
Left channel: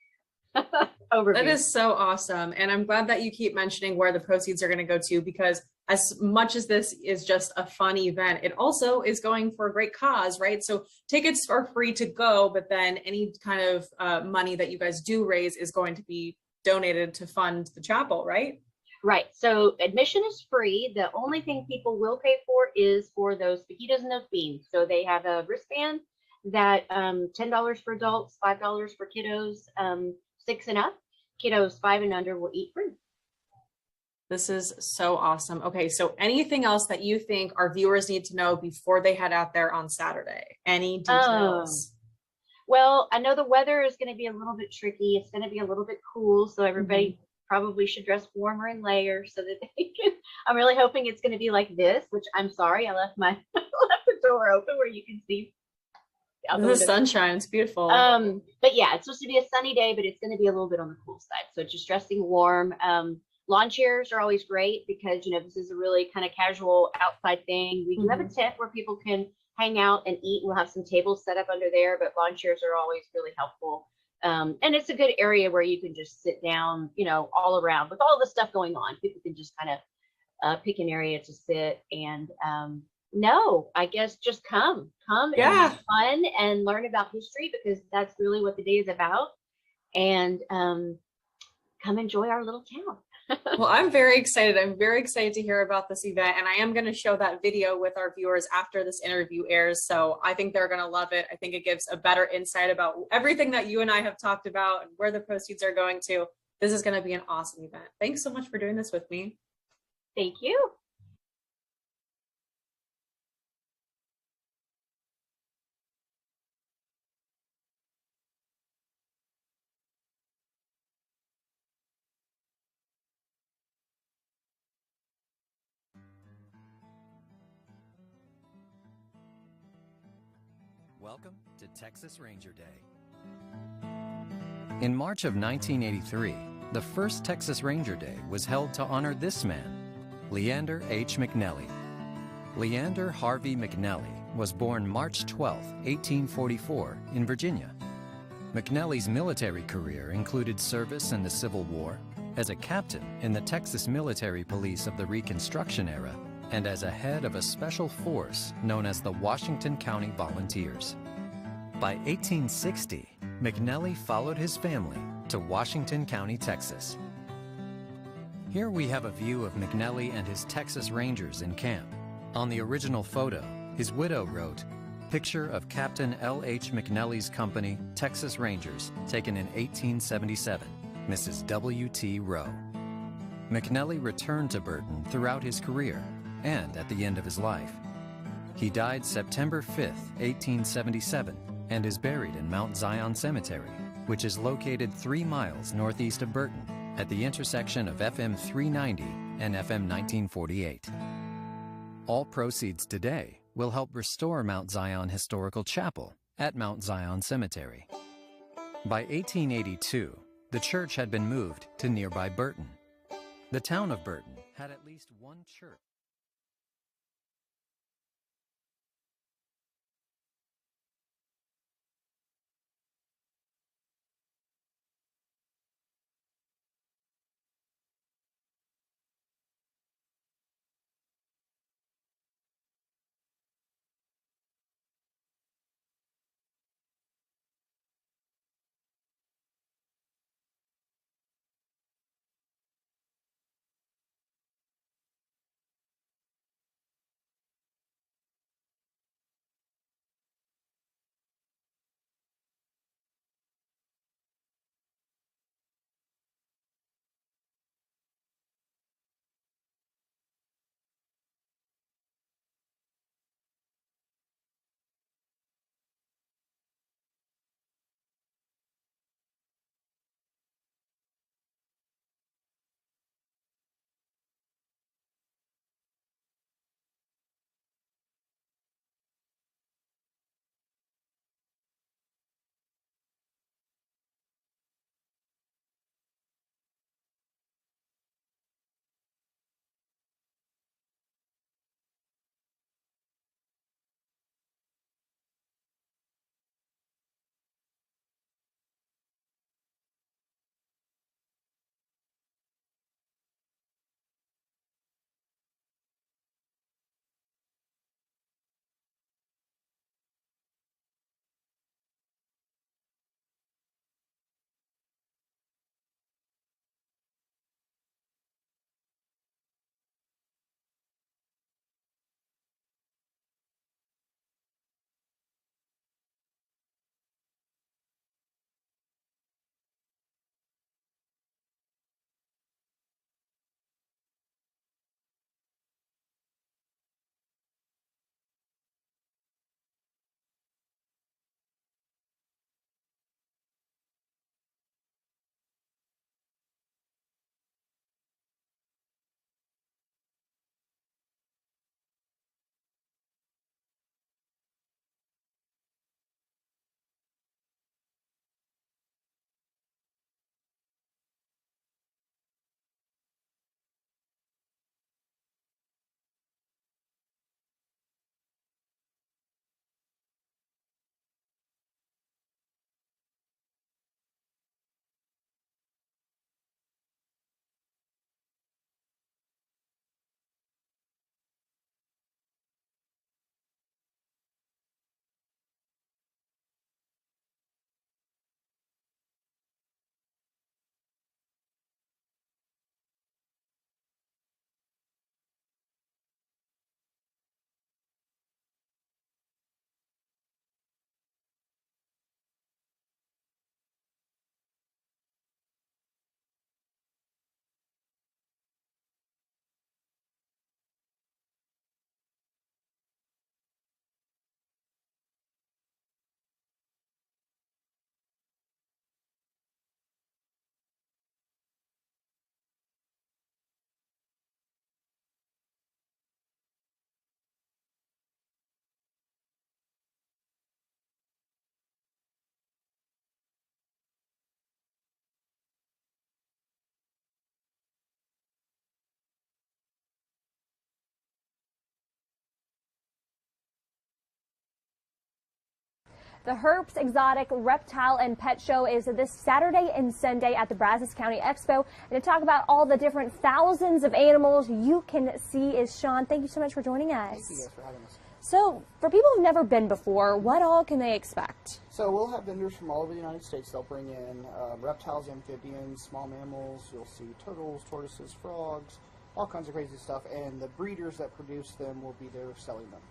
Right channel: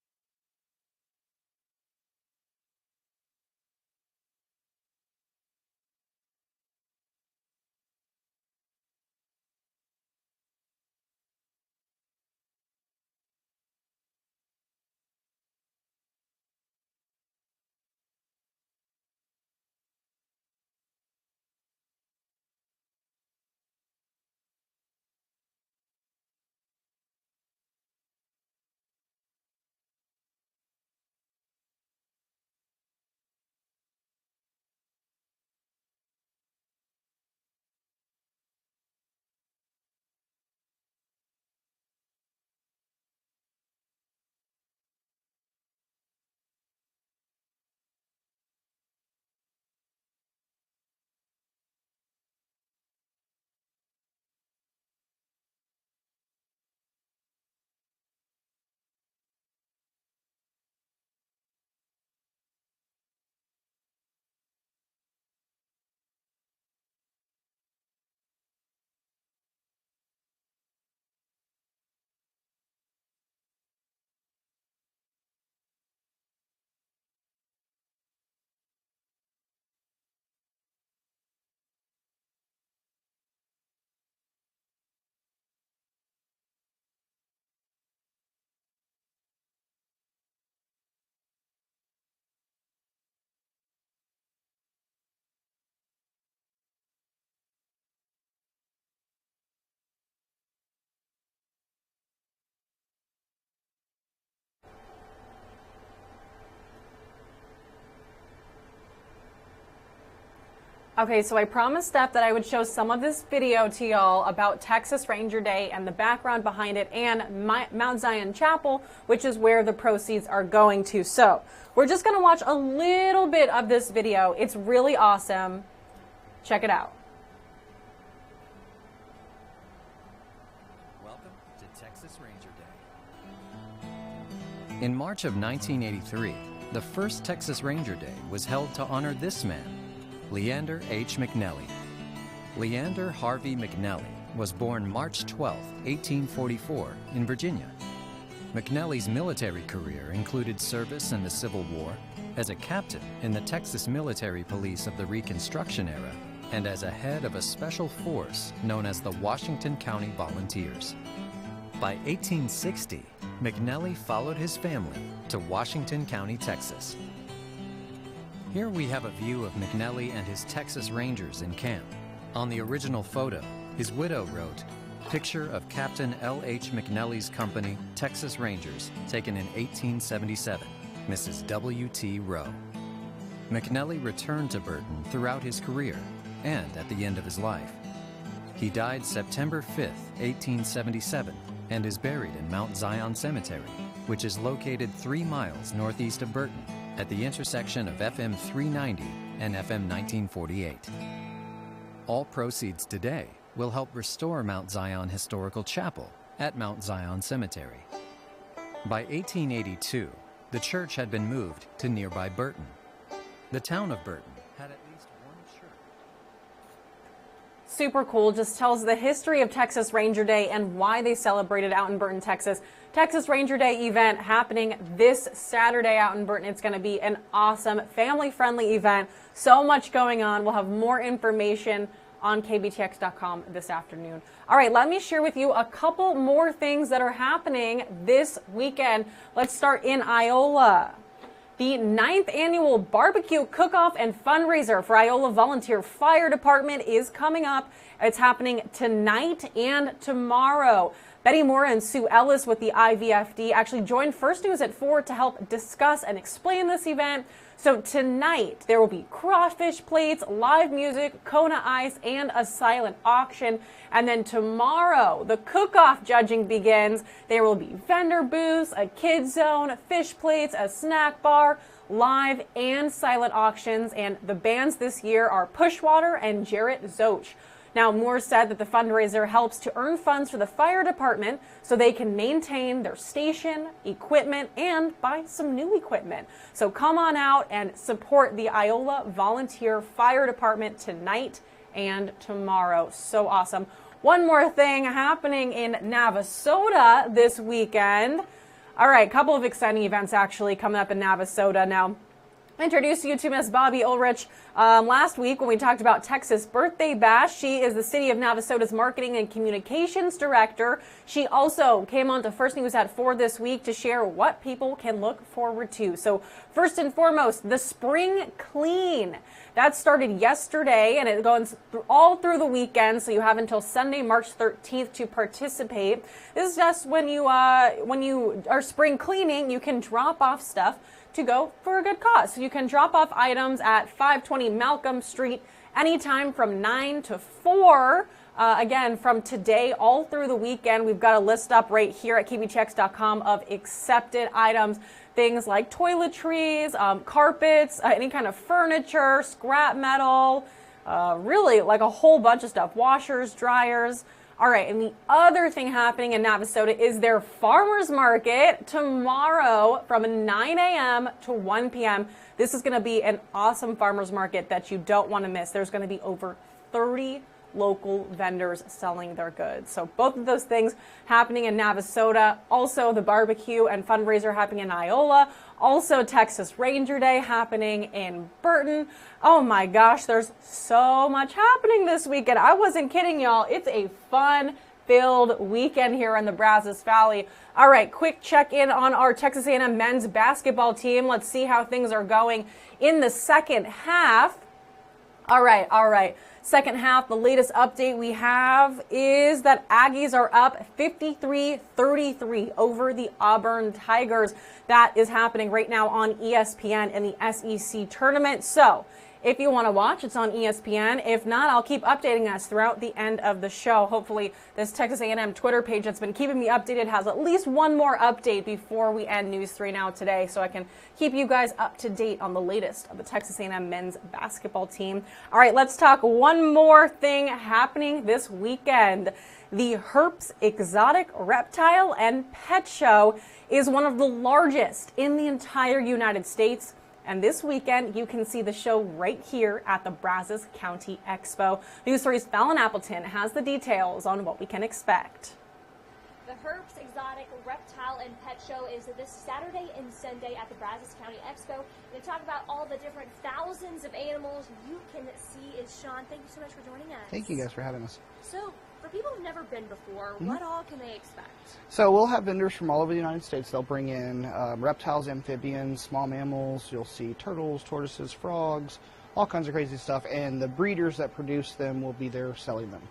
overview. That is so awesome. And I'm glad that you keep mentioning where the proceeds are going to go to, because as much as this is just a fun event, it also is going for a great cause, right? So tickets are free to go, but then any kind of money that you guys do raise is going to be donated to fund the chapel, right? Right. So admission is free. The only thing people will pay for is for those fajitas and those beans. So they have a wristband that $10 for adults, $5 for kiddos, 6 and up. Kiddos 5 and under will eat free. This is so awesome. Okay, so anything else that you think our viewers need to know before they head out there on Saturday? Any details? Well, I know the weather is going to be a little bit tricky. It's going to be a little bit cool, so everybody probably should dress warmer and layers so that they can. I'm really hoping it's going to be like this, which I'm sorry, I left my left the door open where you can see the sunshine. It's beautiful. But yeah, it's supposed to be a sunny day, but it's going to be a little bit on the cool side. So just dressing warm. Lawn chairs are always great because, you know, this is a really kind of casual outside thing. We do have a tent where people can hang out and eat. We'll have some tables set up under there, but lawn chairs are always really helpful. And it's a good area where you can just sit down, you know, all around with all the stuff going on. People can just kind of pick an area to sit and no, I guess just come and have fun and learn about history because that's really what the day is about. And come enjoy our little town. Well, I'm very excited. I'm very excited to hear about this event. And I am going to show that video with our viewers after this interview airs. So I think they're going to love it. I think it gives a better insight about everything that you and I have talked about and where the proceeds are going to. This is going to be an awesome event. Thanks so much for doing this with me. Thank you. Okay, so I promised Steph that I would show some of this video to y'all about Texas Ranger Day and the background behind it and Mount Zion Chapel, which is where the proceeds are going to. So we're just going to watch a little bit of this video. It's really awesome. Check it out. Welcome to Texas Ranger Day. In March of 1983, the first Texas Ranger Day was held to honor this man, Leander H. McNelly. Leander Harvey McNelly was born March 12, 1844, in Virginia. McNelly's military career included service in the Civil War, as a captain in the Texas Military Police of the Reconstruction era, and as a head of a special force known as the Washington County Volunteers. By 1860, McNelly followed his family to Washington County, Texas. Here we have a view of McNelly and his Texas Rangers in camp. On the original photo, his widow wrote, "Picture of Captain L.H. McNelly's company, Texas Rangers, taken in 1877, Mrs. W.T. Rowe." McNelly returned to Burton throughout his career and at the end of his life. He died September 5, 1877, and is buried in Mount Zion Cemetery, which is located 3 miles northeast of Burton, at the intersection of FM 390 and FM 1948. All proceeds today will help restore Mount Zion Historical Chapel at Mount Zion Cemetery. By 1882, the church had been moved to nearby Burton. The town of Burton had at least one church. Super cool. Just tells the history of Texas Ranger Day and why they celebrate it out in Burton, Texas. Texas Ranger Day event happening this Saturday out in Burton. It's going to be an awesome family-friendly event. So much going on. We'll have more information on kbtx.com this afternoon. All right, let me share with you a couple more things that are happening this weekend. Let's start in Iola. The 9th annual barbecue cook-off and fundraiser for Iola Volunteer Fire Department is coming up. It's happening tonight and tomorrow. Betty Moore and Sue Ellis with the IVFD actually joined First News at 4 to help discuss and explain this event. So tonight, there will be crawfish plates, live music, Kona ice, and a silent auction. And then tomorrow, the cook-off judging begins. There will be vendor booths, a kids zone, fish plates, a snack bar, live and silent auctions. And the bands this year are Pushwater and Jarrett Zoch. Now, Moore said that the fundraiser helps to earn funds for the fire department so they can maintain their station, equipment, and buy some new equipment. So come on out and support the Iola Volunteer Fire Department tonight and tomorrow. So awesome. One more thing happening in Navasota this weekend. All right, a couple of exciting events actually coming up in Navasota. Now, Introduce you to Miss Bobby Ulrich. Last week when we talked about Texas Birthday Bash, she is the City of Navasota's Marketing and Communications Director. She also came on to First News at 4 this week to share what people can look forward to. So first and foremost, the Spring Clean. That started yesterday and it goes all through the weekend, so you have until Sunday, March 13th to participate. This is just when you are spring cleaning, you can drop off stuff to go for a good cause. So you can drop off items at 520 Malcolm Street anytime from 9 to 4. Again, from today all through the weekend, we've got a list up right here at KBChecks.com of accepted items. Things like toiletries, carpets, any kind of furniture, scrap metal, really like a whole bunch of stuff, washers, dryers. All right, and the other thing happening in Navasota is their farmers market tomorrow from 9 a.m. to 1 p.m. This is going to be an awesome farmers market that you don't want to miss. There's going to be over 30 local vendors selling their goods. So both of those things happening in Navasota. Also the barbecue and fundraiser happening in Iola. Also Texas Ranger Day happening in Burton. Oh my gosh, there's so much happening this weekend. I wasn't kidding, y'all. It's a fun-filled weekend here in the Brazos Valley. All right, quick check-in on our Texas A&M men's basketball team. Let's see how things are going in the second half. All right. Second half, the latest update we have is that Aggies are up 53-33 over the Auburn Tigers. That is happening right now on ESPN in the SEC tournament. So if you want to watch, it's on ESPN. If not, I'll keep updating us throughout the end of the show. Hopefully this Texas A&M Twitter page that's been keeping me updated has at least one more update before we end News 3 Now today, so I can keep you guys up to date on the latest of the Texas A&M men's basketball team. All right, let's talk one more thing happening this weekend. The Herps Exotic Reptile and Pet Show is one of the largest in the entire United States. And this weekend, you can see the show right here at the Brazos County Expo. News 3's Fallon Appleton has the details on what we can expect. The Herps Exotic Reptile and Pet Show is this Saturday and Sunday at the Brazos County Expo. And to talk about all the different thousands of animals you can see is Sean. Thank you so much for joining us. Thank you guys for having us. So, for people who've never been before, what all can they expect? So we'll have vendors from all over the United States. They'll bring in reptiles, amphibians, small mammals. You'll see turtles, tortoises, frogs, all kinds of crazy stuff. And the breeders that produce them will be there selling them.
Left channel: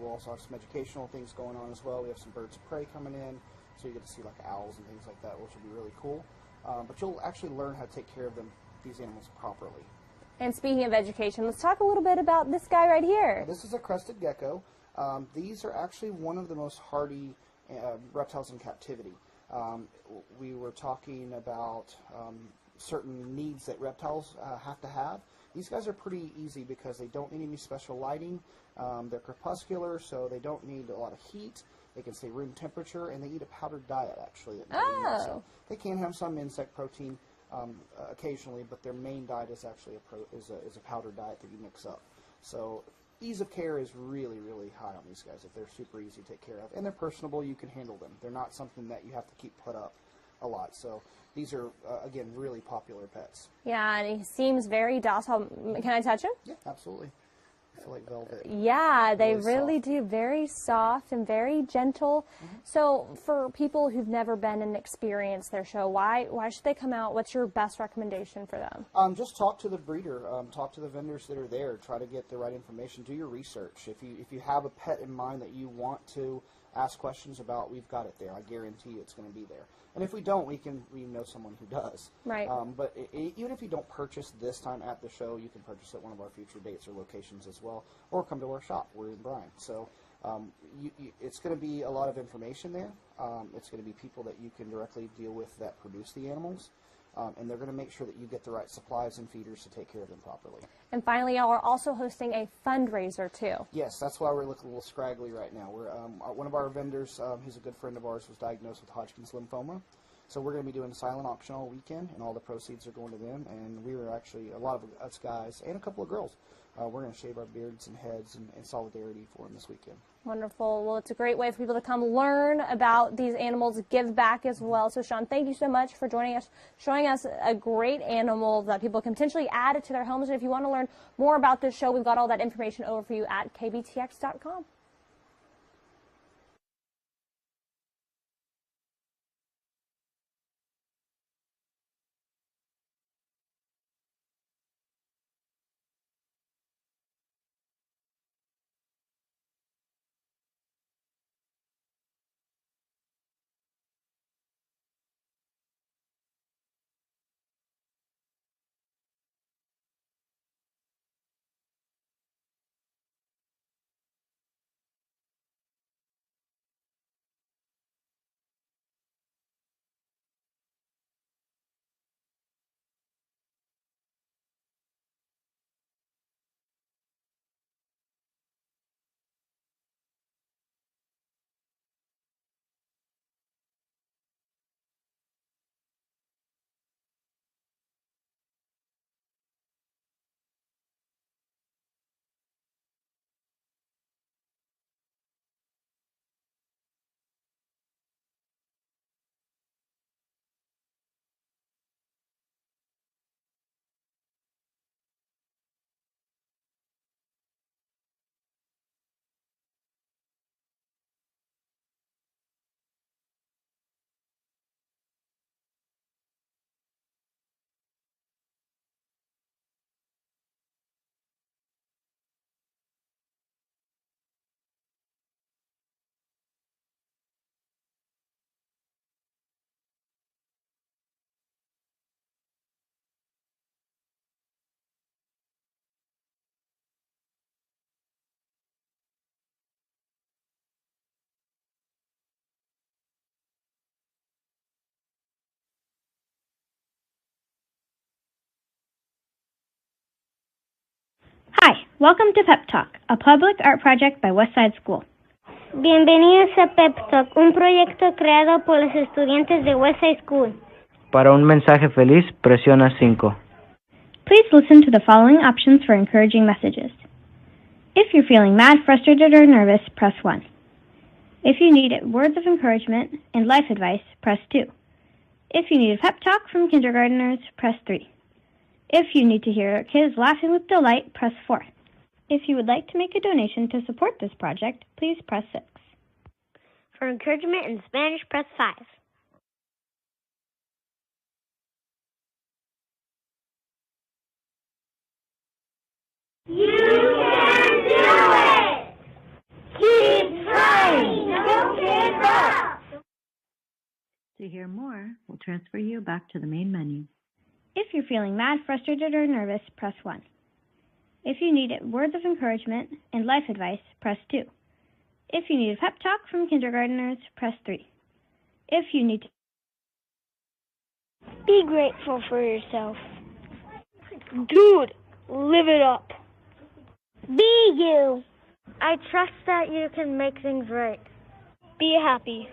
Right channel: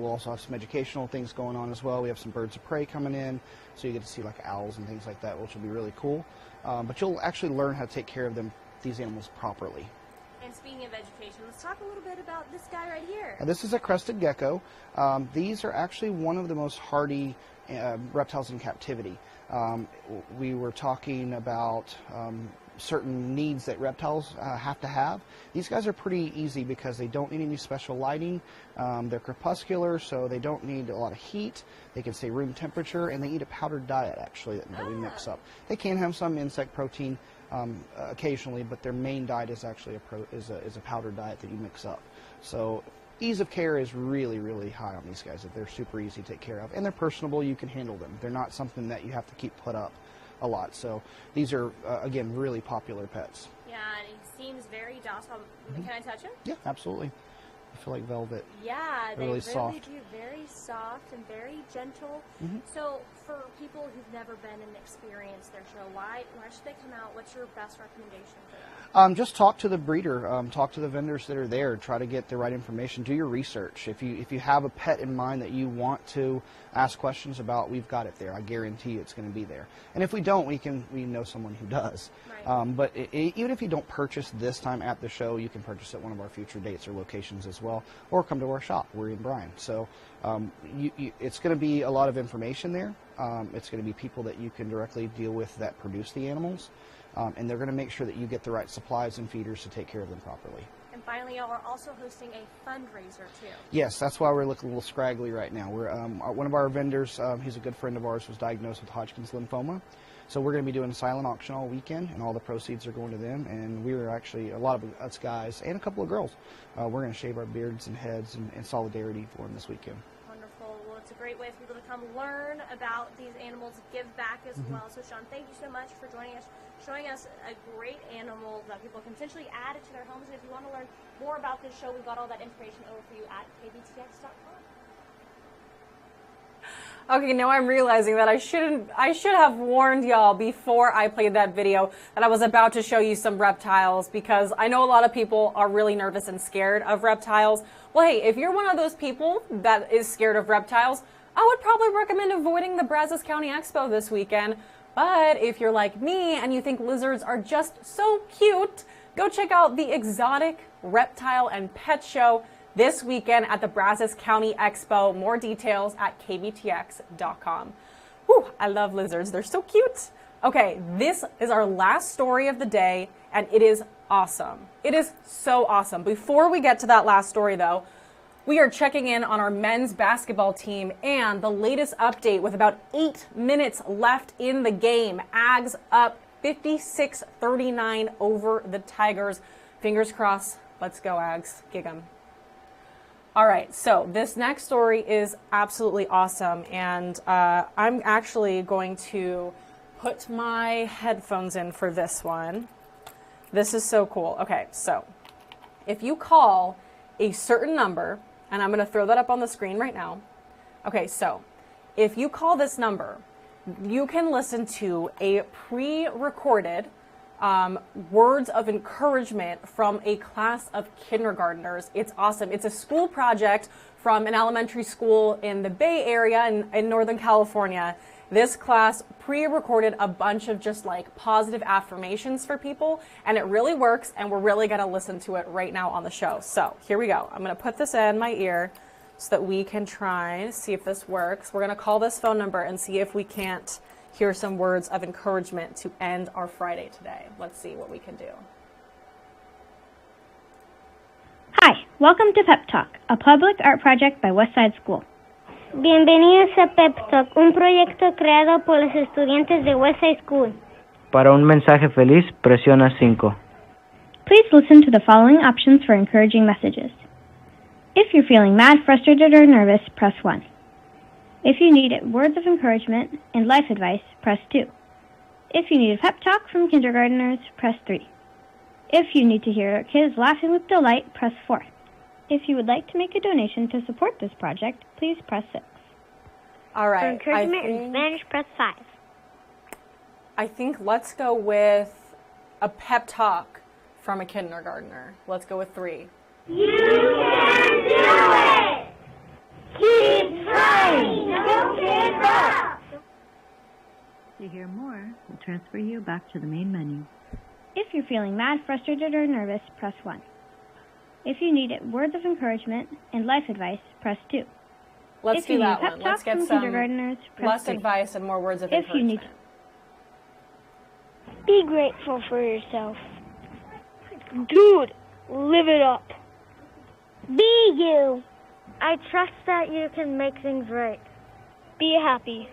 We'll also have some educational things going on as well. We have some birds of prey coming in, so you get to see like owls and things like that, which will be really cool. But you'll actually learn how to take care of these animals properly. And speaking of education, let's talk a little bit about this guy right here. This is a crested gecko. These are actually one of the most hardy reptiles in captivity. We were talking about certain needs that reptiles have to have. These guys are pretty easy because they don't need any special lighting. They're crepuscular, so they don't need a lot of heat. They can stay room temperature, and they eat a powdered diet, actually, that we mix up. They can have some insect protein occasionally, but their main diet is actually a powdered diet that you mix up. So ease of care is really, really high on these guys. They're super easy to take care of, and they're personable. You can handle them. They're not something that you have to keep put up a lot. So these are, again, really popular pets. Yeah, and he seems very docile. Can I touch him? Yeah, absolutely. I feel like velvet. Yeah, they really soft. do. Very soft and very gentle. So for people who've never been and experienced their show, why should they come out? What's your best recommendation for them? Just talk to the breeder. Talk to the vendors that are there. Try to get the right information. Do your research. If you have a pet in mind that you want to ask questions about, we've got it there. I guarantee you it's going to be there. And if we don't, we know someone who does. Right. But even if you don't purchase this time at the show, you can purchase at one of our future dates or locations as well, or come to our shop. We're in Bryan. So it's going to be a lot of information there. It's going to be people that you can directly deal with that produce the animals. And they're going to make sure that you get the right supplies and feeders to take care of them properly. And finally, y'all are also hosting a fundraiser, too. Yes, that's why we're looking a little scraggly right now. We're one of our vendors, he's a good friend of ours, was diagnosed with Hodgkin's lymphoma. So we're going to be doing a silent auction all weekend, and all the proceeds are going to them. And we were actually, a lot of us guys, and a couple of girls, we're going to shave our beards and heads in solidarity for them this weekend. Wonderful. Well, it's a great way for people to come learn about these animals, give back as well. So, Sean, thank you so much for joining us, showing us a great animal that people can potentially add to their homes. And if you want to learn more about this show, we've got all that information over for you at kbtx.com. Okay, now I'm realizing that I should have warned y'all before I played that video that I was about to show you some reptiles, because I know a lot of people are really nervous and scared of reptiles. Well, hey, if you're one of those people that is scared of reptiles, I would probably recommend avoiding the Brazos County Expo this weekend. But if you're like me and you think lizards are just so cute, go check out the Exotic Reptile and Pet Show this weekend at the Brazos County Expo. More details at kbtx.com. Whew, I love lizards. They're so cute. Okay, this is our last story of the day, and it is awesome. It is so awesome. Before we get to that last story, though, we are checking in on our men's basketball team and the latest update with about 8 minutes left in the game. Ags up 56-39 over the Tigers. Fingers crossed. Let's go, Ags. Gig 'em. All right, so this next story is absolutely awesome, and I'm actually going to put my headphones in for this one. This is so cool. Okay, so if you call a certain number, and I'm going to throw that up on the screen right now. Okay, so if you call this number, you can listen to a pre-recorded words of encouragement from a class of kindergartners. It's awesome. It's a school project from an elementary school in the Bay Area in Northern California. This class pre-recorded a bunch of just like positive affirmations for people, and it really works, and we're really going to listen to it right now on the show. So here we go. I'm going to put this in my ear so that we can try to see if this works. We're going to call this phone number and see if we can't hear some words of encouragement to end our Friday today. Let's see what we can do. Hi, welcome to Pep Talk, a public art project by Westside School. Bienvenidos a Pep Talk, un proyecto creado por los estudiantes de Westside School. Para un mensaje feliz, presiona 5. Please listen to the following options for encouraging messages. If you're feeling mad, frustrated, or nervous, press 1. If you need words of encouragement and life advice, press 2. If you need a pep talk from kindergartners, press 3. If you need to hear kids laughing with delight, press 4. If you would like to make a donation to support this project, please press 6. All right. For encouragement in Spanish, press 5. I think let's go with a pep talk from a kindergartner. Let's go with 3. You can do it! Keep trying! Don't give up! To hear more, we'll transfer you back to the main menu. If you're feeling mad, frustrated, or nervous, press 1. If you need words of encouragement and life advice, press 2. If you need a pep talk from kindergartners, press 3. Less advice and more words of If you need Be grateful for yourself. Dude, live it up. Be you. I trust that you can make things right. Be happy.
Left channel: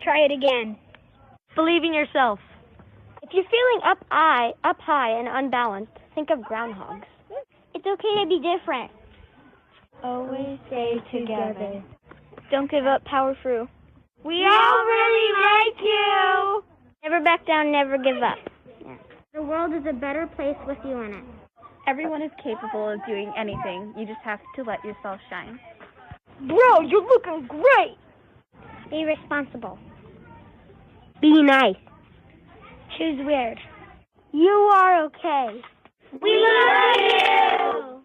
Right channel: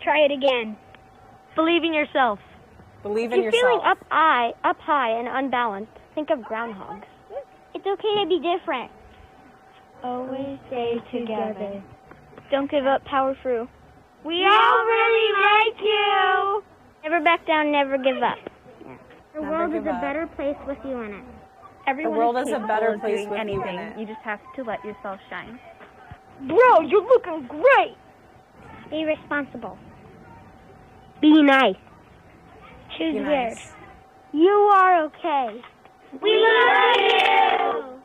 Try it again. Believe in yourself. Believe in yourself. If you're feeling up high and unbalanced, think of groundhogs. It's okay to be different. Always stay together. Don't give up, power through. We all really like you. Never back down, never give up. Yeah. The world is a better place with you in it. Everyone is capable of doing anything. You just have to let yourself shine. Bro, you're looking great. Be responsible. Be nice. Choose weird. You are okay. We love you!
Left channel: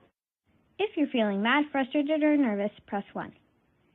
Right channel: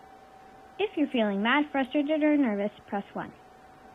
If you're feeling mad, frustrated, or nervous, press 1.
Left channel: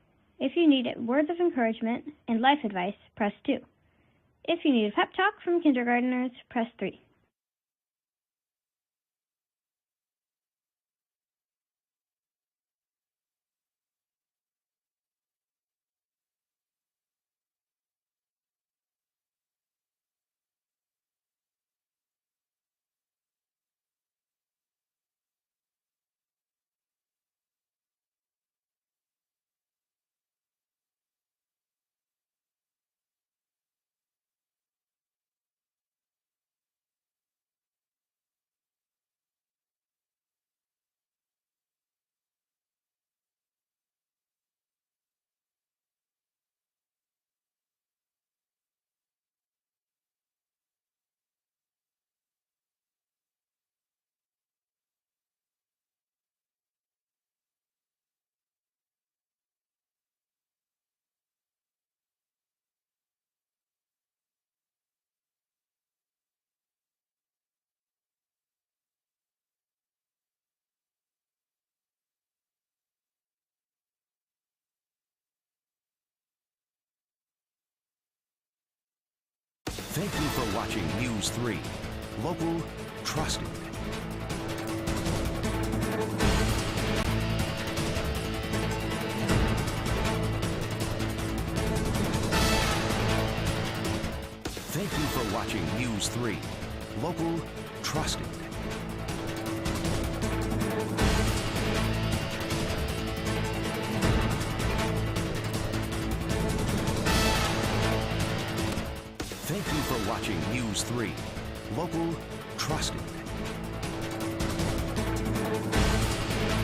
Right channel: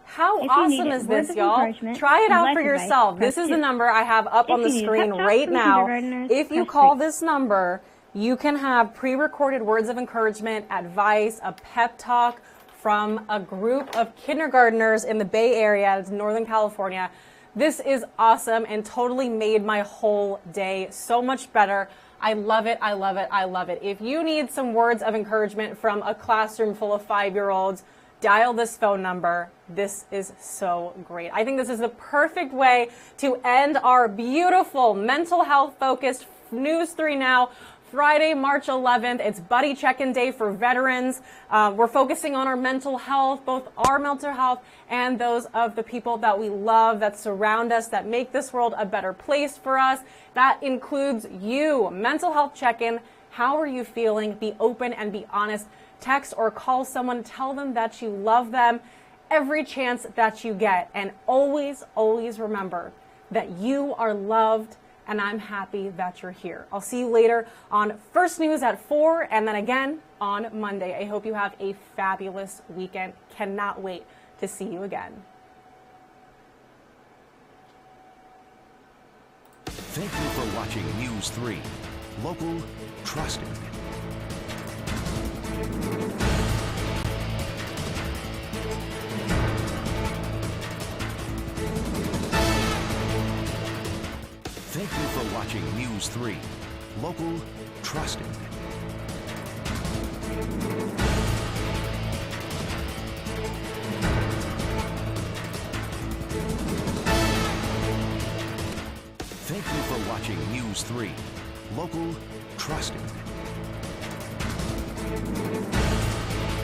How if awesome you need is words this, of y'all? encouragement Try it and out life for yourself. Advice, This is 2. the number I have up If on the you need a screen pep talk right from now. kindergartners, If you press call 3. this number, you can have pre-recorded words of encouragement, advice, a pep talk from a group of kindergartners in the Bay Area, it's Northern California. This is awesome and totally made my whole day so much better. I love it, I love it, I love it. If you need some words of encouragement from a classroom full of 5-year-olds, dial this phone number. This is so great. I think this is the perfect way to end our beautiful mental health focused News 3 Now Friday, March 11th. It's Buddy Check-In Day for veterans. We're focusing on our mental health, both our mental health and those of the people that we love, that surround us, that make this world a better place for us. That includes you. Mental health check-in. How are you feeling? Be open and be honest. Text or call someone. Tell them that you love them every chance that you get. And always, always remember that you are loved, and I'm happy that you're here. I'll see you later on First News at 4 and then again on Monday. I hope you have a fabulous weekend. Cannot wait to see you again. Thank you for watching News 3. Local, trusted. Thank you for watching News 3. Local, trusted. Thank you for watching News 3. Local, trusted.